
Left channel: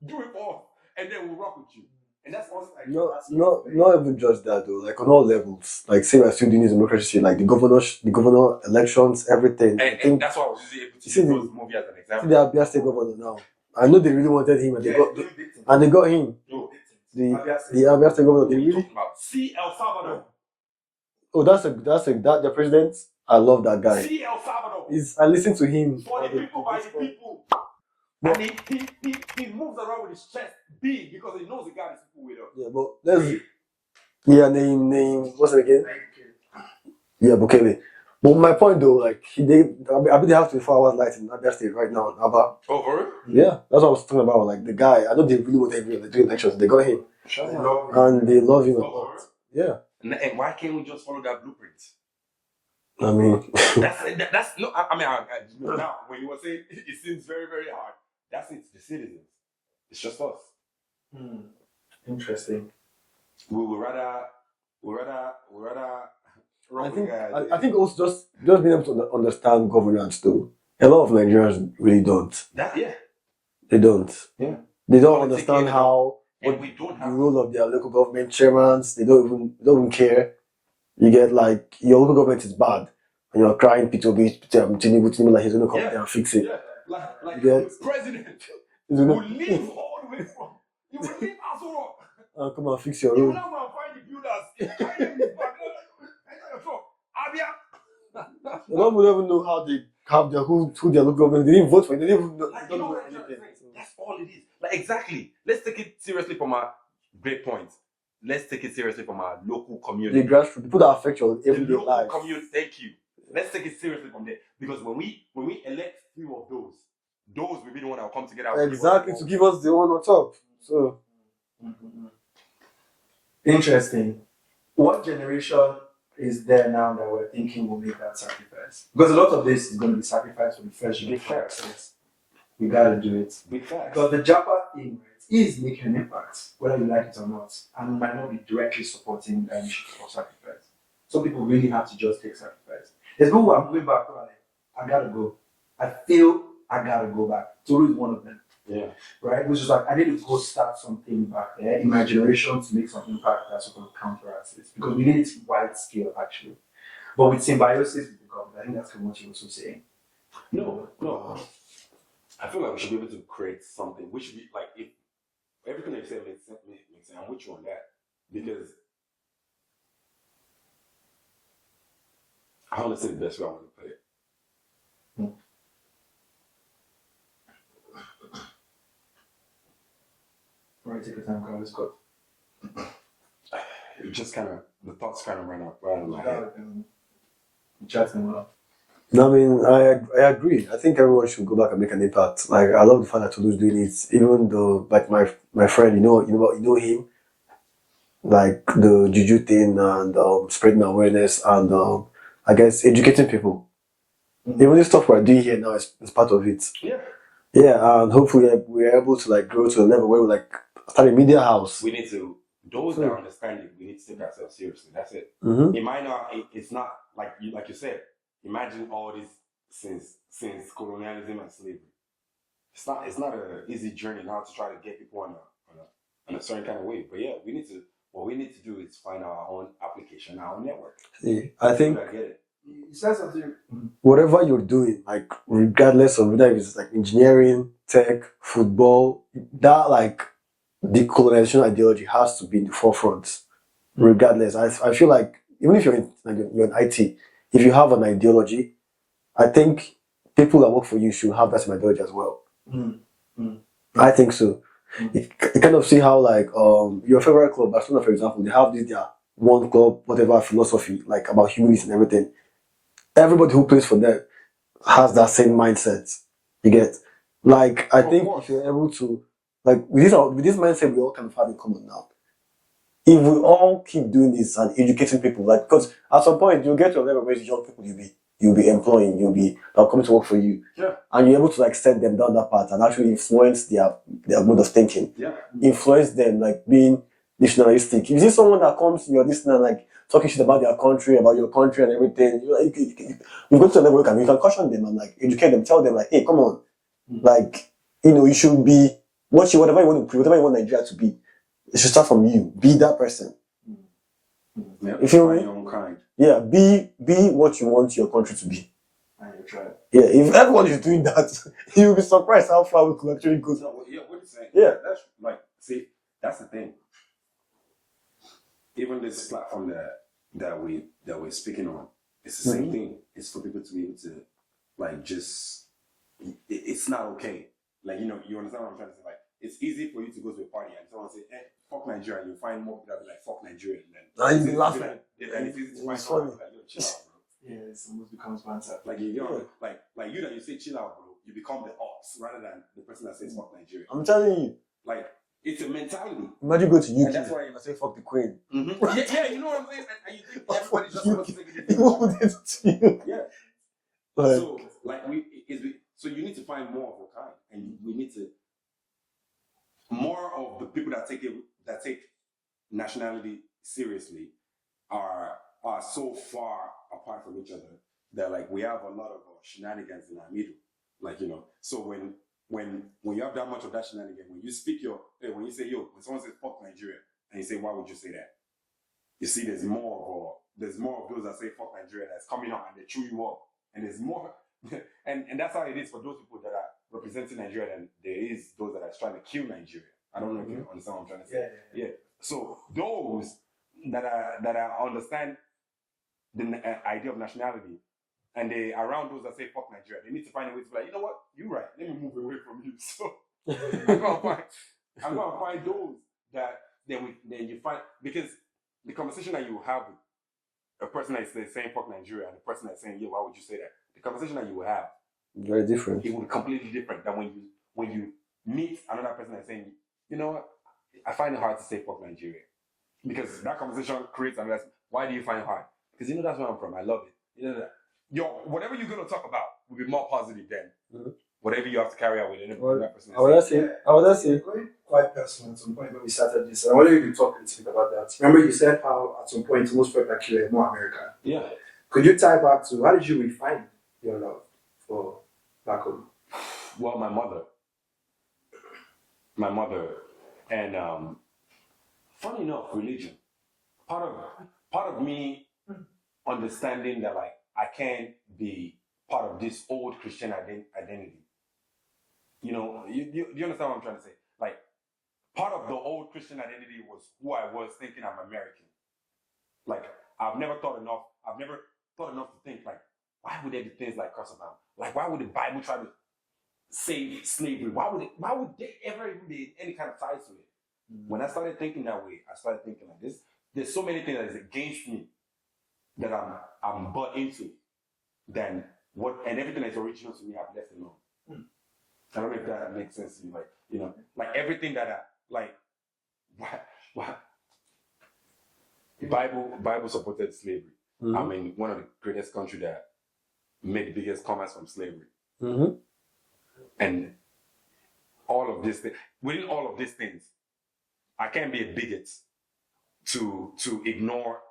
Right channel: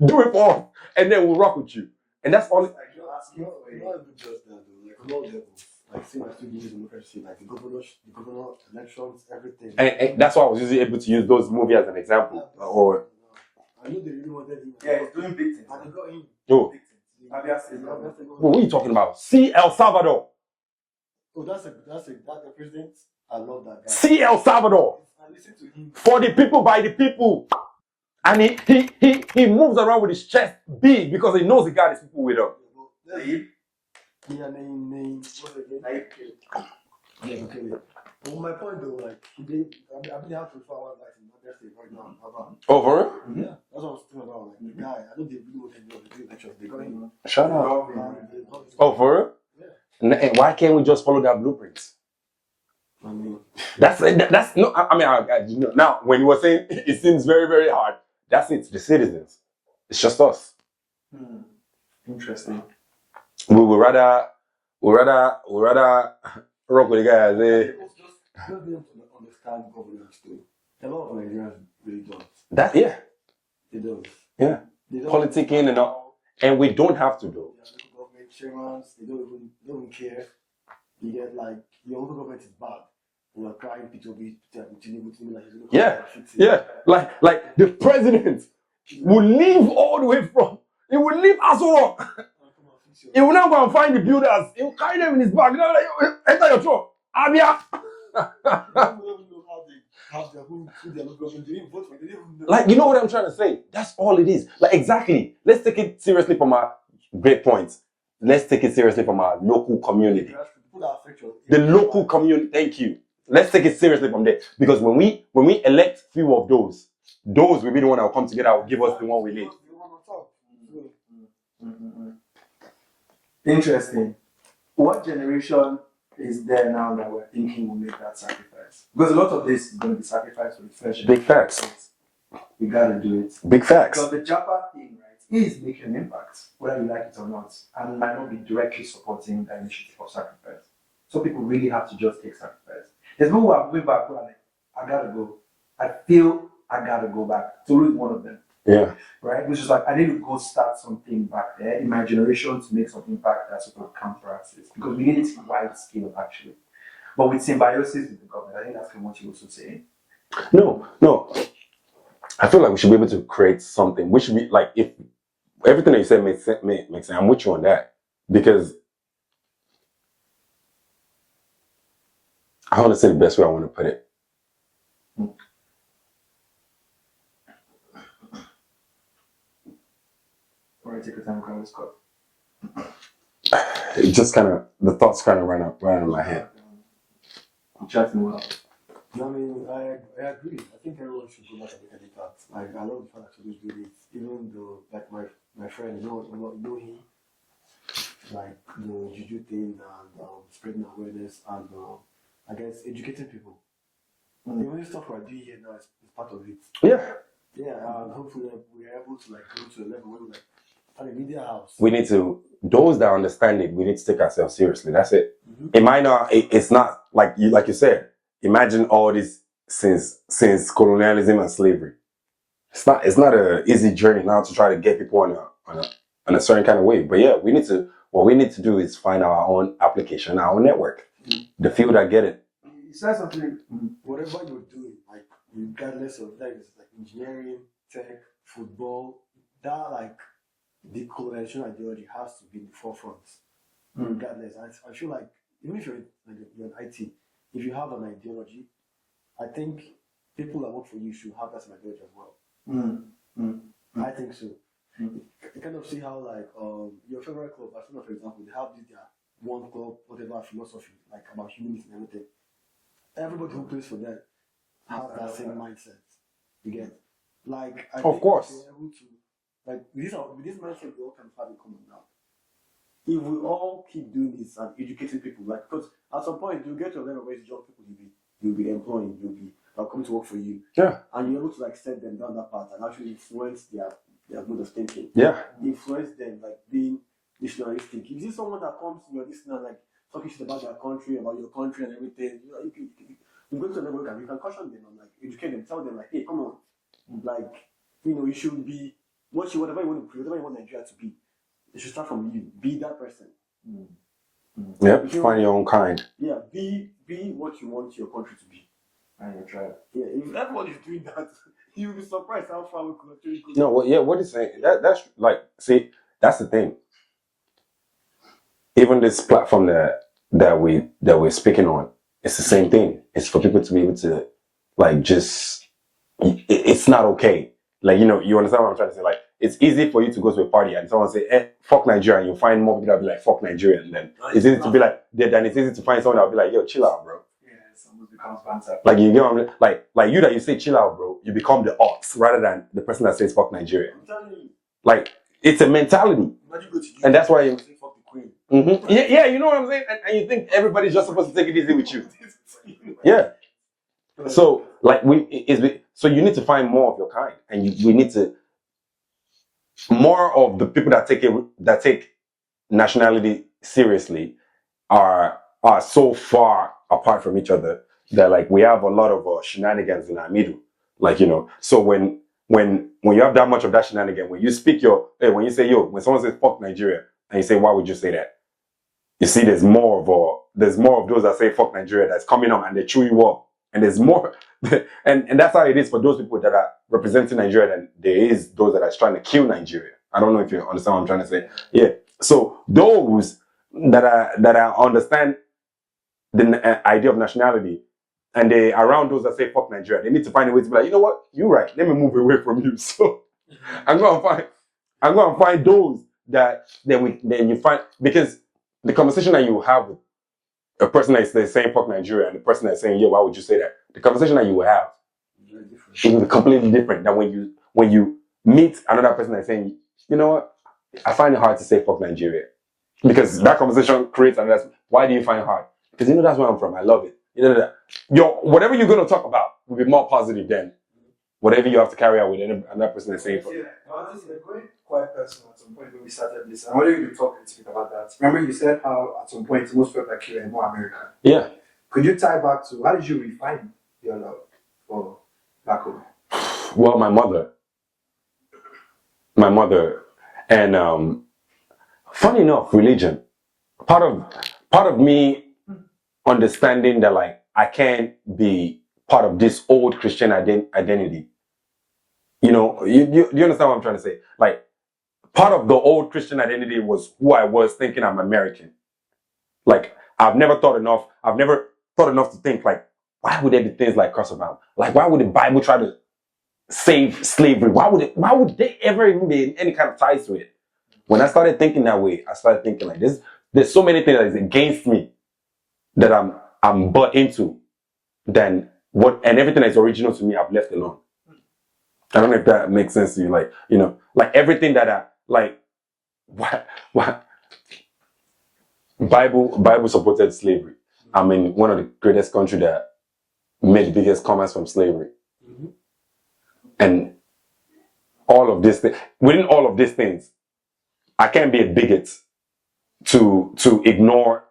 do it for us, and then we'll rock with you. And that's all. Not even just that though. Like on all levels. Like say we're still doing this democracy, like the governor elections, everything. And that's why I was usually able to use those movies as an example. See the Abia State governor now. I know they really wanted him, and they got him. Oh, The Abia State governor. what are you talking about? See El Salvador. Oh, that's the president. I love that guy. See El Salvador. I listen to him. For the people, by the people. And he moves around with his chest big because he knows he got his people with him. Yeah, but name what's it again? Yeah, Bukele. But my point though, like I bet they have 24 hours light in Abia State right now in Aba. Oh, for real? Yeah, that's what I was talking about. Like the guy, I know they really wanted him to do elections. They got him. Shut up. And they love him. Oh, for real? Yeah. And why can't we just follow that blueprint? I mean, that's no. I mean, now when you were saying it seems very, very hard, that's it. The citizens, it's just us. Interesting. We would rather rock with the guys. I think also just being able to understand governance too. A lot of Nigerians really don't. They don't. Yeah. They don't Politicking understand how. And we don't have the role of their local government chairmen. They don't even care. You get like your local government is bad, and you're crying Tinubu like he's gonna come there and fix it. Yeah, like the president will leave all the way from. He will leave Asoro. Come and fix your. He will now go and find the builders. He will carry them in his bag. You know, like enter your truck. Abia. They don't even know how they have who their local government. They didn't vote for it. They didn't even know. Like, you know what I'm trying to say? That's all it is. Like, exactly. Let's take it seriously from our great points. Let's take it seriously from our local community. The grassroots, people that affect your local community. Thank you. Let's take it seriously from there. Because when we elect few of those will be the one that will come together and give us the one on top. So interesting. What generation is there now that we're thinking will make that sacrifice? Because a lot of this is going to be sacrificed for the fresh generation. Big facts. We gotta do it. Big facts. Because the Japa thing, right, is making an impact, whether you like it or not, and might not be directly supporting the initiative of sacrifice. So people really have to just take sacrifice. There's people who are moving back who are like, I gotta go. I feel I gotta go back. Toru is one of them. Yeah. Right? Which is like, I need to go start something back there in my generation to make some impact that sort of counteracts this. Because we need it wide scale, actually. But with symbiosis with the government, I think that's what you're also saying. No. I feel like we should be able to create something. We should be like, if everything that you said makes sense, I'm with you on that. Because I want to say the best way I want to put it. Alright, take your time, Carlos Scott. It just kind of, the thoughts kind of run in my head. I'm chatting well. No, I mean, I agree. I think everyone should go back and make an impact. Like, I love the fact that Tolu's doing it, even though, like, my friend, you know him, like the juju thing and spreading awareness and I guess educating people. Even this stuff we're doing here now is part of it. Yeah, and hopefully we're able to like grow to a level where we like start a media house. We need to, those that understand it, we need to take ourselves seriously. That's it. Mm-hmm. It might not, it's not like you said. Imagine all this since colonialism and slavery. It's not an easy journey now to try to get people on a certain kind of way. But yeah, what we need to do is find our own application, our own network. Yeah. The people that get it. You said something. Whatever you're doing, like regardless of whether it's like engineering, tech, football, that like decolonization ideology has to be in the forefront. Regardless, I feel like even if you're in IT, if you have an ideology, I think people that work for you should have that same ideology as well. I think so. You kind of see how like your favorite club, Barcelona for example, they have this their one club, whatever philosophy, like about humanism and everything. Everybody who plays for them has that same mindset. You get, like, I think if you're able to, like, with this mindset we all kind of have in common now. If we all keep doing this and educating people, like, because at some point you'll get to a level where young people you'll be employing, they'll come to work for you. Yeah. And you're able to like set them down that path and actually influence their mode of thinking. Yeah. Influence them, like being nationalistic. If you see someone that comes, you're listening like talking shit about your country and everything, you go to a level where you can caution them and like educate them, tell them like, hey, come on, like, you should be whatever you want Nigeria to be. it should start from you. Be that person. Yeah, If you find your own kind. Yeah, be what you want your country to be. And you try. Yeah, if everyone is doing that, you'll be surprised how far we could actually go. No, what is saying? Yeah, that's like, see, that's the thing. Even this platform that we're speaking on, it's the same thing. It's for people to be able to, like, just, it's not okay. Like, you know, you understand what I'm trying to say? Like, it's easy for you to go to a party and someone say, fuck Nigeria, and you find more people that be like, fuck Nigeria, and then it's easy to be like, then it's easy to find someone that will be like, yo, chill out, bro. Yeah, it almost becomes banter. Like, you get what I mean? Like you that you say chill out, bro, you become the ox rather than the person that says fuck Nigeria. I'm telling you. Like, it's a mentality. Imagine go to you. And that's why you say fuck the queen. Mm-hmm. Yeah, you know what I'm saying? And you think everybody's just supposed to take it easy with you. Yeah. So, like, so you need to find more of your kind. And we need to, more of the people that take nationality seriously are so far apart from each other that, like, we have a lot of shenanigans in our middle. Like, you know, so when you have that much of that shenanigan, when you speak when you say when someone says fuck Nigeria and you say, why would you say that? You see, there's more of those that say fuck Nigeria that's coming on and they chew you up. And there's more, and that's how it is for those people that are representing Nigeria than there is those that are trying to kill Nigeria. I don't know if you understand what I'm trying to say. Yeah. So those that understand the idea of nationality, and they around those that say fuck Nigeria, they need to find a way to be like, you know what, you're right. Let me move away from you. So I'm gonna find those that then you find, because the conversation that you have with a person that's saying fuck Nigeria and the person that's saying, why would you say that? The conversation that you will have very different. It will be completely different than when you meet another person that's saying, you know what, I find it hard to say fuck Nigeria. Because that conversation creates another. Why do you find it hard? Because you know that's where I'm from. I love it. You know that whatever you're gonna talk about will be more positive than whatever you have to carry out with another person that's saying. I was saying, going quite personal at some point when we started this. I wanted you to talk a little bit about that. Remember, you said how at some point most felt like you were more American. Yeah. Could you tie back to how did you refine your love for back home? Well, my mother, and funny enough, religion. Part of me understanding that, like, I can't be part of this old Christian identity. You know, you understand what I'm trying to say? Like, part of the old Christian identity was who I was, thinking I'm American. Like, I've never thought enough to think, like, why would there be things like curse abound? Like, why would the Bible try to save slavery? Why would they ever even be in any kind of ties to it? When I started thinking that way, I started thinking like this. There's so many things that is against me that I'm bought into, than what, and everything that's original to me I've left alone. I don't know if that makes sense to you. Like, you know, like everything that what Bible supported slavery. I'm in one of the greatest countries that made the biggest commerce from slavery. And all of this within all of these things, I can't be a bigot to ignore,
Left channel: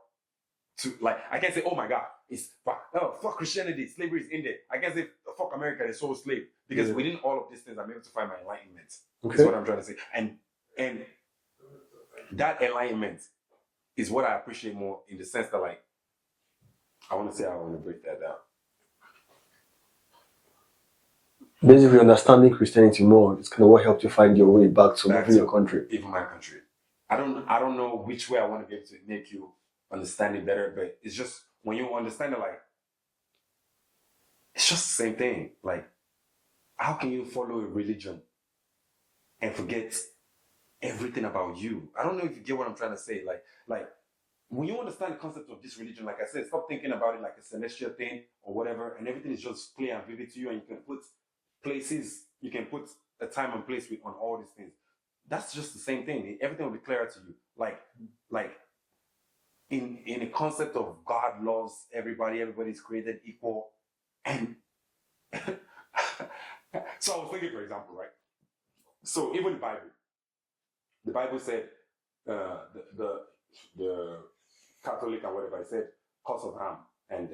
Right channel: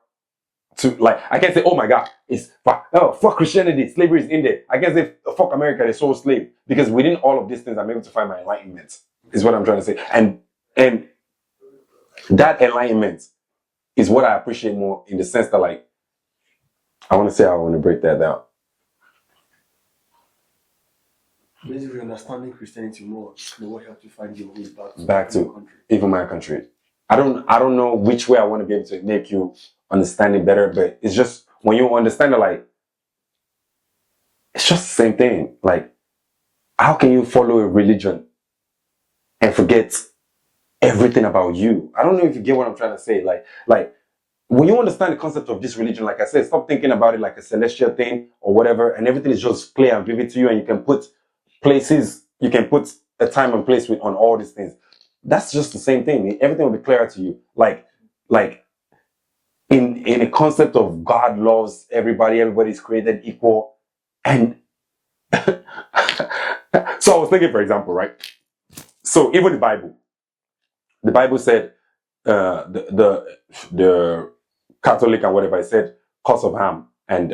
I can't say, oh my God, it's fuck Christianity, slavery is in there. I can't say fuck America, they sold slave, because within all of these things, I'm able to find my enlightenment. Is what I'm trying to say. And that enlightenment is what I appreciate more, in the sense that, like, I want to break that down. Basically, understanding Christianity more is kind of what helped you find your way back to your country. Even my country. I don't know which way I want to be able to make you understand it better, but it's just when you understand it, like, it's just the same thing. Like, how can you follow a religion and forget everything about you? I don't know if you get what I'm trying to say. Like when you understand the concept of this religion, like I said, stop thinking about it like a celestial thing or whatever, and everything is just clear and vivid to you, and you can put a time and place on all these things. That's just the same thing. Everything will be clearer to you. Like in a concept of God loves everybody, everybody's created equal. And so I was thinking, for example, right? So even the Bible said, the Catholic and whatever, it said, cause of Ham. And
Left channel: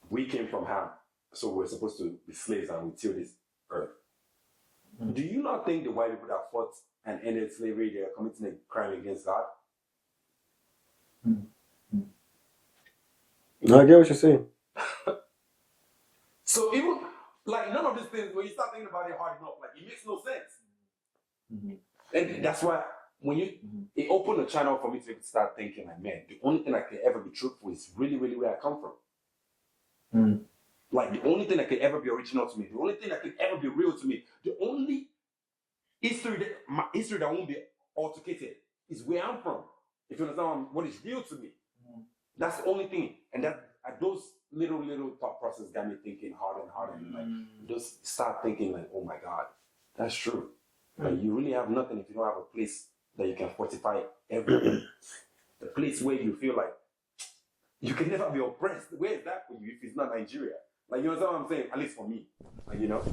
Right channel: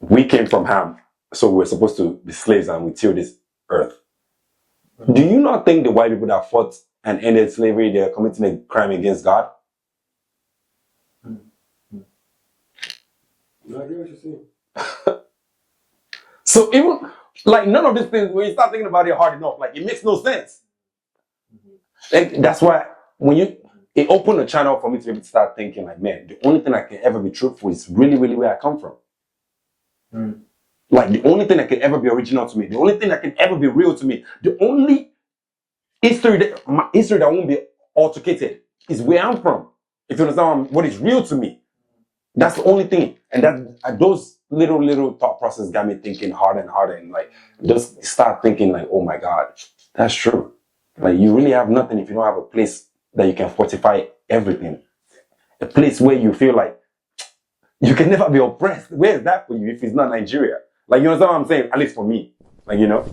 we came from Ham. So we're supposed to be slaves and we till this earth. Do you not think the white people that fought and ended slavery, they're committing a crime against God. No, I get what you're saying. So even like none of these things, when you start thinking about it hard enough, like it makes no sense. Like that's why when it opened a channel for me to be able to start thinking like, man, the only thing I can ever be truthful is really, really where I come from. Like the only thing that can ever be original to me, the only thing that can ever be real to me, the only history that won't be altercated is where I'm from. If you understand what is real to me, that's the only thing. And that those little thought process got me thinking harder and harder, and like just start thinking like, oh my God, that's true. Like you really have nothing if you don't have a place that you can fortify everything. A place where you feel like you can never be oppressed. Where is that for you if it's not Nigeria? Like you understand what I'm saying? At least for me. Like, you know?